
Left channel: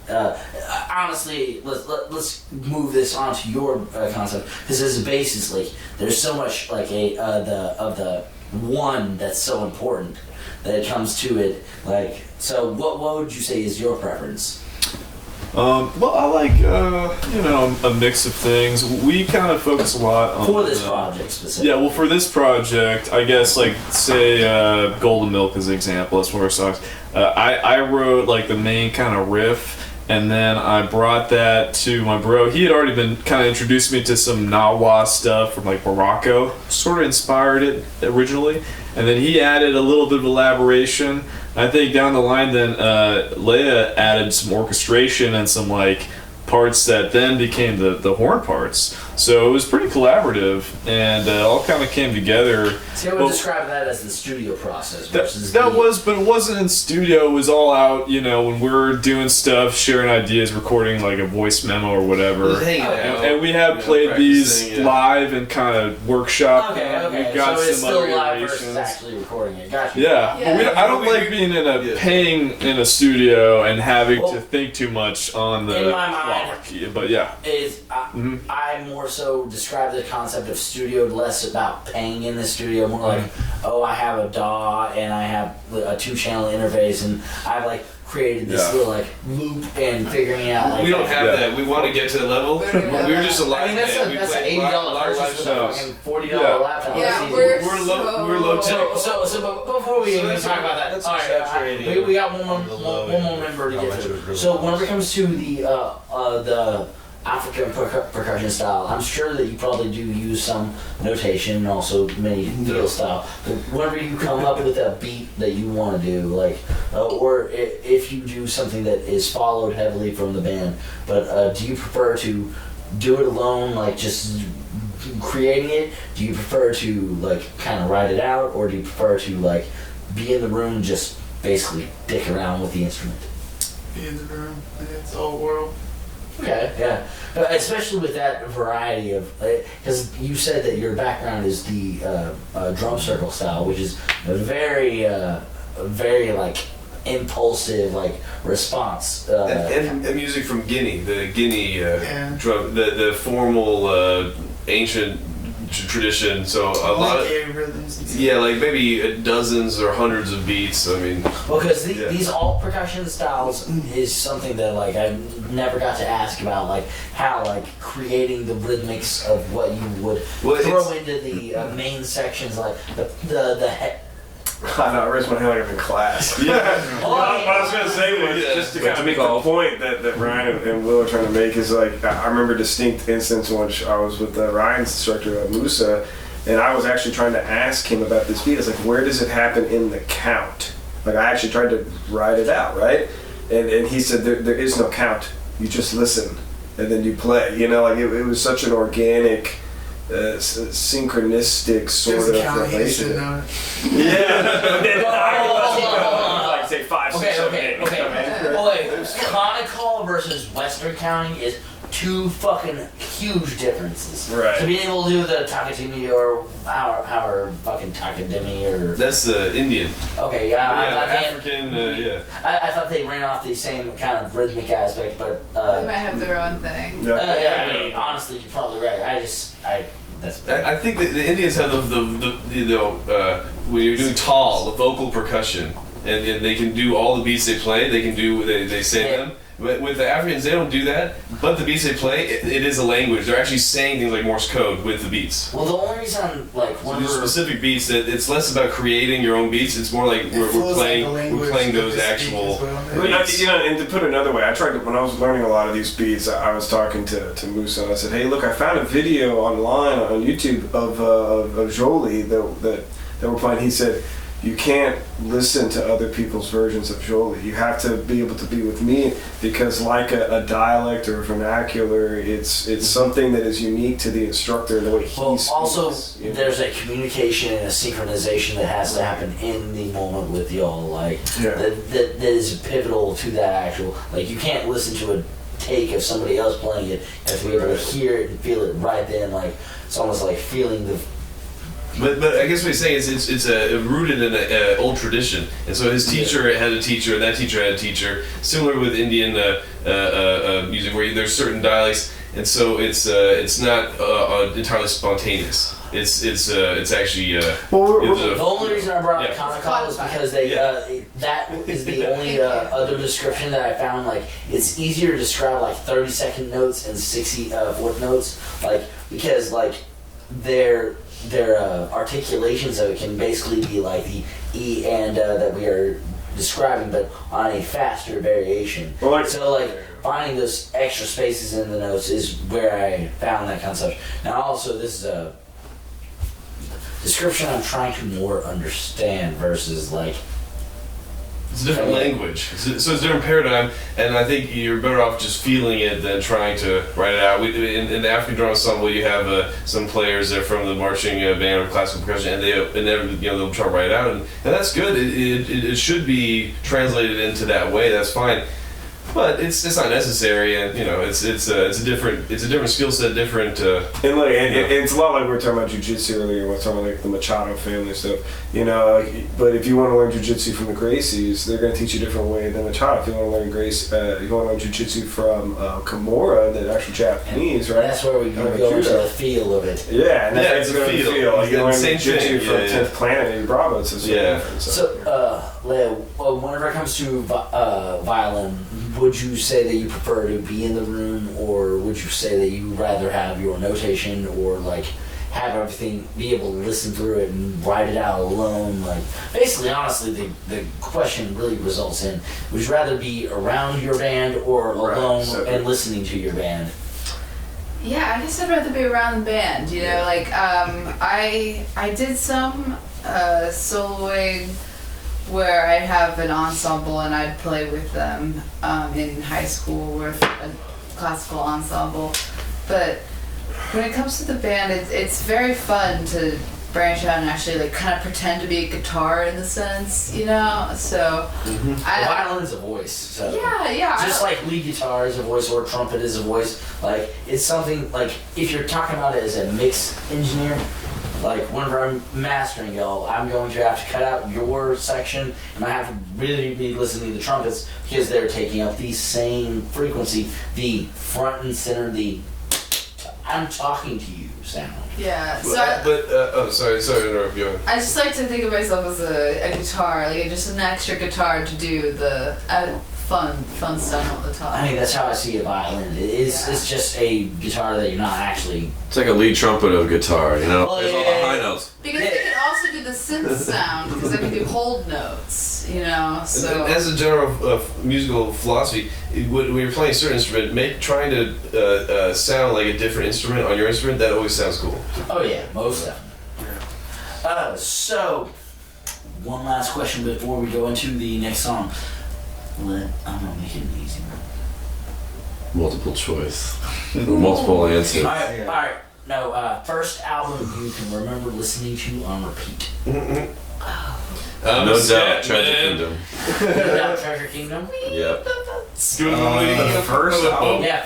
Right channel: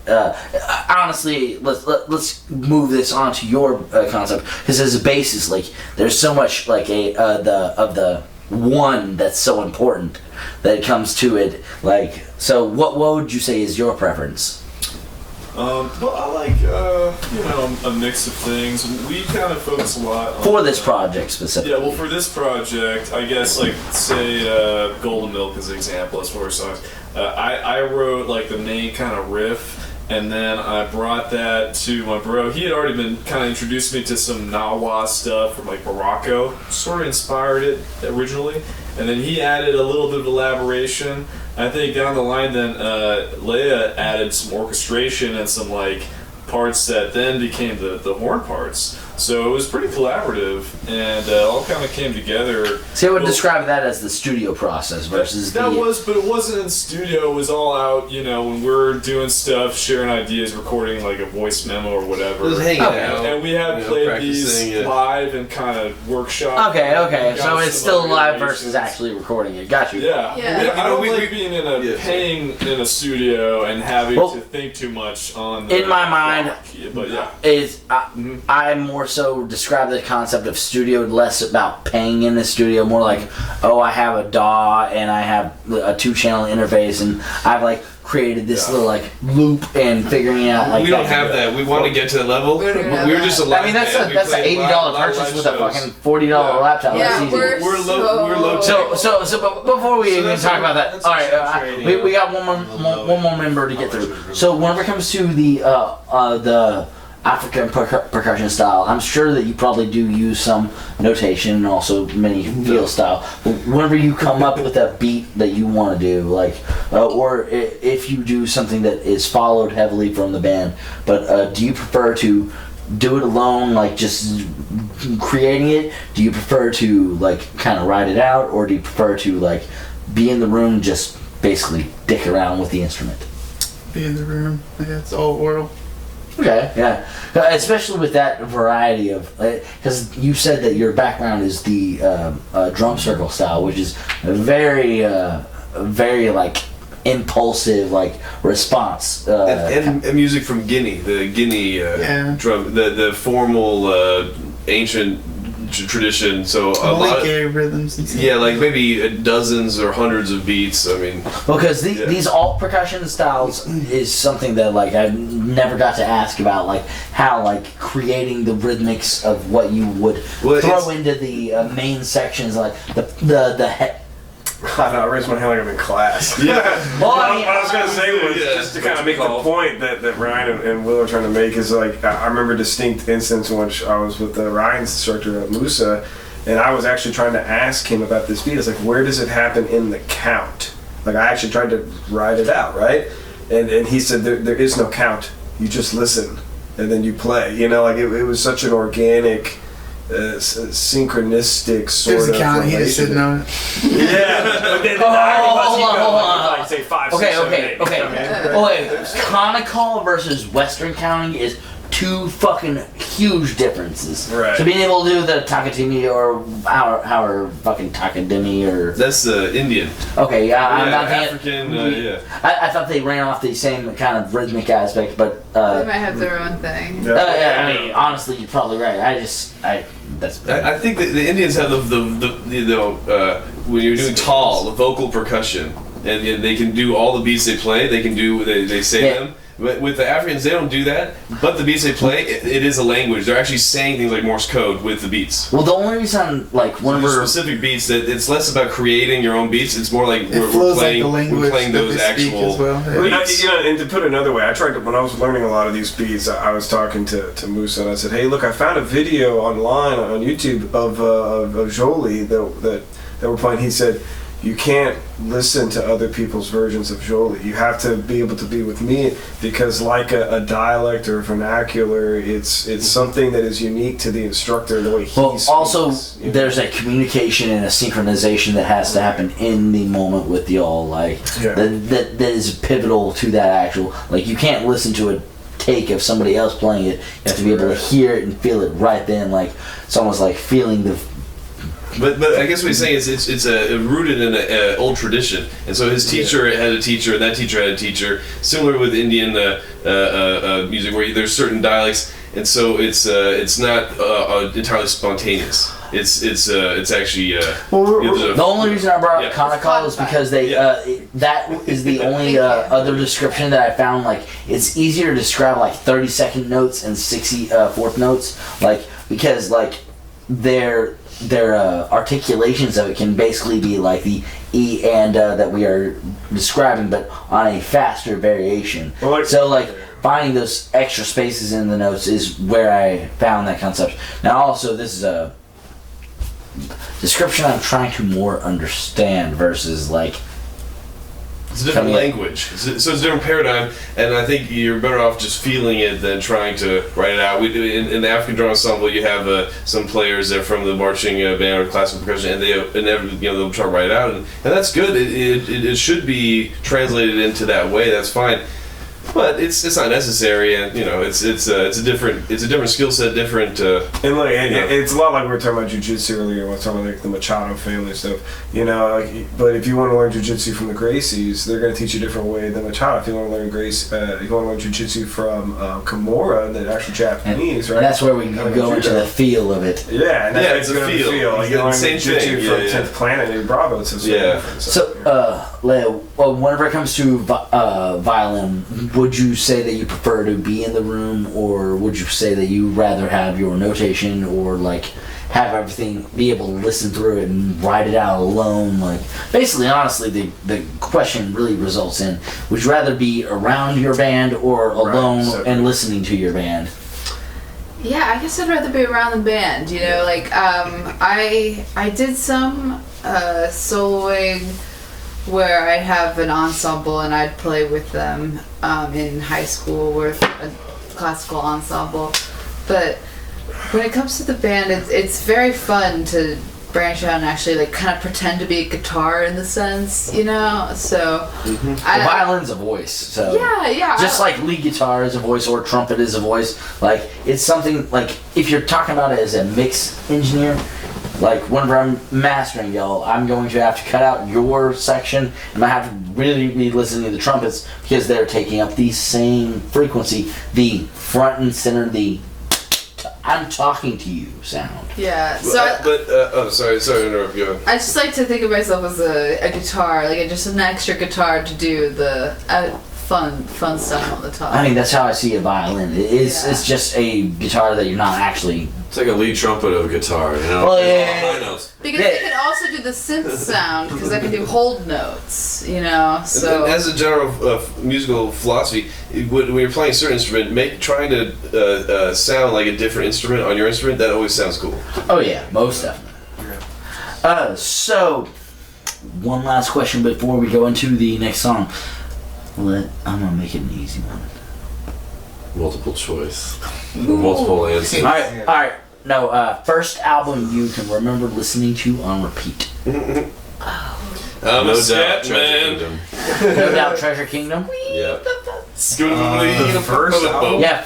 Honestly, let's move this onto your concept, because as a bassist, like there's so much like the one that's so important that it comes to it. Like, so what would you say is your preference? Well, I like, a mix of things. We kind of focus a lot on... For this project specifically. Yeah, well, for this project, I guess, like, say, Golden Milk is an example, as far as songs. I wrote, like, the main kind of riff, and then I brought that to my bro. He had already been kind of introduced me to some Nawa stuff from, like, Morocco. Sort of inspired it originally. And then he added a little bit of elaboration. I think down the line then Leia added some orchestration and some like parts that then became the horn parts. So it was pretty collaborative, and all kind of came together. See, I would describe that as the studio process versus but it wasn't in studio. It was all out, when we're doing stuff, sharing ideas, recording like a voice memo or whatever. It was hanging out. And we have played these practicing it. live and kind of workshop. Okay. We've got So it's some still other live iterations. versus actually recording it. Gotcha. Yeah. Yeah. I don't like being in a paying in a studio and having Well, to think too much on the in my mind, block. But yeah. Is I more so describe the concept of studio less about paying in the studio, more like, oh, I have a DAW and I have a 2-channel interface and I've like created this little like loop and figuring out like We don't have that. We want to get to that level. We don't have We were just a that. live I mean that's band. a that's an We played $80 live purchase with a shows. fucking $40 laptop. Yeah, That's easy. we're low so- tech. So but before we even that's talk a- about that, that's all right, exaggerating we got one the low more end. member to get I'll let through. you- So whenever it comes to the African percussion style, I'm sure that you probably do use some notation and also many feel style. But whenever you come up with a beat that you want to do, like, or if you do something that is followed heavily from the band, but do you prefer to do it alone, like just creating it? Do you prefer to like kind of write it out, or do you prefer to like be in the room and just basically dick around with the instrument? Be in the room. Yeah, it's all oral. Okay, yeah. Especially with that variety of, because you said that your background is the drum circle style, which is a very like impulsive like response. And music from Guinea, the Guinea drum, the formal ancient tradition. So a lot of rhythms and stuff. yeah, like maybe dozens or hundreds of beats. I mean, Because these alt percussion styles is something that like I never got to ask about, like how like creating the rhythmics of what you would throw into the main sections, like the I know, I raised my hand like I'm in class. Yeah. Well, I mean, What I was going to say was, just to kind of make the point that Ryan and Will are trying to make is like, I remember a distinct instance in which I was with Ryan's instructor, Musa, and I was actually trying to ask him about this beat. It's like, where does it happen in the count? Like, I actually tried to write it out, right? And he said, there is no count. You just listen, and then you play. Like, it was such an organic... synchronistic sort There's of a count. He just relation. didn't know it. Yeah, but then hold on. like say 5, 6, 7, 8. Okay. Conical versus Western counting is two fucking huge differences. Right. So being able to do the Takatimi or our fucking Takadimi or that's Indian. okay, I'm not African. Yeah. I thought they ran off the same kind of rhythmic aspect, but They might have their own thing. I mean, honestly, you're probably right. I think that the Indians have when you're doing tall, the vocal percussion, and they can do all the beats they play. They can do they say them, But with the Africans, they don't do that. But the beats they play, it is a language. They're actually saying things like Morse code with the beats. Well, the only reason, like, So there's specific beats that it's less about creating your own beats. It's more like we're playing those actual. Well. beats. And to put it another way, I tried to, when I was learning a lot of these beats, I was talking to Musa and I said, "Hey, look, I found a video online on YouTube of Jolie that we're playing." He said, "You can't listen to other people's versions of Jolie. You have to be able to be with me, because like a dialect or vernacular, it's something that is unique to the instructor and the way he speaks." Also, there's a communication and a synchronization that has to happen in the moment with y'all. Like that is pivotal to that actual. Like, you can't listen to a take of somebody else playing it. You have to be able to hear it and feel it right then. Like, it's almost like feeling the. But I guess what he's saying is it's rooted in an old tradition, and so his teacher had a teacher, and that teacher had a teacher. Similar with Indian music, where there's certain dialects, and so it's not entirely spontaneous. It's actually. The only reason I brought up Kanakal is because they that is the only other description that I found. Like, it's easier to describe like 30-second notes and 64th notes, like, because like their articulations of it can basically be like the E and that we are describing, but on a faster variation. Well, so like finding those extra spaces in the notes is where I found that concept. Now also, this is a description I'm trying to more understand versus like. It's a different language. So it's a different paradigm, and I think you're better off just feeling it than trying to write it out. In the African drum ensemble, you have some players that are from the marching band or classical percussion, and they'll try to write it out, and that's good. It should be translated into that way. That's fine. But it's not necessary, and it's a different skill set, different. And like it's a lot like we were talking about jiu-jitsu earlier. We were talking about like the Machado family stuff, But if you want to learn jiu-jitsu from the Gracies, they're going to teach you a different way than Machado. If you want to learn if you want to learn jiu-jitsu from Kimura, the actual Japanese, right? That's where we can go into the feel of it. Yeah, and that's it's a feel. Like you learn same jiu-jitsu thing. from 10th Planet and Bravo. It's different. So, Leo, whenever it comes to violin, would you say that you prefer to be in the room, or would you say that you rather have your notation, or like have everything, be able to listen through it and write it out alone? Like, basically, honestly, the question really results in, would you rather be around your band or alone and listening to your band? Yeah, I guess I'd rather be around the band. Like I did some soloing where I'd have an ensemble and I'd play with them in high school with a classical ensemble. But when it comes to the band, it's very fun to branch out and actually like kind of pretend to be a guitar in the sense, So Violin's a voice, so yeah. Just like lead guitar is a voice or trumpet is a voice. Like, it's something like if you're talking about it as a mix engineer. Like, whenever I'm mastering y'all, I'm going to have to cut out your section, and I have to really be listening to the trumpets because they're taking up the same frequency, the front and center, the I'm talking to you sound. Yeah. So sorry to interrupt you. I just like to think of myself as a guitar, like just an extra guitar to do the fun stuff on the top. I mean, that's how I see a violin. It's just a guitar that you're not actually. It's like a lead trumpet of a guitar, Well, all the high notes. Because they can also do the synth sound, because I can do hold notes, so. And as a general musical philosophy, when you're playing a certain instrument, trying to sound like a different instrument on your instrument, that always sounds cool. Oh yeah, most definitely. So, one last question before we go into the next song. I'm gonna make it an easy one. Multiple choice. Multiple answers. Alright. No, first album you can remember listening to on repeat. No Doubt, Treasure Kingdom. No Doubt, Treasure Kingdom? Yep. The first album? Yeah,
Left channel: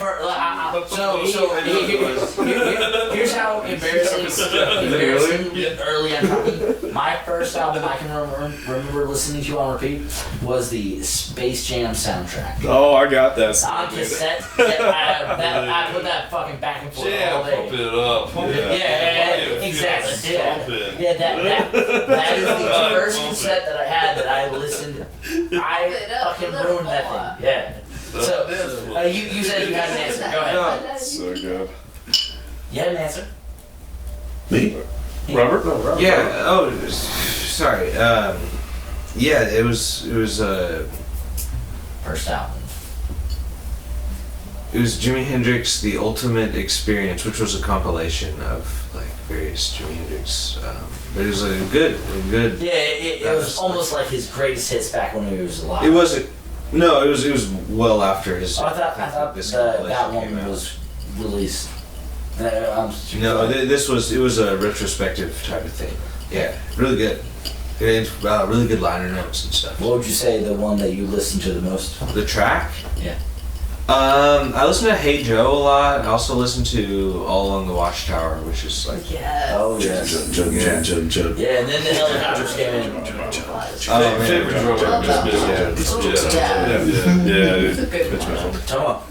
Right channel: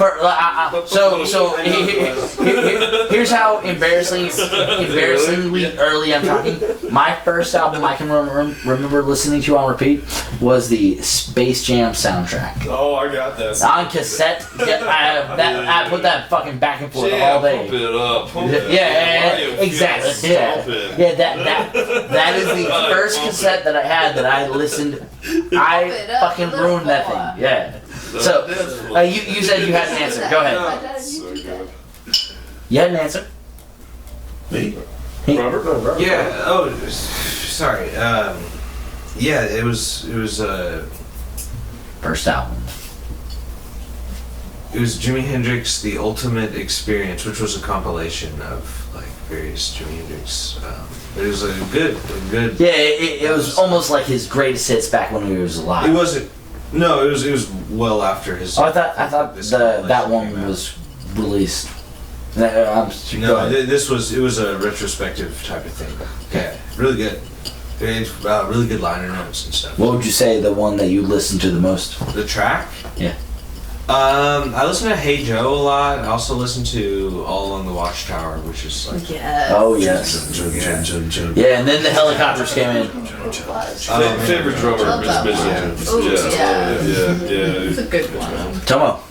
here's how embarrassingly early I'm talking. My first album I can remember listening to on repeat was the Space Jam soundtrack. Oh, I got that. On cassette. I put that fucking back and forth all day. Pump it up. Yeah, exactly. Yeah, that is the first cassette that I had that I listened. I fucking ruined that thing. Yeah. So, you said you had an answer. Go ahead. So good. You had an answer. Me? Robert? Yeah. Oh, sorry. Yeah, it was First album. It was Jimi Hendrix: The Ultimate Experience, which was a compilation of like various Jimi Hendrix. But it was a good. Yeah, it was almost like his greatest hits back when he was alive. It wasn't. No, it was well after his. Oh, I thought this that compilation came one out. was released. No, it was a retrospective type of thing. Yeah, really good. And, really good liner notes and stuff. What would you say the one that you listened to the most? The track? Yeah. I listen to Hey Joe a lot. I also listen to All Along the Watchtower, which is like Yes. Oh yes. Yeah, and then the helicopters came in. Favorite drummer Love that is one. Mitchell. Ooh, yeah. Yeah. It's a good one. Tomo.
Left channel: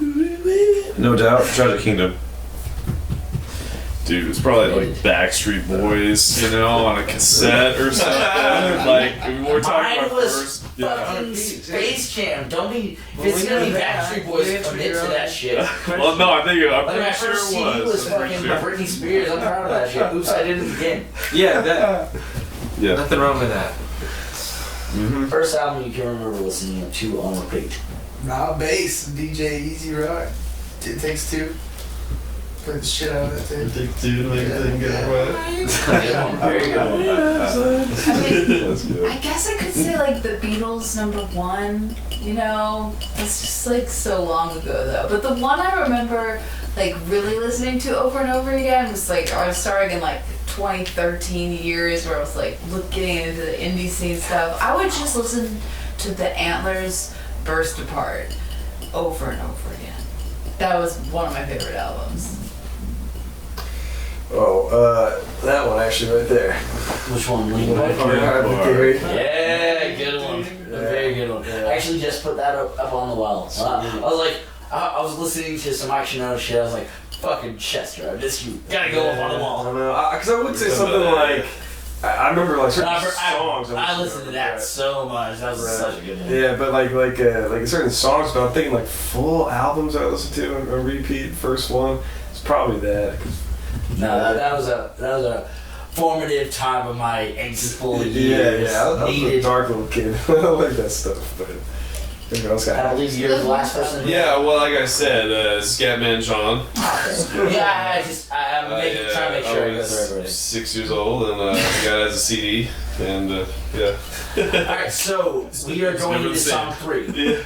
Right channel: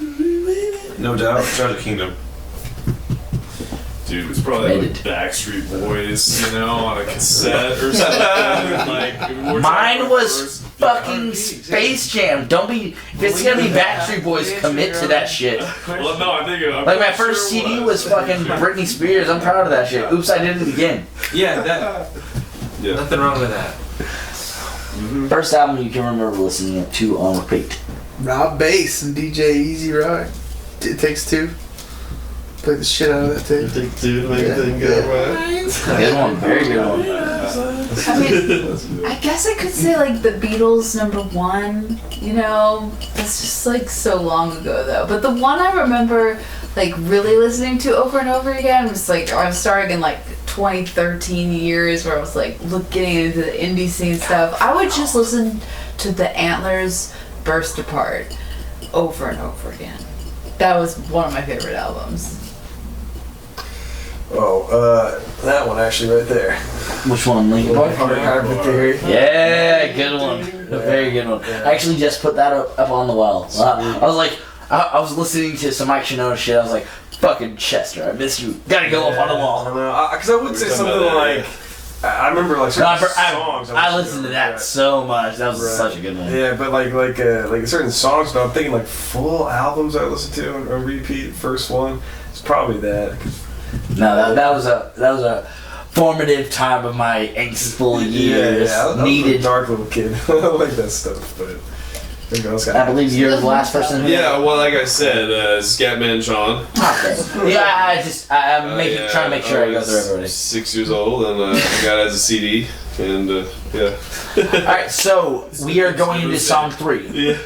No doubt. Tragic Kingdom. Dude, it's probably like Backstreet Boys, you know, on a cassette or something. Like, we're talking Mine about was first- fucking Space Jam. Don't be. If it's gonna be Backstreet Boys, commit to that shit. Well, no, I think I'm Like my pretty first sure it CD was fucking Britney Spears. I'm proud of that shit. Oops, I did it again. yeah, that Yeah. nothing wrong with that. First album you can remember listening to on repeat. Rob Bass and DJ Easy Rock. It Takes Two. Played the shit out of that tape. Take two, make everything good, right? Good one, very good one. I mean, I guess I could say like the Beatles #1. You know, that's just like so long ago though. But the one I remember like really listening to over and over again was like I was starting in like 2013 years where I was like getting into the indie scene stuff. I would just listen to the Antlers Burst Apart over and over again. That was one of my favorite albums. Oh, that one actually right there. Which one? Linkin Park? Hybrid Theory. Yeah, good one. A very good one. I actually just put that up on the wall. I was like, I was listening to some Mike Shinoda shit. I was like, fucking Chester, I miss you. Gotta go up on the I wall. don't know, because I would say something like, I remember like certain songs. I listened to that so much. That was Right. such a good one. Yeah, but like certain songs. But I'm thinking like full albums I listened to on repeat. First one, it's probably that. No, that was a formative time of my angstiful years. Yeah. I was a Needed. dark little kid. I like that stuff, but everything else got. I believe you're the last person. Yeah, well, like I said, Scatman Sean. Yeah, I'm trying to make sure I go was through everybody. 6 years old, and I got it as a CD, and yeah. Alright, so we are going into song 3.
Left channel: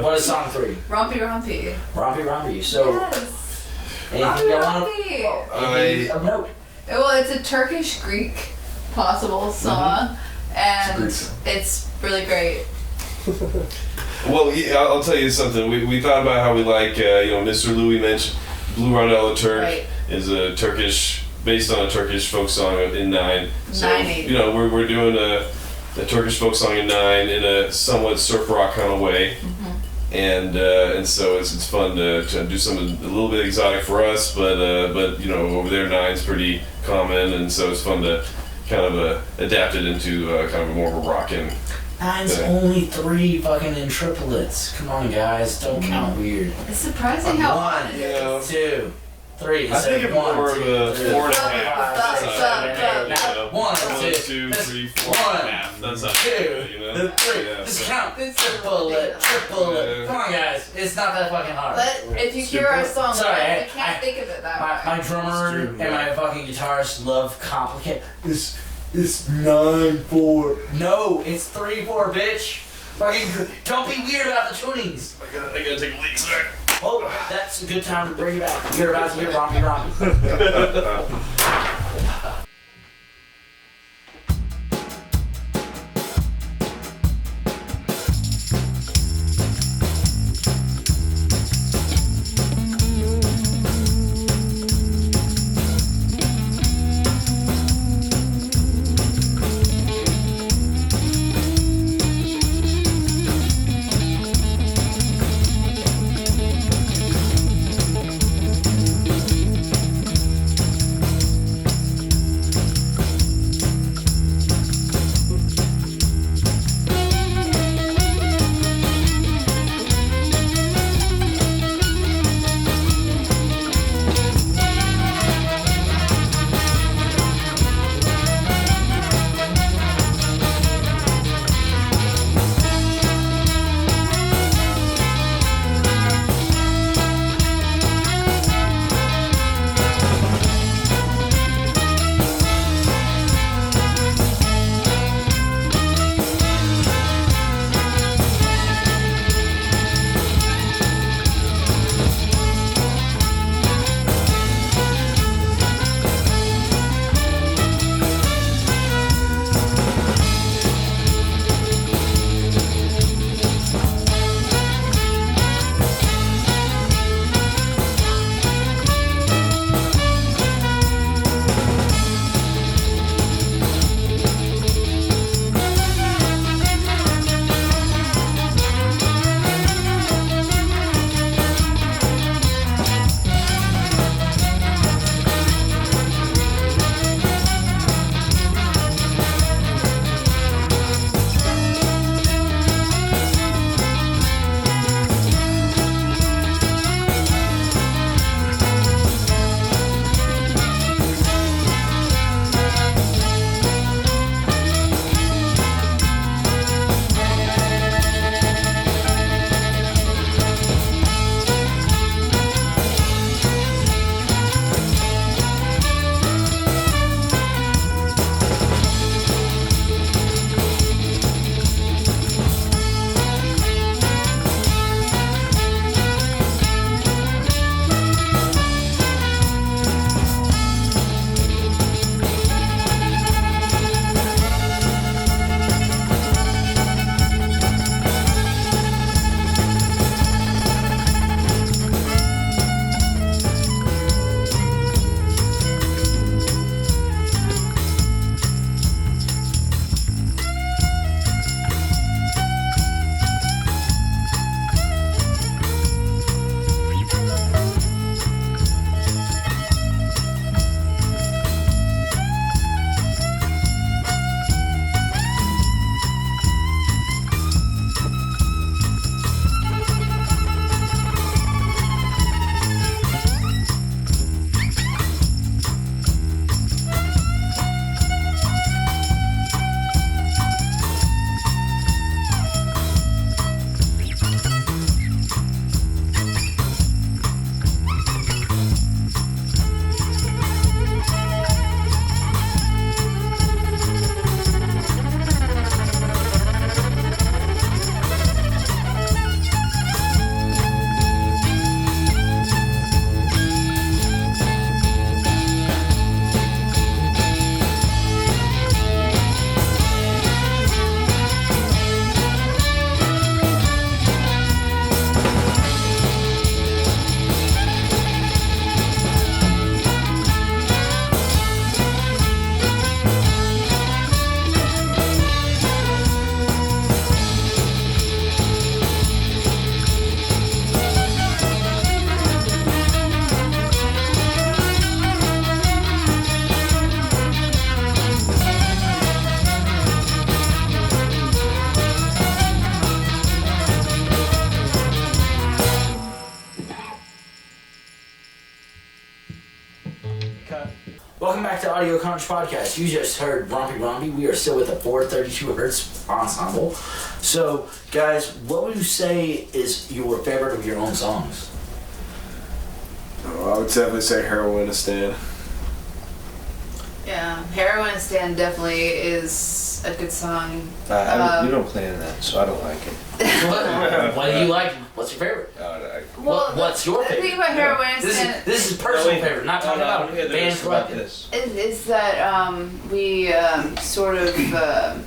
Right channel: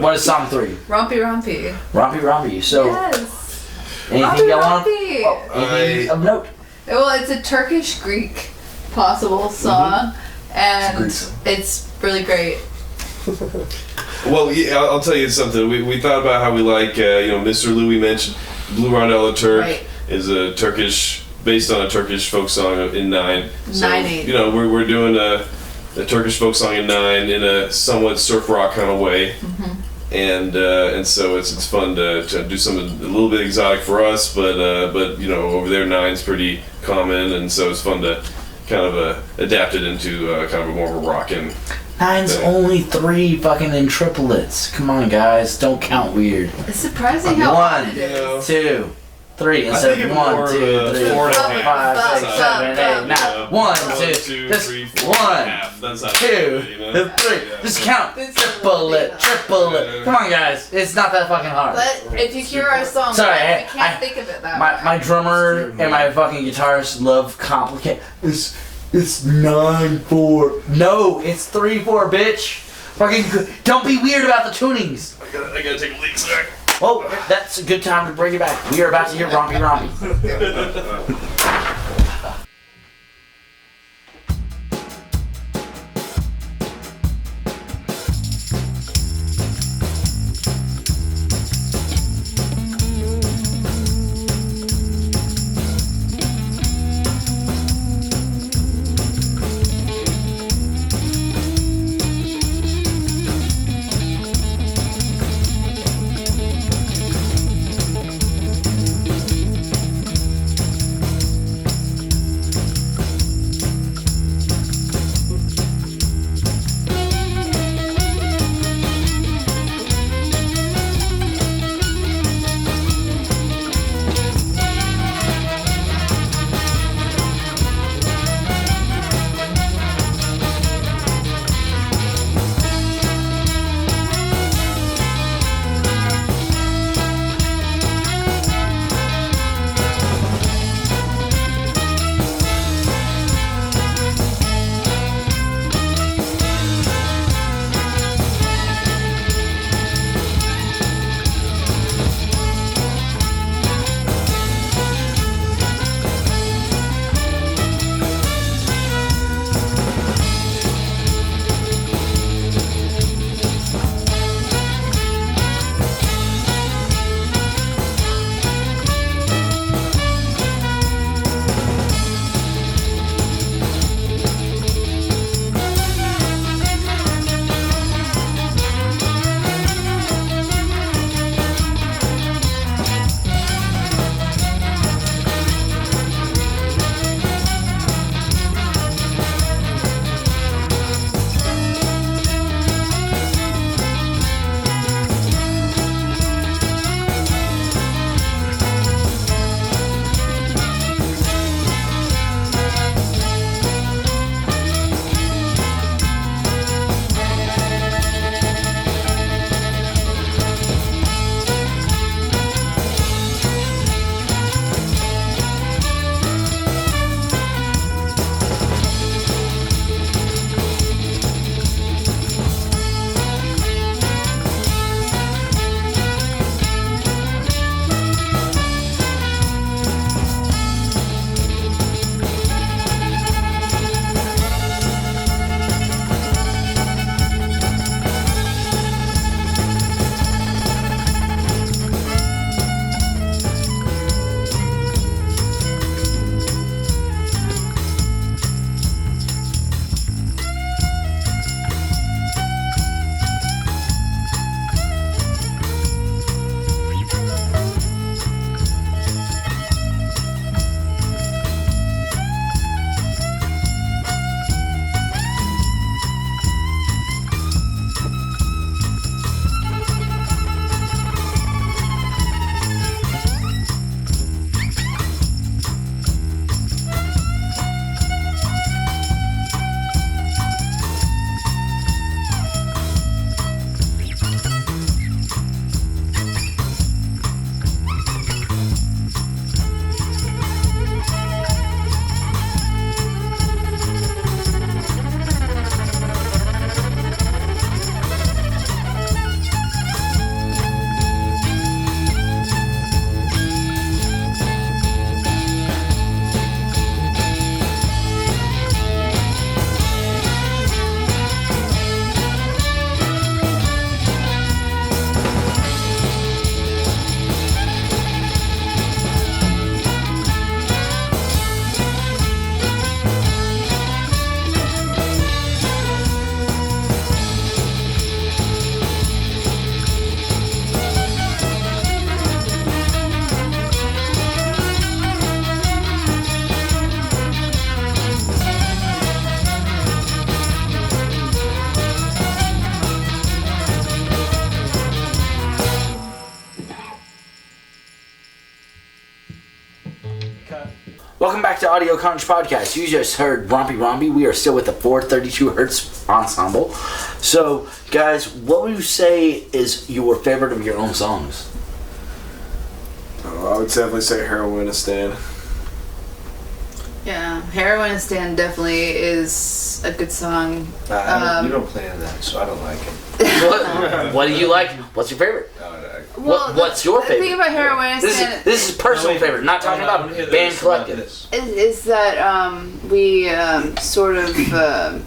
What is song 3? Rompy Rompy. Rompy Rompy. So, Yes. anything Rompy y'all want? Rompy. Anything of note? Well, it's a Turkish-Greek possible song, and It's a Greek it's really great. Well, yeah, I'll tell you something. We thought about how we like, Mr. Louis mentioned Blue Rondella Turk Right. is a Turkish, based on a Turkish folk song in 9. So, 9/8. we're doing a Turkish folk song in 9 in a somewhat surf rock kind of way. And so it's fun to do something a little bit exotic for us, but over there 9's pretty common, and so it's fun to kind of adapt it into kind of a more of a rockin'. 9's only 3 fucking in triplets. Come on, guys. Don't count weird. It's surprising how 1, it is. 2, 3. I Instead think of of 1, more 2, of a 3, 4 and a 4, half. 5, 6, 7, 8, 9. 1, 2, 3, 4 and a 1, half. That's how 2, 3. Just count. Triple it. Come on, guys. It's not that fucking hard. But if you hear our song, Sorry, I can't think of it that way. My drummer and my fucking guitarist love complicate. It's 9/4. No, it's 3/4, bitch. Fucking don't be weird about the tunings. I gotta take a leak, sorry. Well, that's a good time to bring it back. We are about to hear Rompy Rompy. Audio Carnage podcast. You just heard Rompy Rompy. We are still with the 432 Hertz Ensemble. So, guys, what would you say is your favorite of your own songs? Oh, I would definitely say Heroinistan. Yeah, Heroinistan definitely is a good song. You don't play in that, so I don't like it. What do you like? What's your favorite? What's your favorite? The thing about Heroinistan This is personal favorite. Not talking about band collective. is that we sort of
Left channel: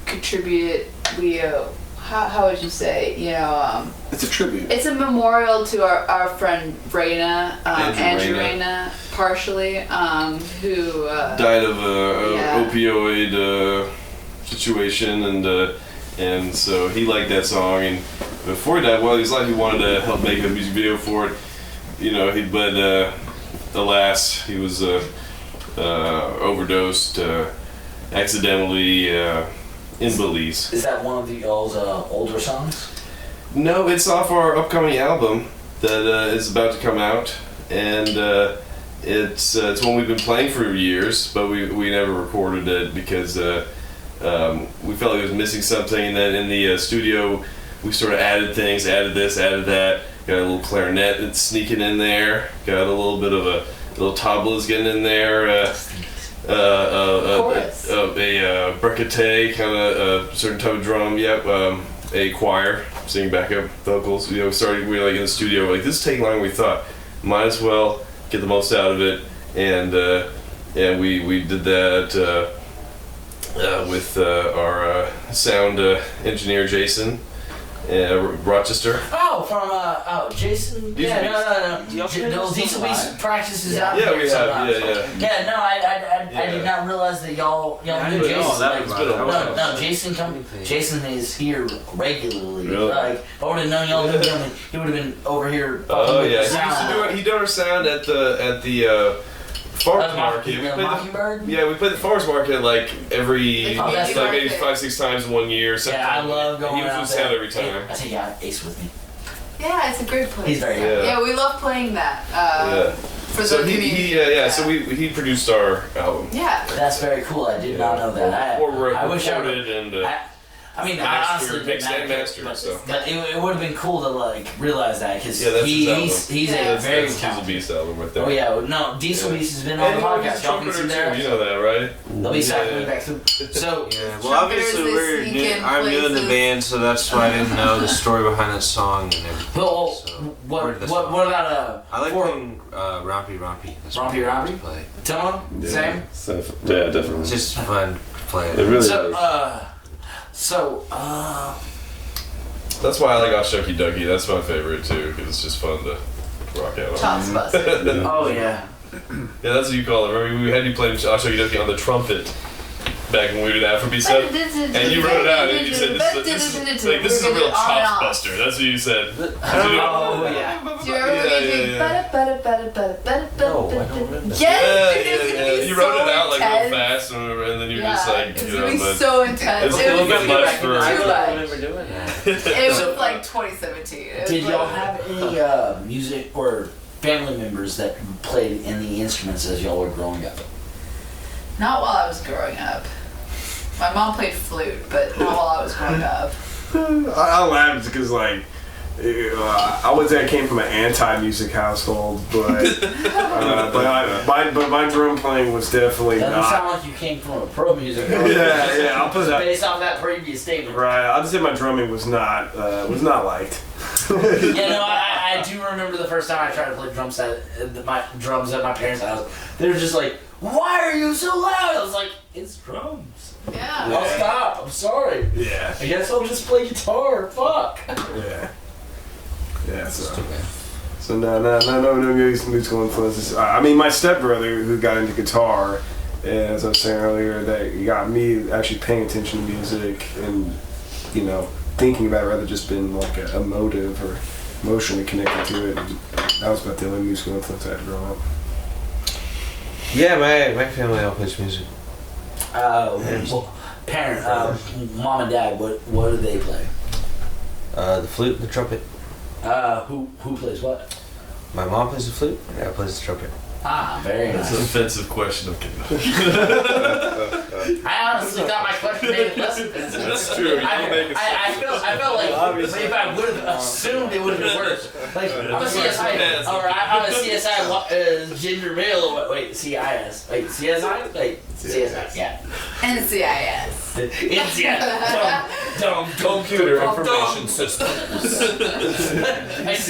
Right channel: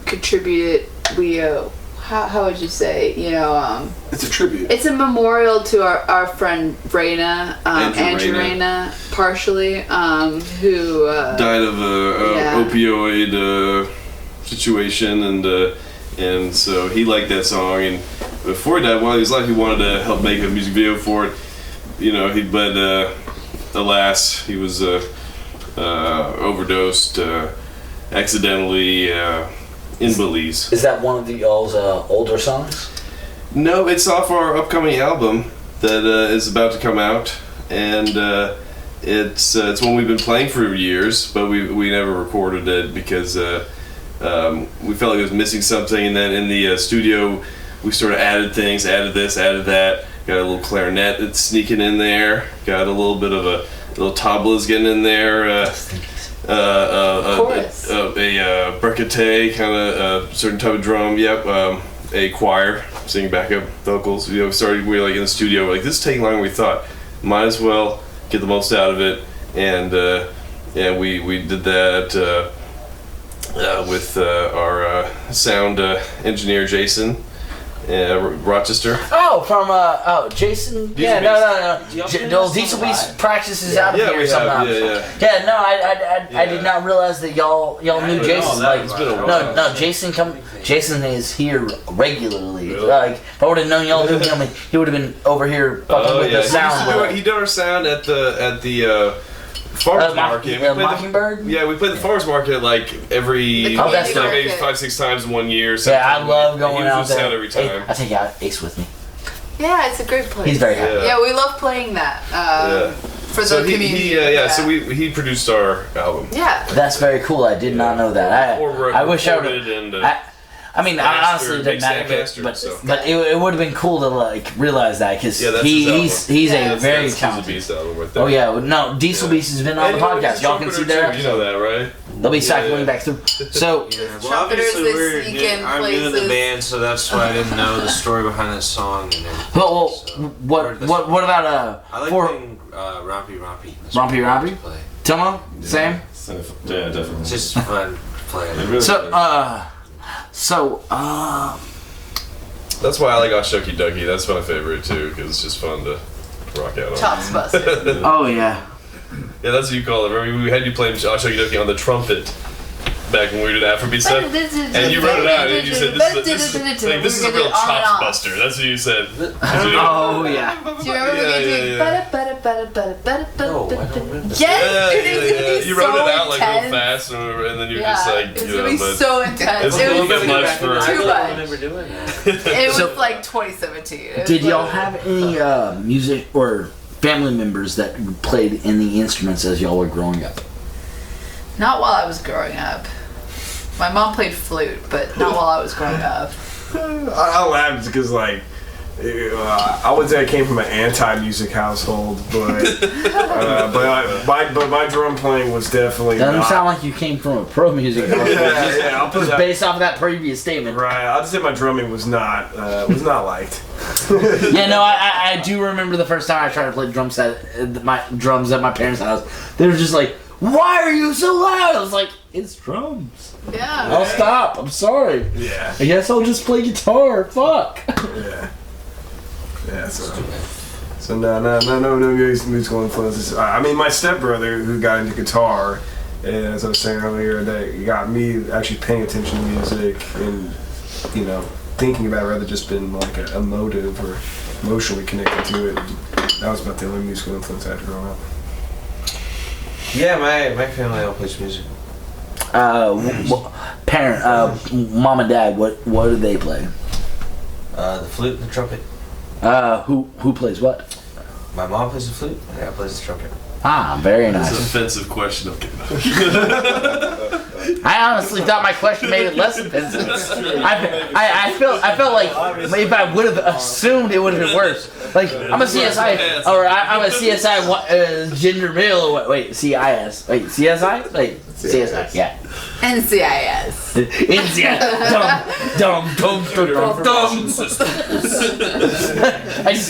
contribute. We how would you say? It's a tribute. It's a memorial to our friend Raina, Andrew Raina, partially, who died of a opioid situation, and so he liked that song. And before he died, while he was alive, he wanted to help make a music video for it. But alas, he was overdosed accidentally in Belize. Is that one of y'all's older songs? No, it's off our upcoming album that is about to come out, and it's one we've been playing for years, but we never recorded it because we felt like it was missing something. And then in the studio, we sort of added things, added this, added that. Got a little clarinet that's sneaking in there. Got a little bit of a little tabla's getting in there. A bricate, kind of a certain type of drum. Yep. A choir singing backup vocals. We were like in the studio. We're like, this is taking longer than we thought. Might as well get the most out of it. And we did that with our sound engineer Jason. Rochester. Oh, from Jason. Diesel No, Diesel Beast practices out Yeah, here we have. sometimes. Yeah. No, I did not realize that y'all knew Jason. It's been a while. No, Jason is here regularly. Like, if I would have known y'all knew him, he would have been over here fucking with the sound. He did our sound at the farmers market. Mockingbird? We played the farmers market like every that's like maybe market. 5-6 times in 1 year. Yeah, I love going out there. Sound every time. I take out Ace with me. Yeah, it's a great place. He's very happy. Yeah, we love playing that. For the community. So he produced our album. Yeah. That's very cool. I did not know that. I wish I would. And I mean, I honestly didn't matter, but it would have been cool to like realize that because he's a very talented. talented. Beast album right there. Oh yeah, no, Diesel Beast has been on the podcast. Y'all can see there. You know that, right? They'll be cycling back through. So Well, obviously Trumpeters, they sneak in I'm new in the places. band, so that's why I didn't know the story behind that song and everything. well, So, what about I like playing Rompy Rompy. That's what Rompy I like Rompy? to play. Tomo? Same. Yeah, definitely. It's just fun playing. It really So, That's why I like Oshucky Ducky. That's my favorite too, because it's just fun to rock out on. Chops busted. oh yeah. Yeah, that's what you call it. Remember, we had you playing Oshucky Ducky on the trumpet back when we did Afrobeat stuff, and you wrote it out, and you said, "This is a real chops buster." That's what you said. Oh yeah. Do you remember No, I don't remember. Yes, You wrote it out like real fast, and then you were just like, it's gonna be but so intense. it's a little bit much for. I Too don't much. remember doing that. It was So- like 2017. It was Did y'all like- have any music or family members that played in the instruments as y'all were growing up? Not while I was growing up. My mom played flute, but not while I was growing up. I laughed because I would say I came from an anti-music household, but my drum playing was definitely Doesn't not. sound like you came from a pro music. Yeah, I'll put that. Based off of that previous statement. Right, I'll just say my drumming was not liked. Yeah, no, I do remember the first time I tried to play drums at my parents' house. They were just like, "Why are you so loud?" I was like, "It's drums. Yeah. I'll stop. I'm sorry. Yeah, I guess I'll just play guitar. Fuck." yeah. So no musical influences. I mean, my stepbrother who got into guitar, and as I was saying earlier, that got me actually paying attention to music and thinking about it rather just being like emotive or emotionally connected to it. And that was about the only musical influence I had growing up. Yeah, my family all plays music. Mom and dad, what do they play? The flute and the trumpet. Who plays what? My mom plays the flute, and dad plays the trumpet. Ah, very That's an nice. offensive question. I honestly thought my question made it less offensive. That's true. I felt like if I would have assumed it would have been worse. Like I'm a CSI or I'm a CSI gender male. Wait, CIS. Wait, CSI. Wait, CSI. Yeah. NCIS. NCIS. Dumb.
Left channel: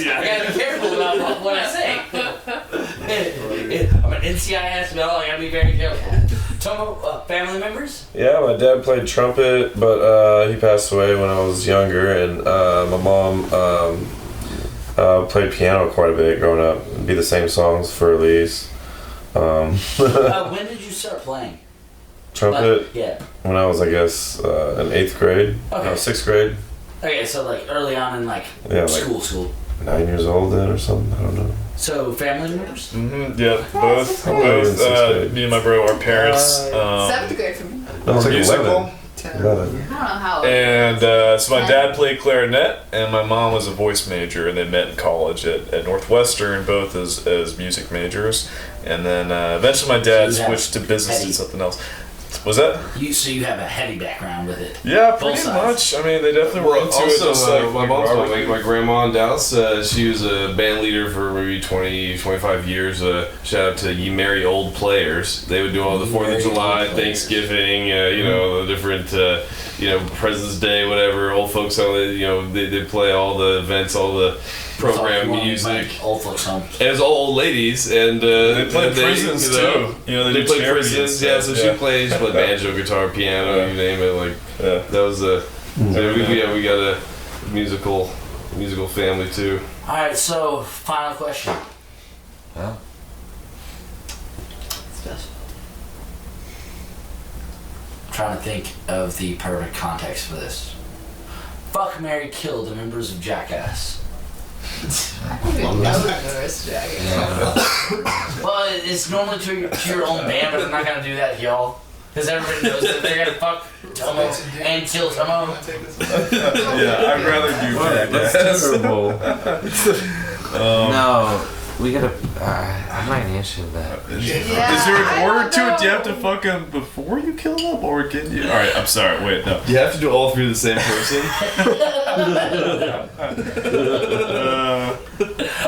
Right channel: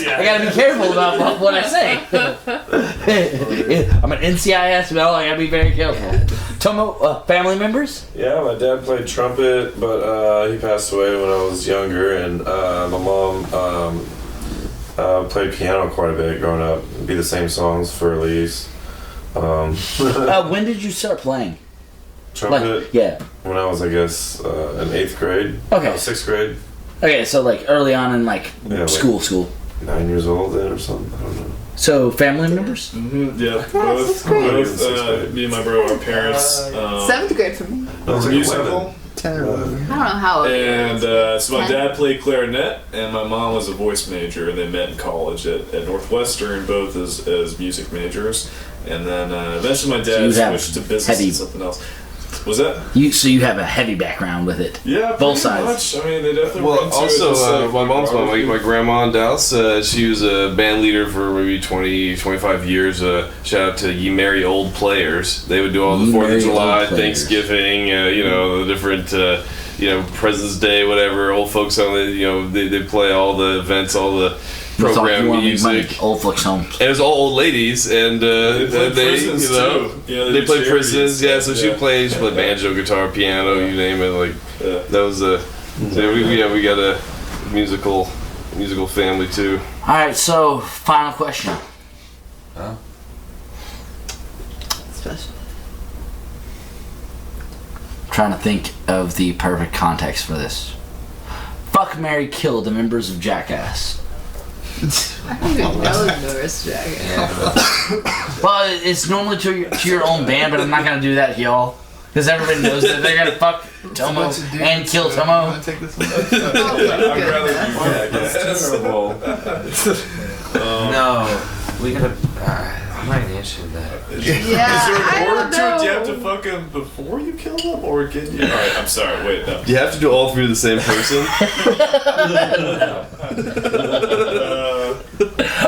I gotta be careful about what I say. I'm an NCIS male. I gotta be very careful. Tomo, family members? Yeah, my dad played trumpet, but he passed away when I was younger, and my mom played piano quite a bit growing up. It'd be the same songs for at least. When did you start playing? Trumpet? Like, yeah. When I was, I guess, in 8th grade. Okay. No, 6th grade. Okay, so like early on in like Yeah, school. 9 years old then or something. I don't know. So family members? Yeah, both. Me and my bro, our parents. 7th grade for me. No, it's like musical. 11. 10 I don't know how old And so my 10? dad played clarinet, and my mom was a voice major, and they met in college at Northwestern, both as music majors. And then eventually my dad So you have switched to business heavy- and something else. Was that? So you have a heavy background with it. Yeah, Both pretty sides. much. I mean, they definitely Well, run to it. also, Just like my mom's mom, Robert- my grandma in Dallas, she was a band leader for maybe 20, 25 years. Shout out to Ye Merry Old Players. They would do all the Ye 4th Merry of July, Old Players. Thanksgiving, the different, President's Day, whatever. Old folks, they play all the events, all the program music. Old folks home. And it was all old ladies, and They played prisons too. they did played charities prisons. and Yeah, stuff, so she played banjo, guitar, piano, you name it. Like that was a. So we got a musical family too. All right, so final question. Special. Trying to think of the perfect context for this. Fuck, marry, kill the members of Jackass. I don't even know the Norris Jacket. Well, it's normally to your own band, but I'm not gonna do that, y'all. Because everybody knows that they're gonna fuck Tomo and kill Tomo. Take this one. I'd rather do that. That's terrible. No, we gotta. I'm not gonna answer that. Is there an order to it? Do you have to fuck him before you kill him, or can you? All right, I'm sorry. Wait, no. Do you have to do all three to the same person? All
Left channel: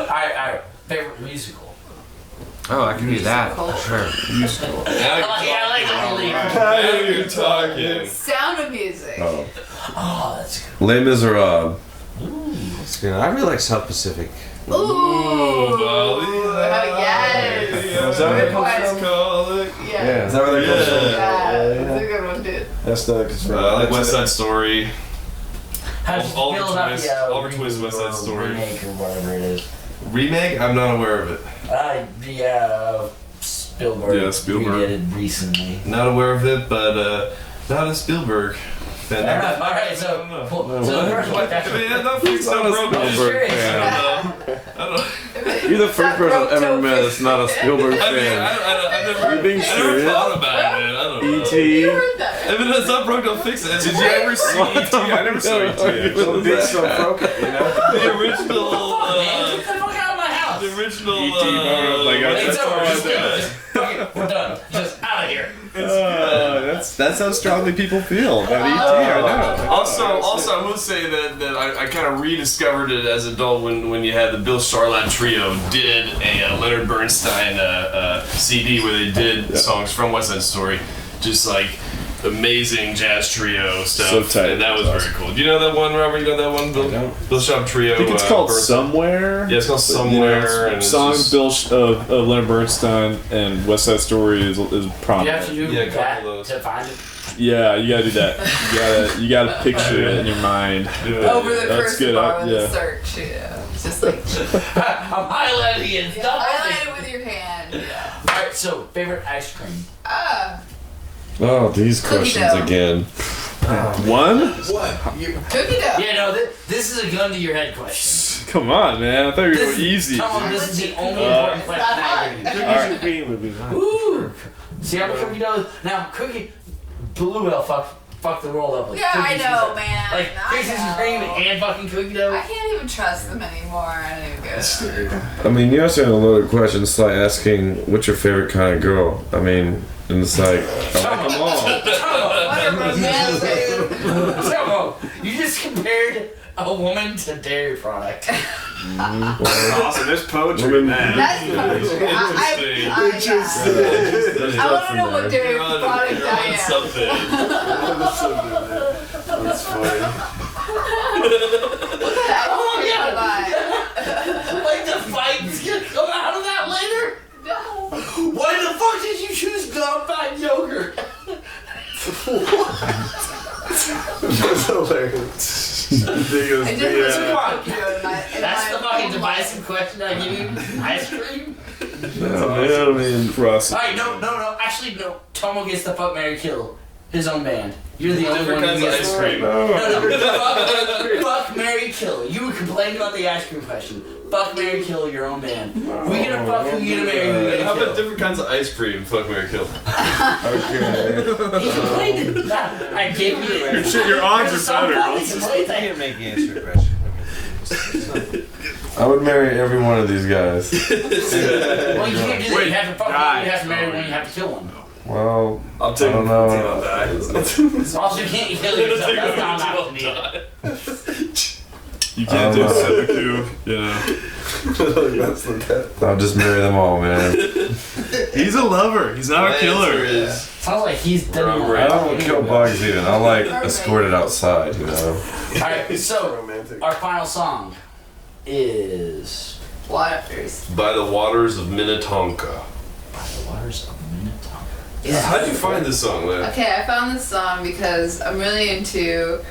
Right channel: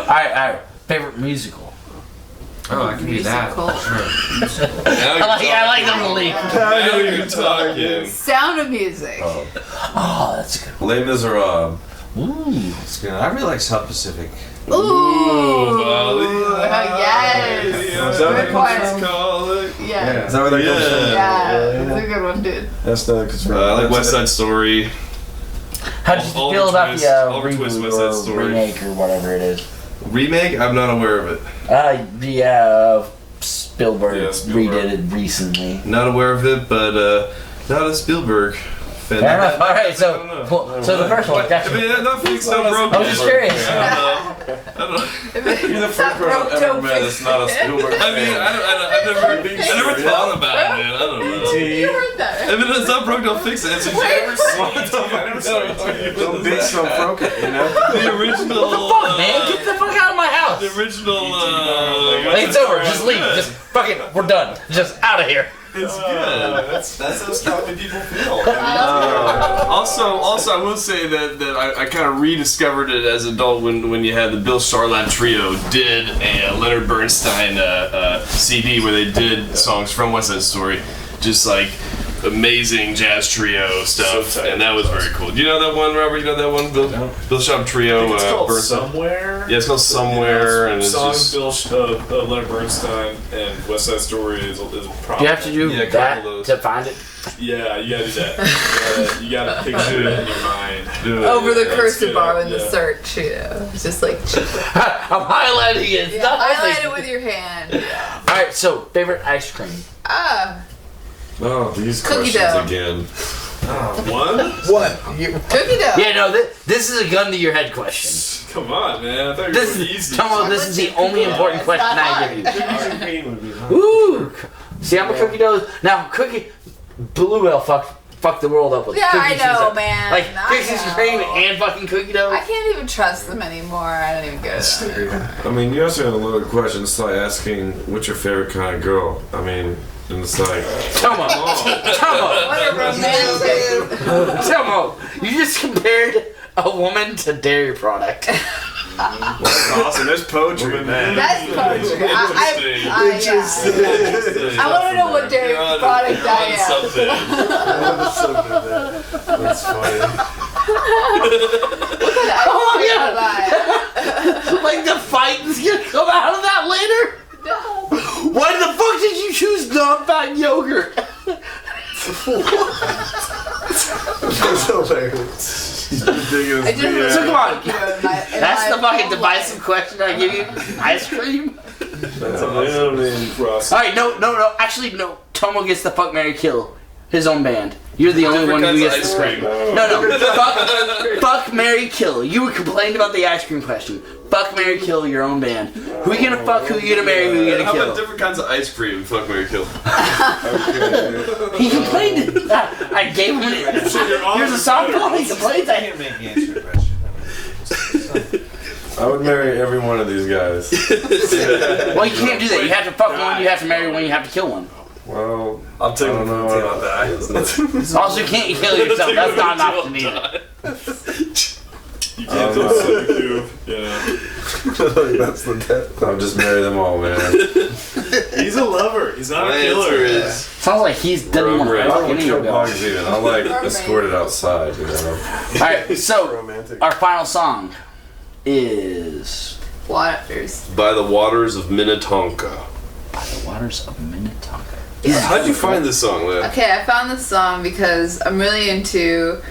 right. Favorite musical. Oh, I can do that. Musical. Sure. I like them to leave. Now you're talking. Sound of Music. Oh, that's good. Les Miserables. That's good. I really like South Pacific. Ooh. Yes. Is that where that Good comes one. from? Yeah. Is that where that comes from? Yeah. That's a good one, dude. That's not because I like West Side Story. How did you Oliver feel about Twist, the Oliver Twist, reboot West Side or Story. remake or whatever it is? Remake? I'm not aware of it. Spielberg, Yeah, Spielberg. redid it recently. Not aware of it, but not a Spielberg fan. Fair enough. All right, I don't know. so the first one. I mean, nothing's so broken. I was just curious. I don't know. You're the first person I've ever met that's not a Spielberg I mean, fan. I've never thought about it, man. I don't know. E.T. You heard that, right? If it's not broke, don't fix it. Did you ever see E.T.? I never saw E.T. Don't be so broken, you know? The original. Man, get the fuck out of my house. The original. It's over. Just leave. Just fuck it. We're done. Just out of here. That's how strongly people feel. Also, I will say that I kind of rediscovered it as an adult when you had the Bill Charlap Trio did a Leonard Bernstein CD where they did songs from West Side Story, just like amazing jazz trio stuff, So tight. and that was very cool. Do you know that one, Robert? You know that one, Bill Charlap Trio? I think it's called Bernstein? Somewhere. Yeah, it's called Somewhere, and it's songs just, Bill Leonard Bernstein and West Side Story is prominent. You have to do Yeah, a couple that of those. to find it. Yeah, you gotta do that. You gotta picture it in your mind. Over the That's cursor good, bar in the yeah. search, It's just like, I'm highlighting it. yeah, Stop highlight missing. it with your hand. Yeah. All right. So favorite ice cream. Oh, these Cookie questions dough. again. One? What? Cookie dough. Yeah, no. This is a gun to your head question. Come on, man. I thought you were This going easy. Come on. This is the only important question I give you. Cookies and cream would be fine. Ooh. See, I'm a cookie dough. Now, cookie. Blue Whale fucked fuck the world up with Yeah, I cookies. know, man. Like I Krispy know. Kreme and fucking cookie dough. I can't even trust them anymore. I don't even go to them. I mean, you also have a loaded question. It's like asking, what's your favorite kind of girl? I mean, and it's like, Tomo. What a romantic. Tomo, you just compared a woman to dairy product. Awesome. There's poetry, man. That's poetry. I want to know what dairy product I am. Something. That's funny. Like the fight is gonna come out of that later? No. Why the fuck did you choose non-fat yogurt? That's hilarious. I just So come on. in That's my the fucking whole divisive life. question I give you. Ice cream? I mean, Ross. Alright, no. Actually, no. Tomo gets the fuck, marry, kill. His own band. You're the only one who gets ice cream. No. Fuck, marry, kill. You were complaining about the ice cream question. Fuck, marry, kill your own band. Who you gonna fuck, who you gonna marry, who you How gonna about kill? different kinds of ice cream? Fuck, marry, kill. He complained. I gave him an Shit, your arms Here's a are better. softball. He complained. I can't make you answer the question. I would marry every one of these guys. Well, you can't do that. You have to fuck one, you have to marry one, you have to kill one. Well, I'll take I one don't for the know. team on that. Also, you can't kill yourself. That's not an option either. You can't do a cube. Yeah. That's the death. I'll just marry them all, man. He's a lover. He's not My a killer. answer is Sounds like he's done Wrong, one. right. I don't kill bugs even. I'll like escort it outside, you know. Alright, so Romantic. our final song is Waters. By the Waters of Minnetonka. By the Waters of Minnetonka. How'd you find this song, Leah? Okay, I found this song because I'm really into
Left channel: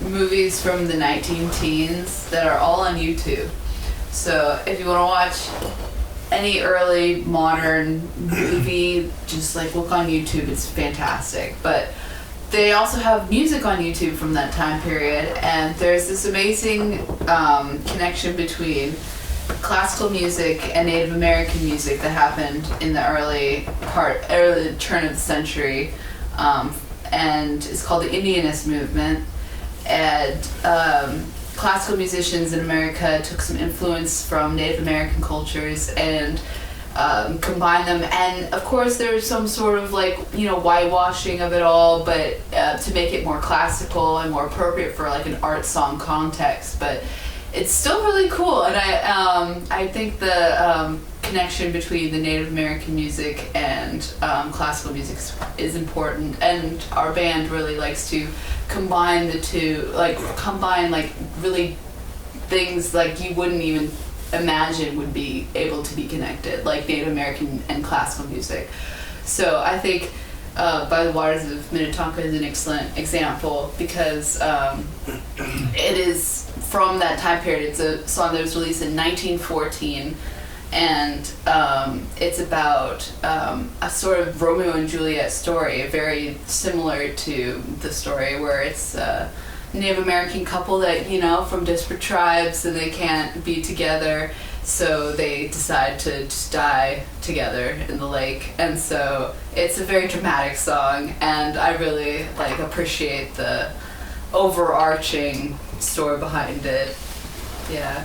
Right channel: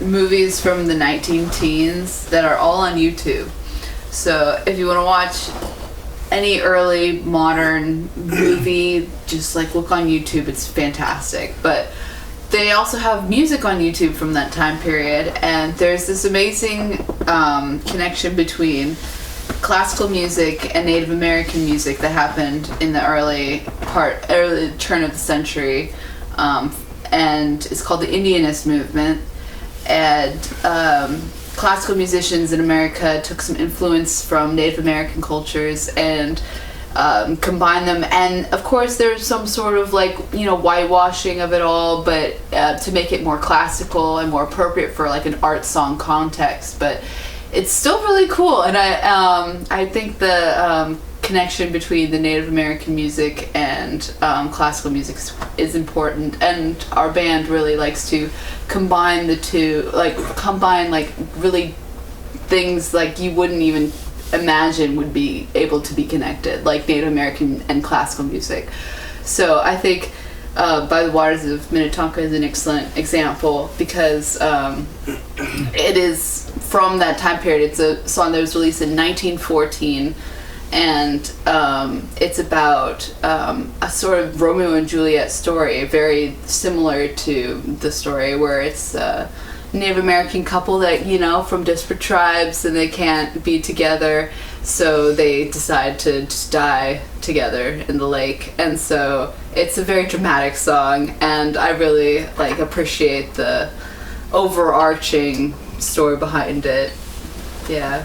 movies from the 19-teens that are all on YouTube. So if you want to watch any early modern movie, just like look on YouTube. It's fantastic. But they also have music on YouTube from that time period, and there's this amazing connection between classical music and Native American music that happened in the early turn of the century, and it's called the Indianist movement. And classical musicians in America took some influence from Native American cultures and combined them. And of course, there's some sort of whitewashing of it all, but to make it more classical and more appropriate for like an art song context. But it's still really cool, and I think the connection between the Native American music and classical music is important, and our band really likes to combine the two, combine really things like you wouldn't even imagine would be able to be connected, like Native American and classical music. So I think By the Waters of Minnetonka is an excellent example because it is from that time period. It's a song that was released in 1914, and it's about a sort of Romeo and Juliet story, very similar to the story where it's a Native American couple that, from disparate tribes, and they can't be together, so they decide to just die together in the lake. And so it's a very dramatic song, and I really appreciate the overarching story behind it. Yeah.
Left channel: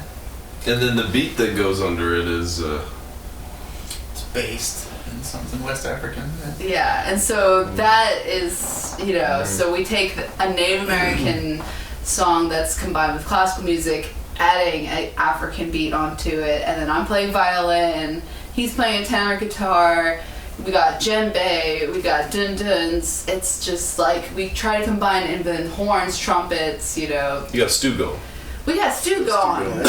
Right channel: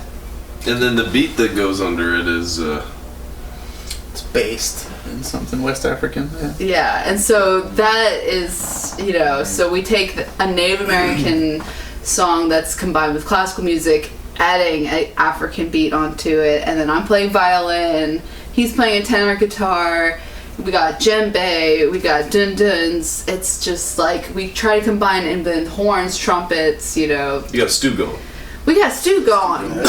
And then the beat that goes under it is It's based in something West African. Yeah. Yeah, and so that is, so we take a Native American song that's combined with classical music, adding an African beat onto it, and then I'm playing violin, he's playing a tenor guitar, we got djembe, we got dun-duns. It's just we try to combine and then horns, trumpets, you got stew going. We got stew going. We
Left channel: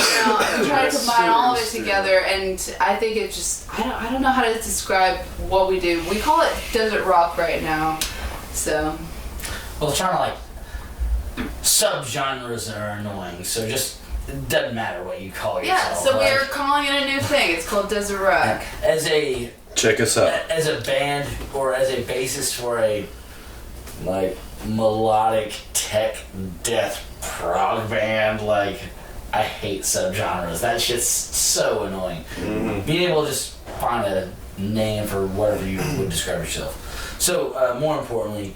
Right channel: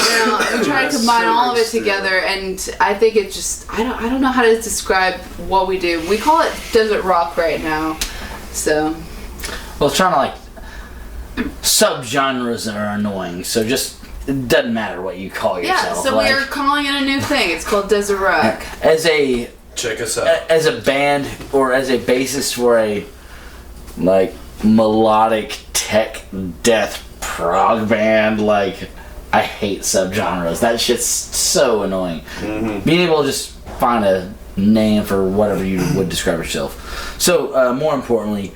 try to combine all of it together, and I think it just I don't know how to describe what we do. We call it desert rock right now. So Well, it's trying to subgenres that are annoying, so just it doesn't matter what you call yourself. yeah, so we are calling it a new thing. It's called desert rock. As a Check us out. as a band or as a bassist for a melodic tech death prog band, I hate subgenres. That shit's so annoying. Mm-hmm. Being able to just find a name for whatever you would describe yourself. So more importantly,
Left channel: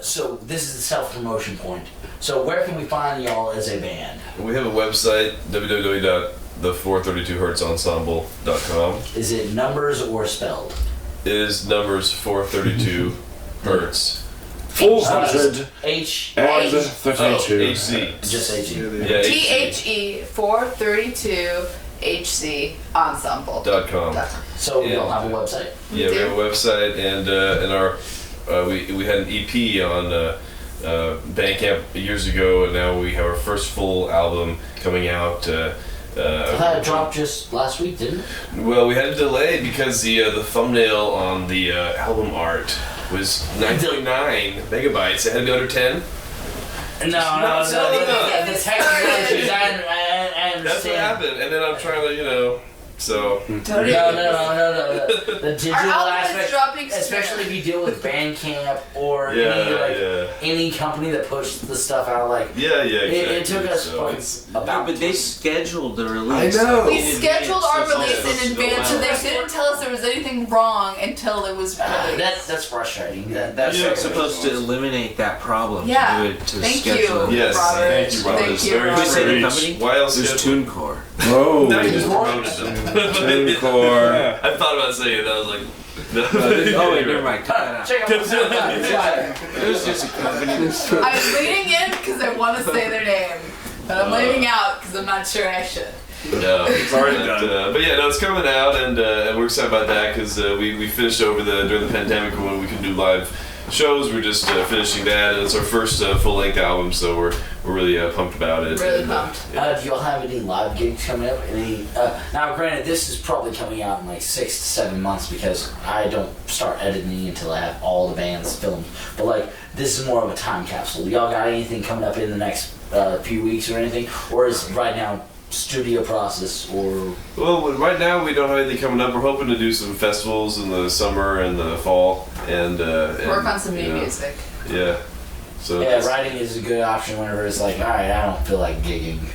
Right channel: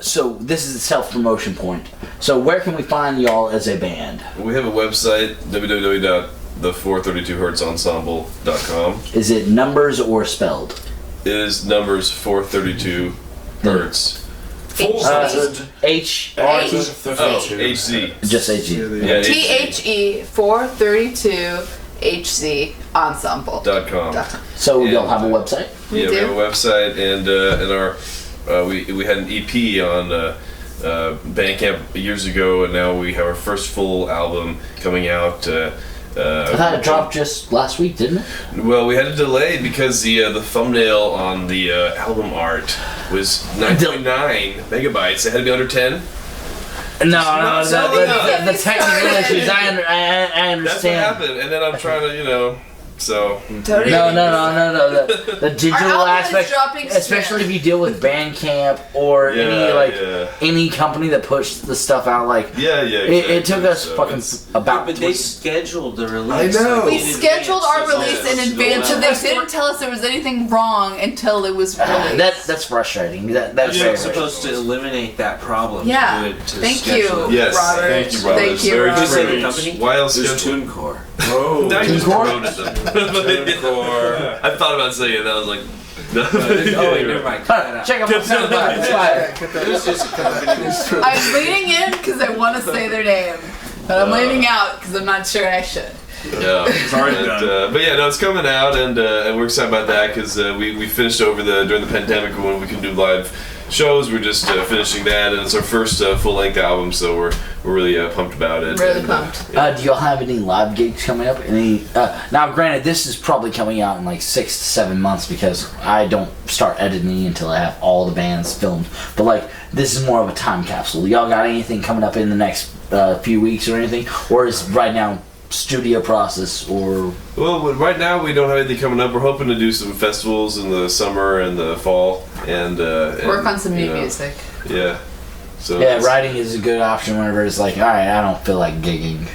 So this is the self-promotion point. So where can we find y'all as a band? We have a website, www.the432hertzensemble.com. Is it numbers or spelled? It is numbers 432 hertz. H. HZ. Just HZ. Yeah, THE 432 HZ Ensemble.com. So y'all have a website? We have a website, and our we had an EP on Bandcamp years ago, and now we have our first full album coming out. I thought it dropped just last week, didn't it? Well, we had a delay because the thumbnail on the album art was 9.9 megabytes. It had to be under 10. No, the technical issues. I understand. That's what happened, and then I'm trying to, so. No. The digital aspect, especially if you deal with Bandcamp or any company that pushes the stuff out, exactly. It took us fucking about. But they scheduled the release. I know. We scheduled our release in advance, so they didn't tell us there was anything wrong until it was released. That's frustrating. You're supposed to eliminate that problem. Yeah. To do it, to Thank schedule you, it. Robert. Thank you, Robert. Thank you, Very Robert. Who said the company? Why else There's schedule? TuneCore. Oh, I just TuneCore? promoted them. TuneCore. I thought about saying it. I was like, no. Oh wait, never mind. Cut that out. Check out my SoundCloud. It's fire. It was just a company. I'm leaning in because I want to say their name, but I'm leaning out because I'm not sure I should. Yeah, but yeah, no, it's coming out, and we're excited about that because we finished over during the pandemic when we can do live shows. We're just finishing that, and it's our first full-length album, so we're really pumped about it. Really pumped. Do y'all have any live gigs coming up? Now, granted, this is probably coming out in like 6 to 7 months because I don't start editing until I have all the bands filmed. But this is more of a time capsule. Y'all got anything coming up in the next few weeks or anything, or is right now studio process or? Well, right now we don't have anything coming up. We're hoping to do some festivals in the summer and the fall, and work on some new music. Yeah. So writing is a good option whenever it's like, all right, I don't feel like gigging.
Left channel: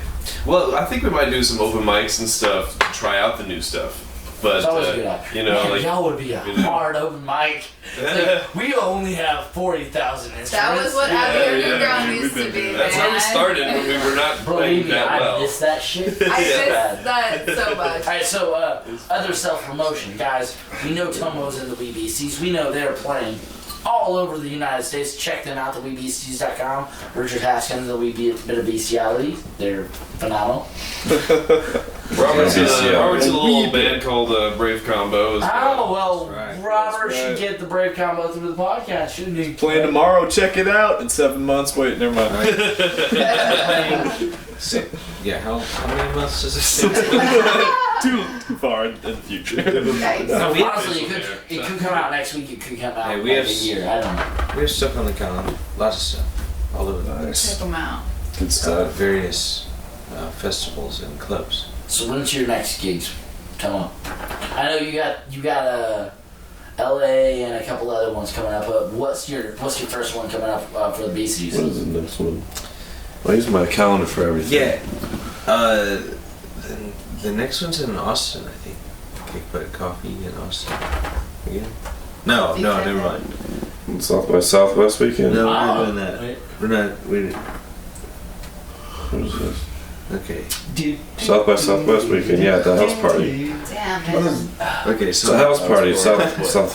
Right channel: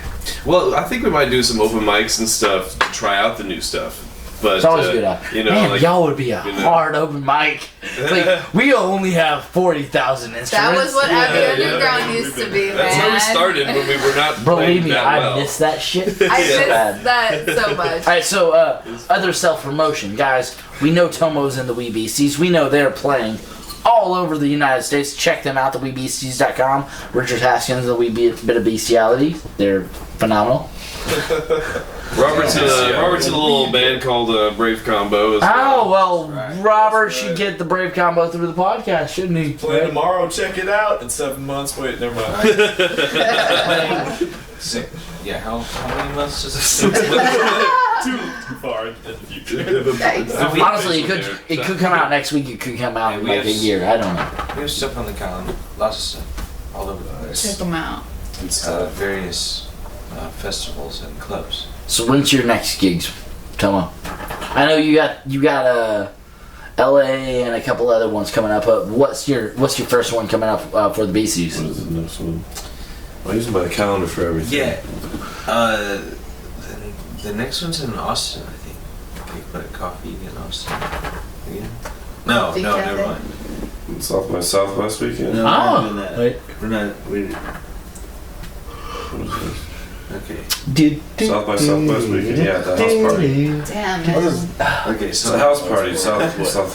Well, I think we might do some open mics and stuff to try out the new stuff. But it's always a good option. Man, y'all would be a hard open mic. It's we only have 40,000 instruments. That was what Abbey Underground used to be, man. That's how we started when we were not playing that well. I miss that shit. I miss that so much. Alright, so other self-promotion. Guys, we know Tomo's in the Wee Beasties. We know they're playing all over the United States. Check them out, theweebeasties.com. Richard Haskins, the Wee Bit of Bestiality. They're phenomenal. Robert's in a little band called Brave Combo. Robert should get the Brave Combo through the podcast, shouldn't he? Playing tomorrow, check it out. In 7 months, wait, never mind. Yeah, how many months does it take? Too far in the future. Honestly, it could come out next week. It could come out in a year. I don't know. We have stuff on the calendar. Lots of stuff. All over the place. Check them out. Various festivals and clubs. So when's your next gigs, Tomo? I know you got LA and a couple other ones coming up. What's your first one coming up for the BCs? What is the next one? I use my calendar for everything. Yeah. The next one's in Austin, I think. Kickbutt Coffee in Austin. Again? No, never mind. South by Southwest weekend. No, we're not doing that. We're not. Okay. South by Southwest weekend. Yeah, at the house party. Damn. Okay, It's a house party. South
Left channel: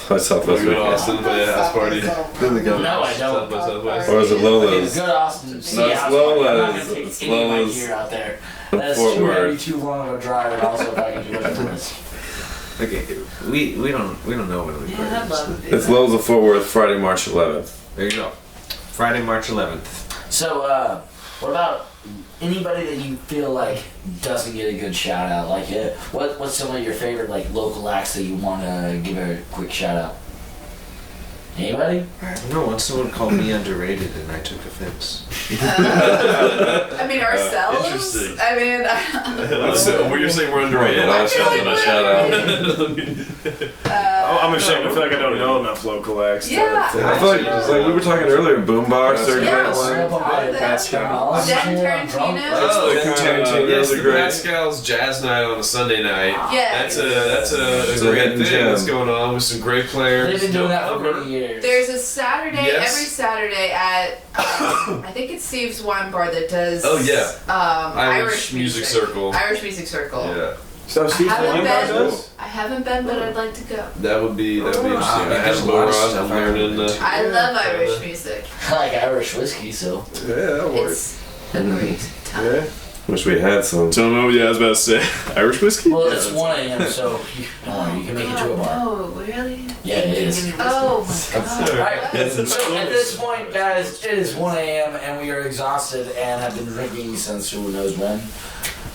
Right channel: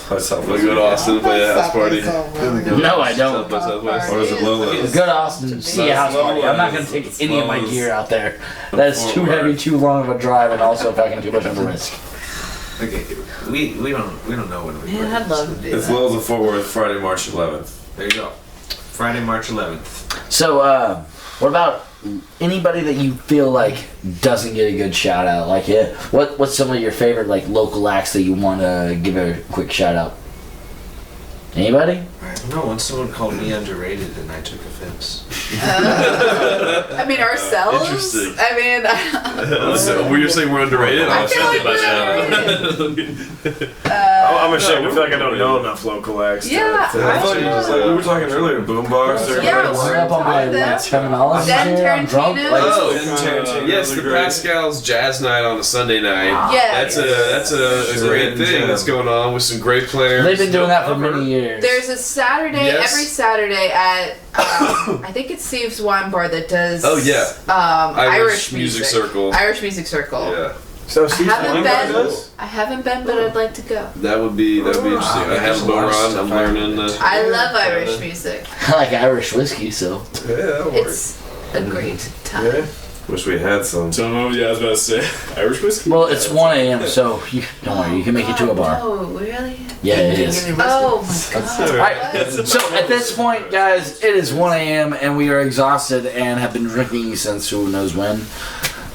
by Southwest. We go to Austin and play a house party. No, I don't. South by Southwest. Or is it Lola's? Go to Austin, see a house party. I'm not going to take any of my gear out there. That's too heavy, too long of a drive, and also fucking too much of a risk. Okay, we don't know when we. Yeah, I'd love to do It's that. Lowe's of Fort Worth, Friday, March 11th. There you go. Friday, March 11th. So, what about anybody that you feel like doesn't get a good shout out? What's some of your favorite local acts that you want to give a quick shout out? Anybody? I don't know. Once someone called me underrated, and I took offense. I mean, ourselves. Interesting. I mean, So, were you saying we're underrated? I feel like my shout out. I'm ashamed. I feel like I don't know enough local acts. Yeah, I feel like we were talking earlier, boombox. Yeah, We're up on like $7 Den here. I'm drunk. Tarantino. Oh, yes, the the great. Pascal's Jazz Night on a Sunday night. Yes. That's a great hidden thing gem. that's going on with some great players. They've been doing No that for cover. many years. There's a Saturday, Yes. every Saturday at, I think it's Steve's Wine Bar that does Oh, yeah. Irish Music music. Circle. Irish Music Circle. Yeah, So Steve haven't Weinberg been. does? I haven't been, but I'd like to go. that would be interesting. I there's have a lot of Boron. stuff I'm I haven't learning. been to. I love Irish music. I like Irish whiskey, so. Yeah, that'll work. It's a great time. Yeah. Wish we had some. Tomo, yeah, I was about to say Irish whiskey. Well, it's 1 a.m., so don't worry, you can make it to a bar. Oh, really? Yeah, it is. Oh my god. Alright, so at this point, guys, it is 1 a.m. and we are exhausted and have been drinking since who knows when.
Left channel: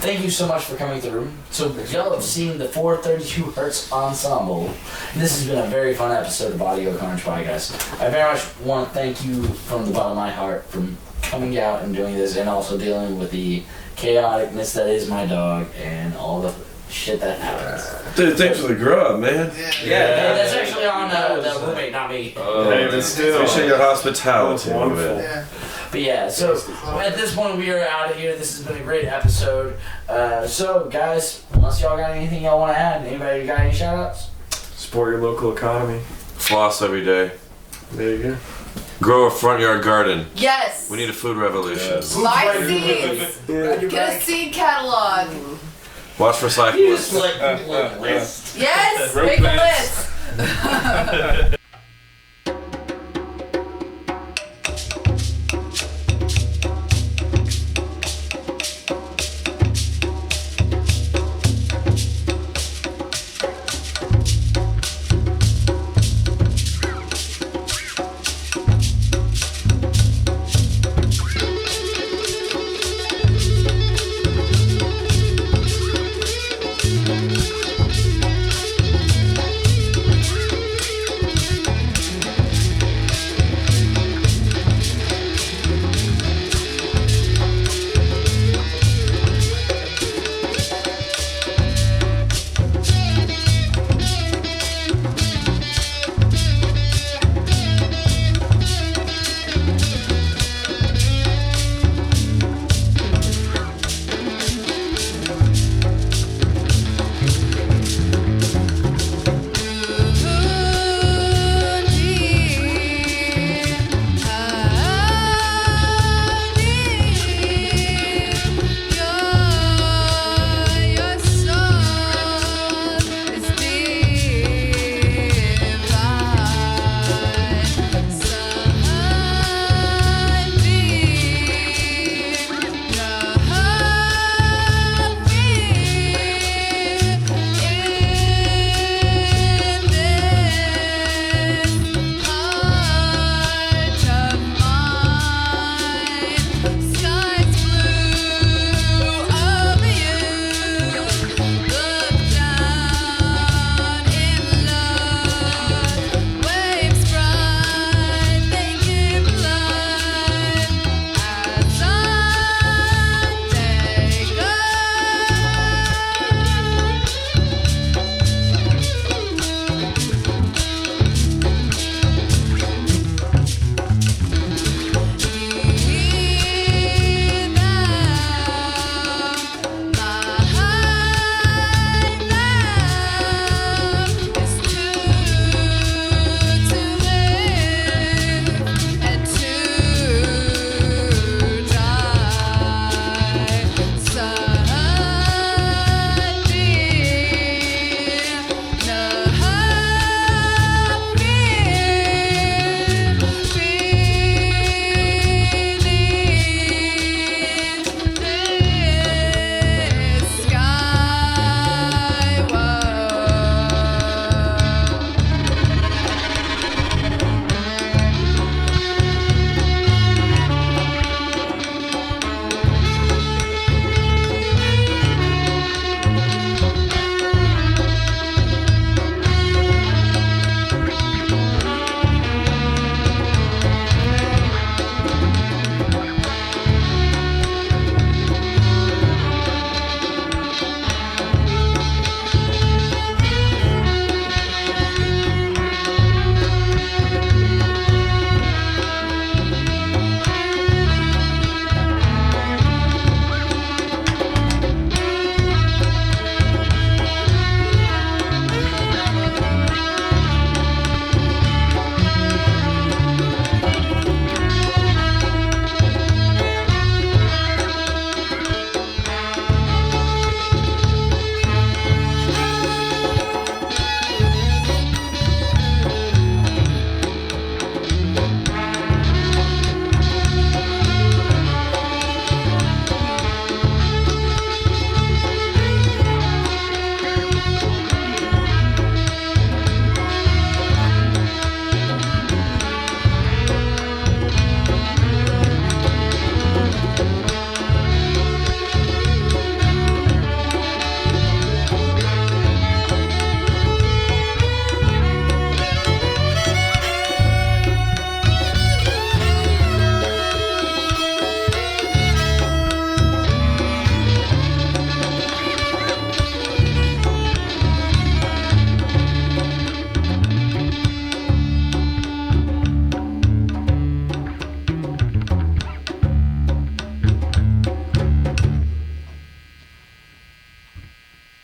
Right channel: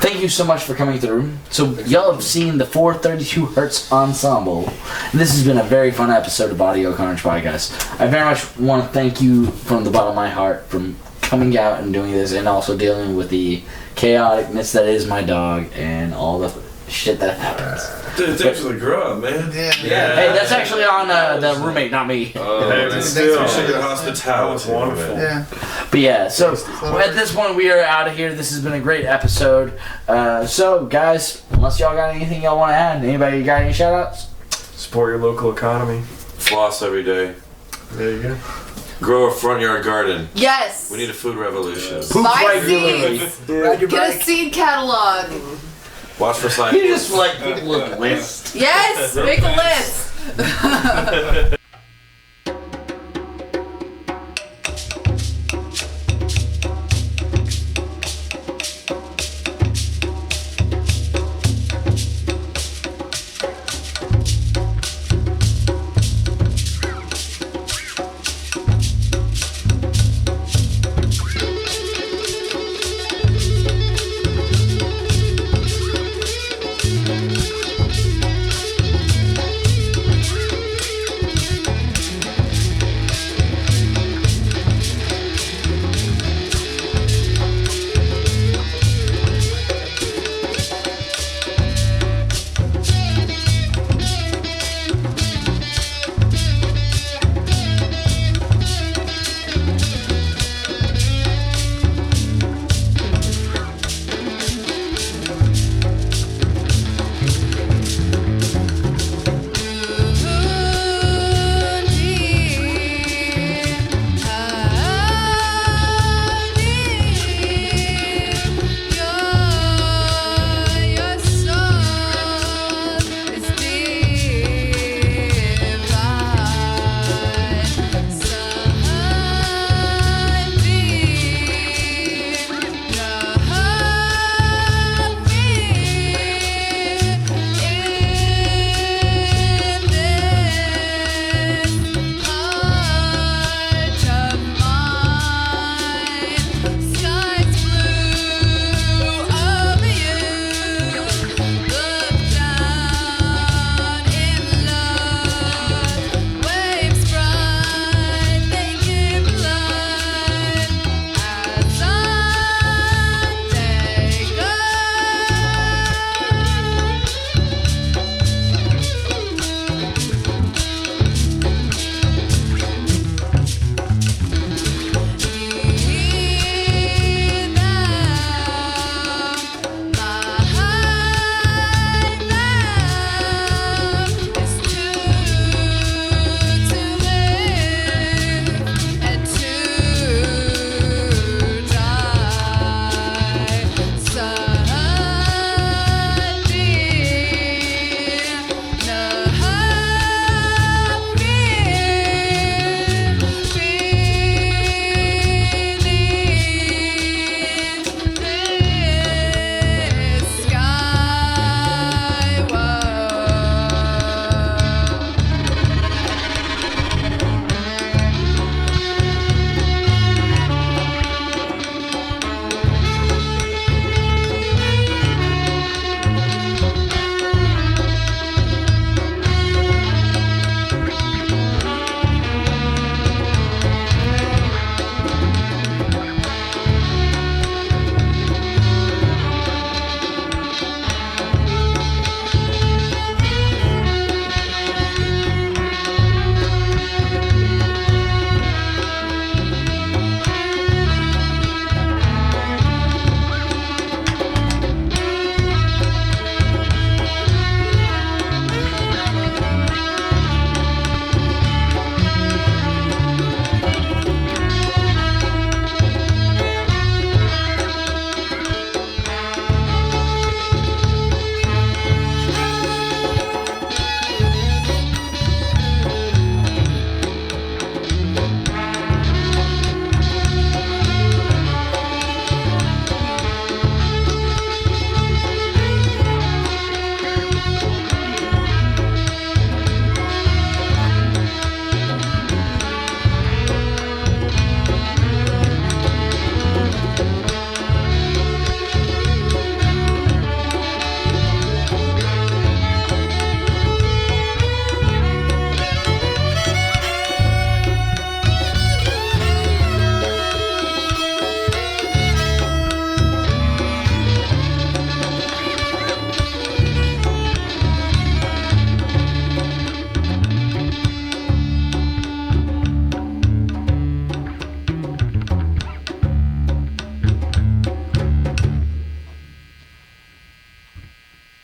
Thank you so much for coming through. So y'all have seen the 432 Hertz Ensemble. And this has been a very fun episode of Audio Carnage Podcast. I very much want to thank you from the bottom of my heart for coming out and doing this and also dealing with the chaoticness that is my dog and all the shit that happens. Dude, thanks for the grub, man. Yeah. Hey, that's actually on the roommate, not me. Hey, but still, Appreciate your that hospitality. was wonderful. Yeah. But yeah, so at this point we are out of here. This has been a great episode. So guys, unless y'all got anything y'all want to add, anybody got any shout outs? Support your local economy. Floss every day. There you go. Grow a front yard garden. Yes. We need a food revolution. Buy seeds. Get a seed catalog. Watch for cyclists. You just like people with lists. Yes. Make a list.